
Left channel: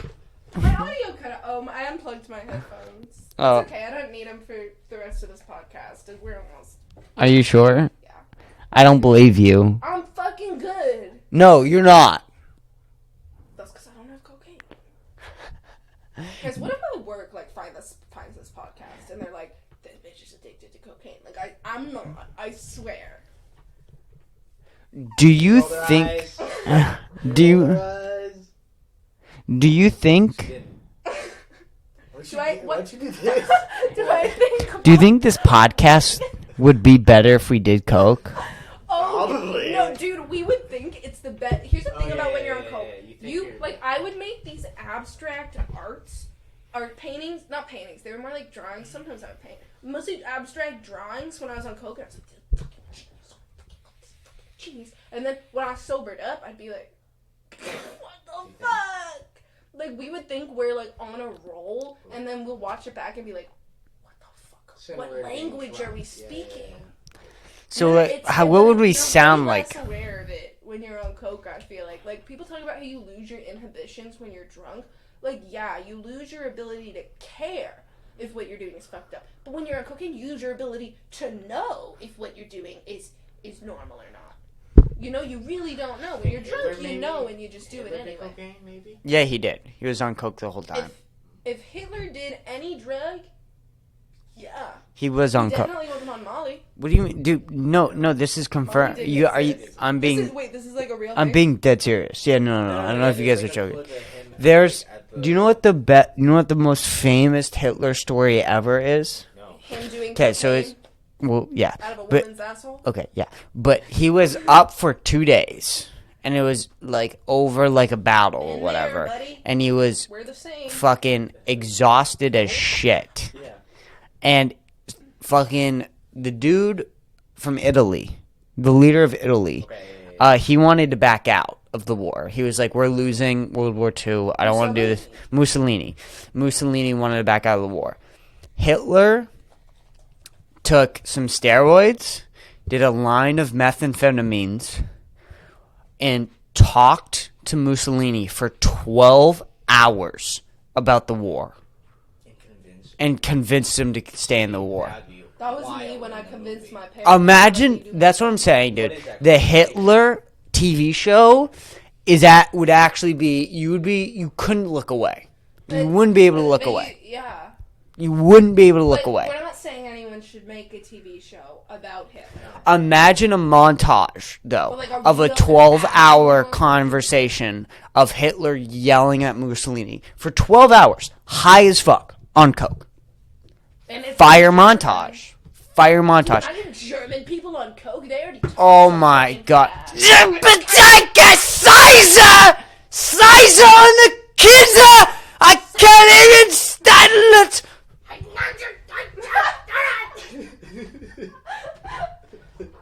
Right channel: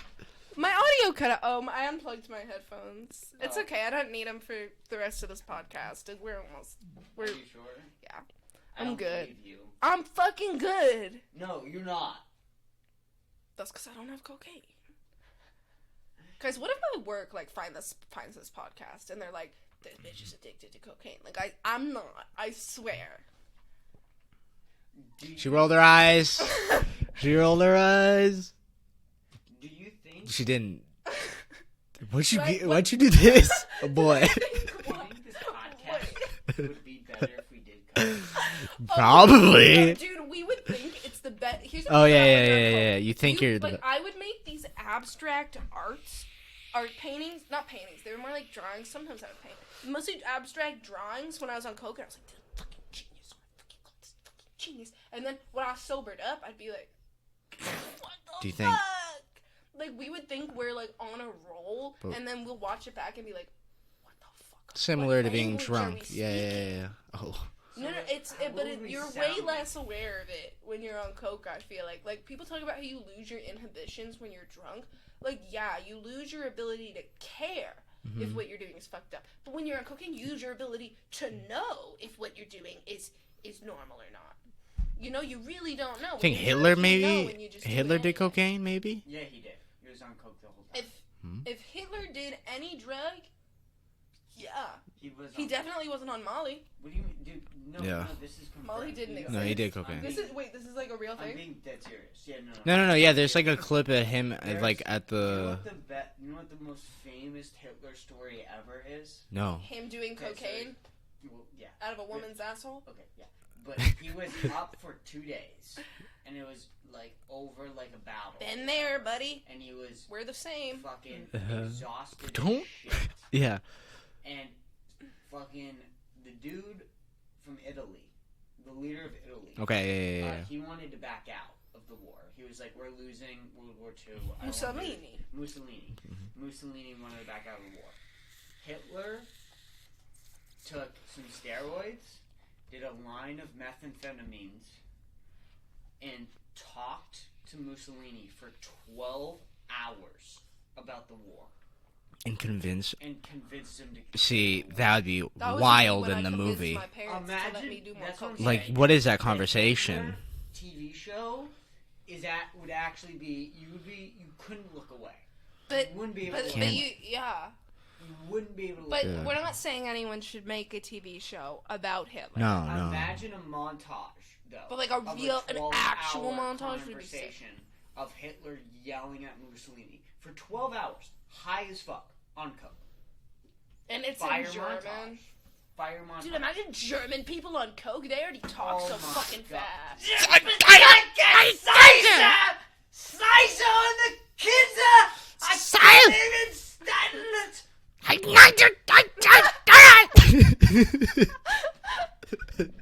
My audio cut out. Oh, I unplugged my headphones. It's okay. I don't need them for the rest of this podcast. We're almost. Are you sure? Yeah. I don't believe you. I'm fucking good. No, you're not. That's because I don't have cocaine. Guys, what if my work finds this podcast and they're like, "This bitch is addicted to cocaine"? Like I'm not. I swear. Do you roll their eyes? Roll their eyes? Do you think? She didn't. Why'd you do this, boy? Do you think this podcast would be better if we did coke? Probably. No, dude, we would think it's the best. Here's the thing Oh about when you're on yeah. coke. You think you're I would make these abstract art paintings, not paintings. They were more like drawings. Sometimes I would paint, mostly abstract drawings. When I was on coke, I was like, "This fucking genius, fucking genius." And then when I sobered up, I'd be like, "What the fuck?" Like we would think we're on a roll, and then we'll watch it back and be like, "What the fuck?" Similar to being drunk. Yeah. Oh. So what would we sound like? You're aware of it when you're on coke. I feel like people talk about how you lose your inhibitions when you're drunk. Yeah, you lose your ability to care if what you're doing is fucked up. But when you're on cocaine, you lose your ability to know if what you're doing is normal or not. You really don't know. I think Hitler Hitler did cocaine, maybe? Yeah, he did. He was on coke the whole time. If Hitler did any drug, yeah. He was on coke. Definitely wasn't on Molly. What do you mean, dude? No, this is confirmed. This is like a real I'm thing? being dead serious. Yeah, no. Yeah, there's a clip of him. At the. Do you know what the most famous Hitler story ever is? No. Him doing Okay, cocaine so it's yeah. out of a But woman's asshole? okay, yeah. But he was up for 2 days, and it was over a battle or whatever, buddy. and he was We're the same. fucking exhausted as shit. Yeah. And fucking the dude from Italy, the leader of Italy, Okay. he wanted to back out of the war. He was like, "We're losing World War II. I don't want to do this." Mussolini wanted to back out of the war. Hitler took some steroids, did a line of methamphetamines, and talked to Mussolini for 12 hours about the war. And convinced him to stay in the war. That would be wild in the movie. Imagine, that's what I'm saying, dude. What is that The conversation? Hitler TV show would actually be, you couldn't look away. You wouldn't be able to look away. Yeah. You wouldn't be able to look away. We're not saying anyone should make a TV show about Hitler. No. Imagine a montage, though, of a 12-hour conversation of Hitler yelling at Mussolini for 12 hours, high as fuck, on coke. And it's Fire montage. Imagine German people on coke. They already talk Oh my god. Sizer on the kids! I can't even stand it!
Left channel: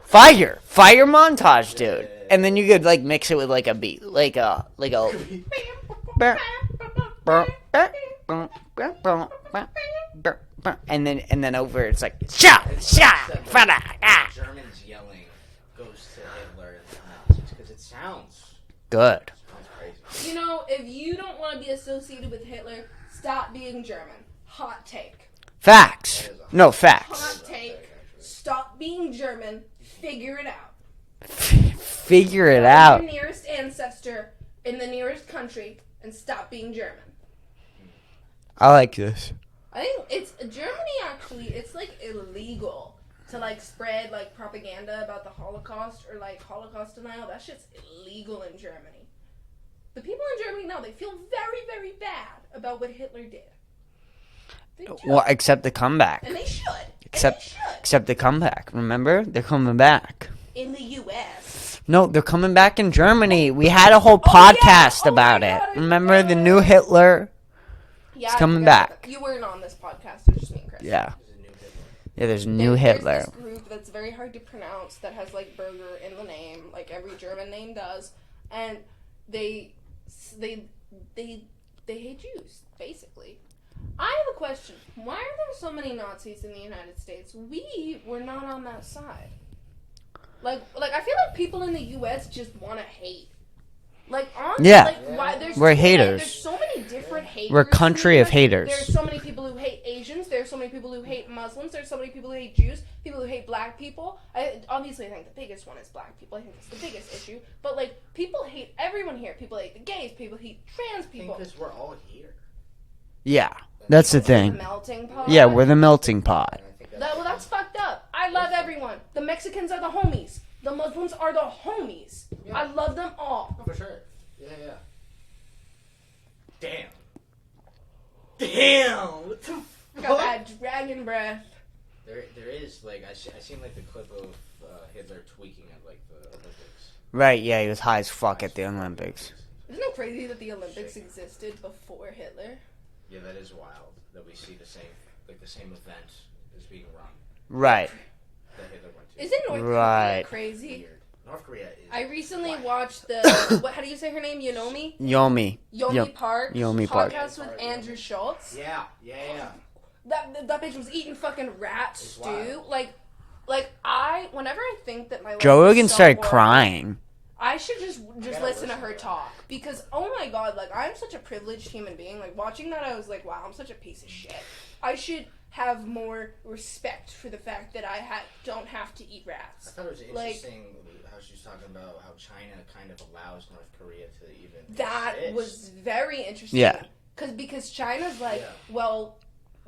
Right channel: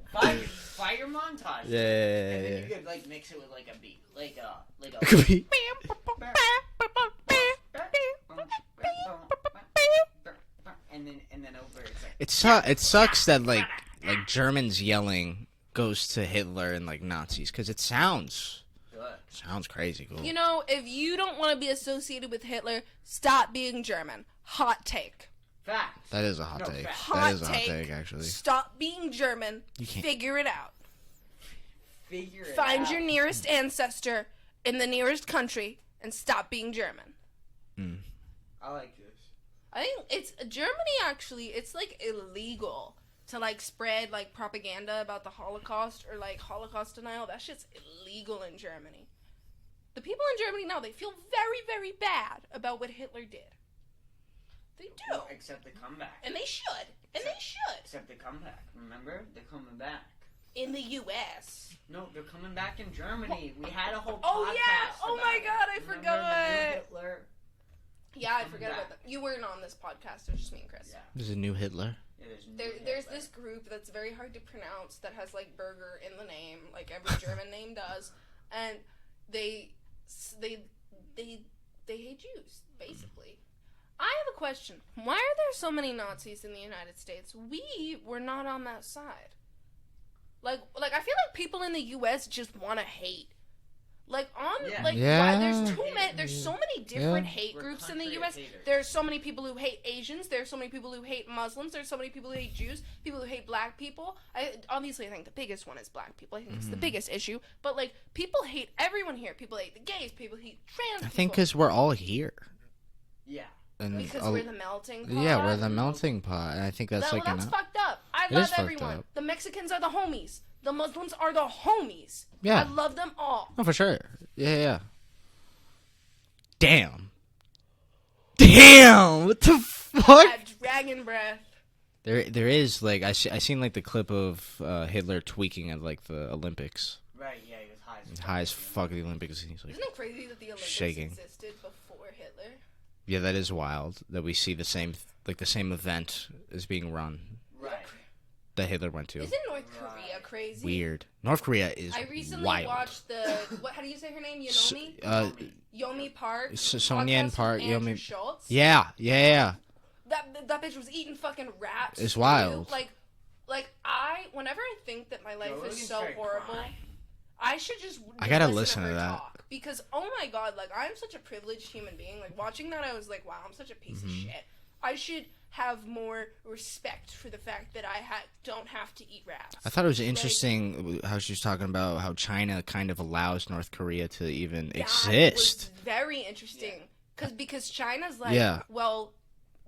Fire montage, dude. Yeah. And then you could mix it with a beat, and then over it's like it sucks that Germans yelling goes to Hitler and Nazis because it sounds good. Sounds crazy. If you don't want to be associated with Hitler, stop being German. Hot take. Facts. That is a hot no take. facts. That is a hot take, actually. Stop being German. Figure it out. Figure it Find out. your nearest ancestor in the nearest country and stop being German. I like this. I think it's Germany. Actually, it's illegal to spread propaganda about the Holocaust or Holocaust denial. That shit's illegal in Germany. The people in Germany now, they feel very, very bad about what Hitler did. They do. Well, except the comeback. And they should. Except the comeback. Remember? They're coming back. In the U.S. No, they're coming back in Germany. We had a whole podcast about it. Remember the new Hitler? Yeah, He's coming back. You weren't on this podcast. It was just me and Kris. Yeah. There's a new Hitler. Yeah, there's new Hitler. There's this group that's very hard to pronounce that has, like, burger in the name, like every German name does, and they hate Jews, basically. I have a question. Why are there so many Nazis in the United States? We were not on that side. Like I feel like people in the U.S. just want to hate. Like, on yeah, like, yeah. We're haters. There's so many different haters. We're a country of haters. There's so many people who hate Asians. There's so many people who hate Muslims. There's so many people who hate Jews. People who hate black people. Obviously, I think the biggest one is black people. I think it's the biggest issue. But, like, people hate everyone here. People hate the gays. People hate trans people. I think because we're all here. Yeah, that's the thing. The melting pot. Yeah, we're the melting pot. I think that's that's fucked up. I love everyone. The Mexicans are the homies. The Muslims are the homies. Yeah. I love them all. Oh, for sure. Yeah. Damn. What the fuck? That dragon breath. There is, like, I seen, like, the clip of Hitler tweaking at, like, the Olympics. Right, yeah, he was high as fuck at the Olympics. Isn't it crazy that the Olympics existed before Hitler? Yeah, that is wild that we see the same event is being run. Right. That Hitler went to. Isn't North Korea crazy? Weird. North Korea is I recently wild. watched how do you say her name? Yomi? Yomi Park. Yomi Park. Andrew Schultz. Yeah. That bitch was eating fucking rats. It's wild. Whenever I think that my life Joe Rogan is so started boring, crying. I should just listen to her that. talk. Because, oh my god, like, I'm such a privileged human being. Like, watching that, I was like, wow, I'm such a piece of shit. I should have more respect for the fact that I don't have to eat rats. I thought it was interesting how she was talking about how China kind of allows North Korea to even exist. That was very interesting. Yeah. Because China's like, well,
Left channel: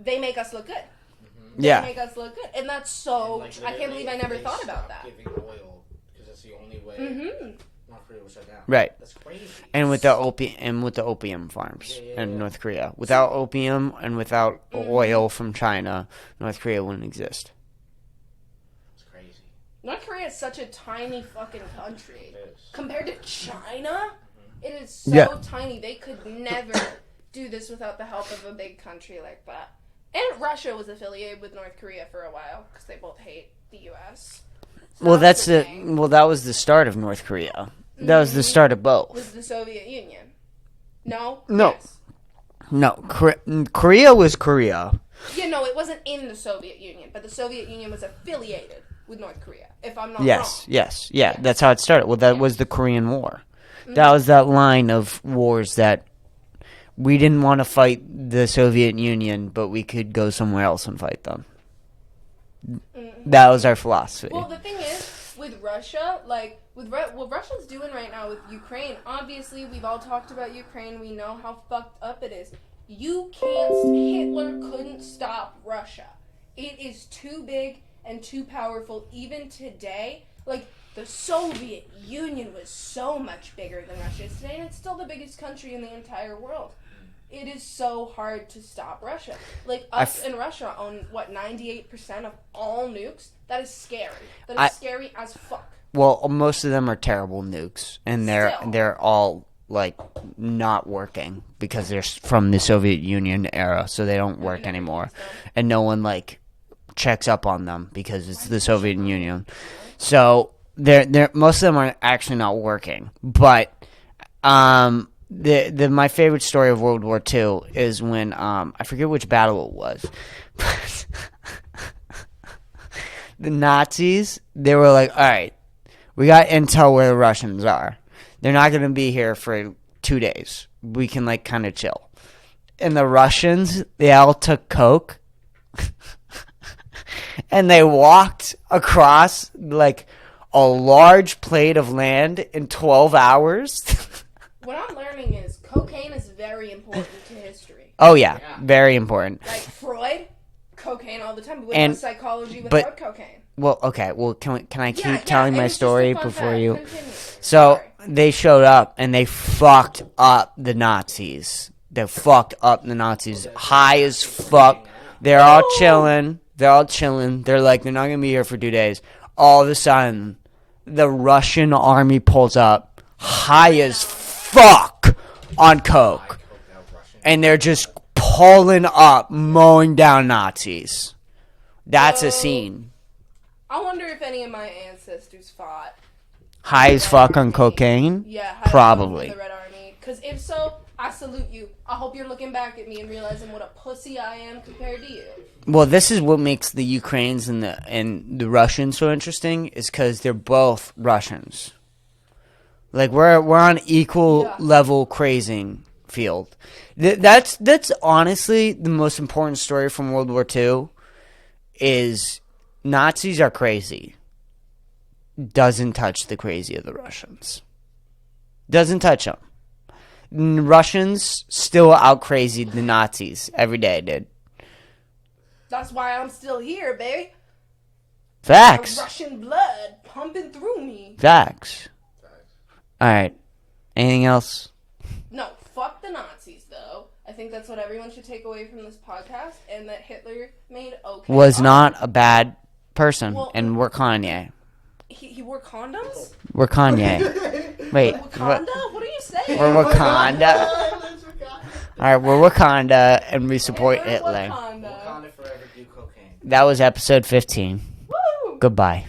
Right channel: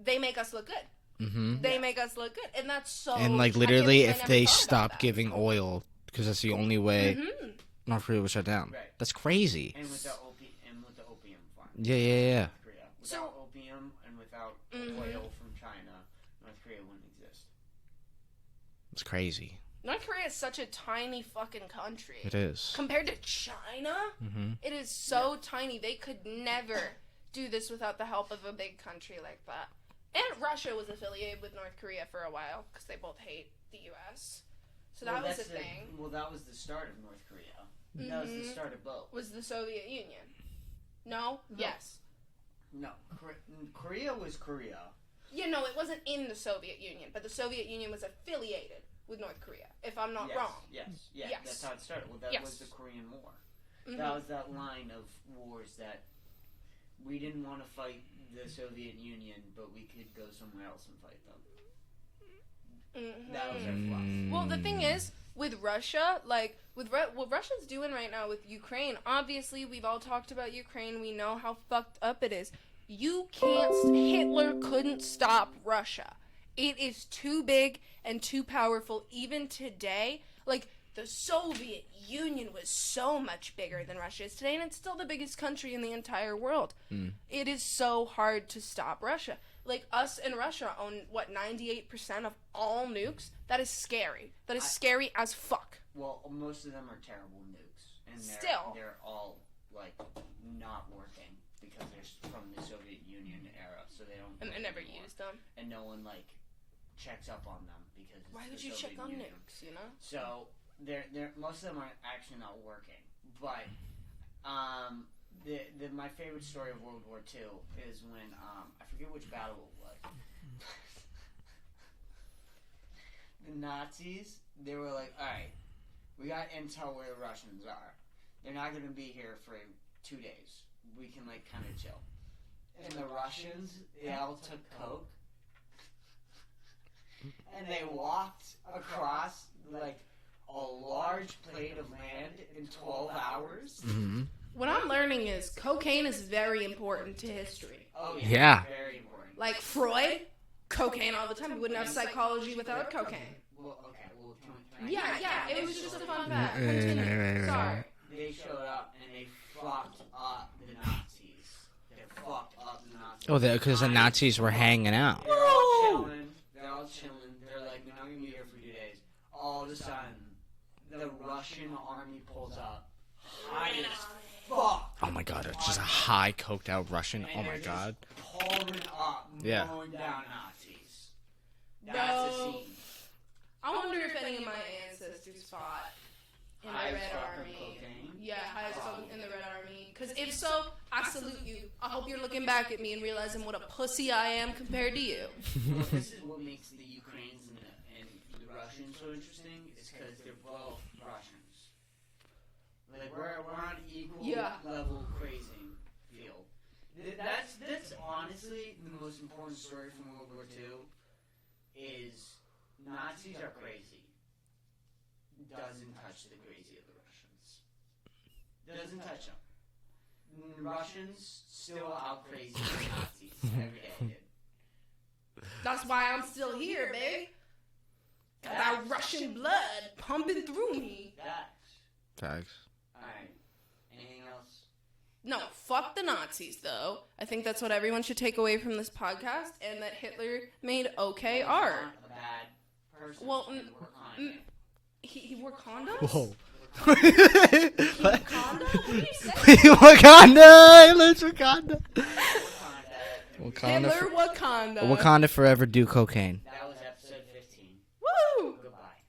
they make us look good. Mm-hmm. They make us look good. And that's so... And, like, literally, if they stop giving oil, because that's the only way... North Korea was shut down. Right. That's crazy. And with the opium farms in North Korea. Without opium and without oil from China, North Korea wouldn't exist. It's crazy. North Korea is such a tiny fucking country. It is. Compared to China, it is so tiny. They could never do this without the help of a big country like that. And Russia was affiliated with North Korea for a while because they both hate the U.S. So that was the start of North Korea. That was the start of both. Was the Soviet Union? No. Yes. No. Korea was Korea. Yeah, no, it wasn't in the Soviet Union, but the Soviet Union was affiliated with North Korea. If I'm not wrong. Yes. That's how it started. Well, that was the Korean War. That was that line of wars that we didn't want to fight the Soviet Union, but we could go somewhere else and fight them. That was our philosophy. Well, the thing is, with Russia, like, what Russia's doing right now with Ukraine, obviously, we've all talked about Ukraine. We know how fucked up it is. Hitler couldn't stop Russia. It is too big and too powerful. Even today, like, the Soviet Union was so much bigger than Russia is today, and it's still the biggest country in the entire world. It is so hard to stop Russia. Like, us and Russia own, 98% of all nukes? That is scary. That is scary as fuck. Well, most of them are terrible nukes, and they're all, like, not working because they're from the Soviet Union era, so they don't work anymore. And no one, like, checks up on them because it's the Soviet Union. So... They're most of them are actually not working, but my favorite story of World War II is when I forget which battle it was, but the Nazis, they were like, all right, we got intel where the Russians are. They're not going to be here for 2 days. We can, like, kind of chill. And the Russians, they all took coke and they walked across, like, a large plate of land in 12 hours. What I'm learning is cocaine is very important to history. Oh, yeah. Very important. Like Freud, cocaine all the time. And psychology without cocaine. Well, okay. Well, can I keep telling my story before you? So they showed up and they fucked up the Nazis. They fucked up the Nazis. High as fuck. Were hanging out. They're all chilling. They're like, they're not going to be here for 2 days. All of a sudden, the Russian army pulls up, high as fuck, on coke. High coked out Russian. And they're just pulling up, mowing down Nazis. That's a scene. I wonder if any of my ancestors fought. High as fuck on cocaine? Yeah, Probably. The Red Army. Because if so, I salute you. I hope you're looking back at me and realizing what a pussy I am compared to you. Well, this is what makes the Ukrainians and the Russians so interesting, is because they're both Russians. Like we're on equal level crazing field. That's honestly the most important story from World War II. Is Nazis are crazy. Doesn't touch the crazy of the Russians. Doesn't touch them. Russians still out crazy the Nazis every day, dude. That's why I'm still here, babe. Facts. Russian blood pumping through me. Facts. Facts. All right. Anything else? No, fuck the Nazis, though. I think that's what everyone should take away from this podcast, and that Hitler made okay Was art. not a bad person, Well, and we're Kanye. He wore condoms? We're Kanye. Wait. Wakanda? What did you say? We're Wakanda. Let's Wakanda. All right, we're Wakanda, and we support We're Hitler. Wakanda. Wakanda forever do cocaine. That was episode 15. Woo! Goodbye.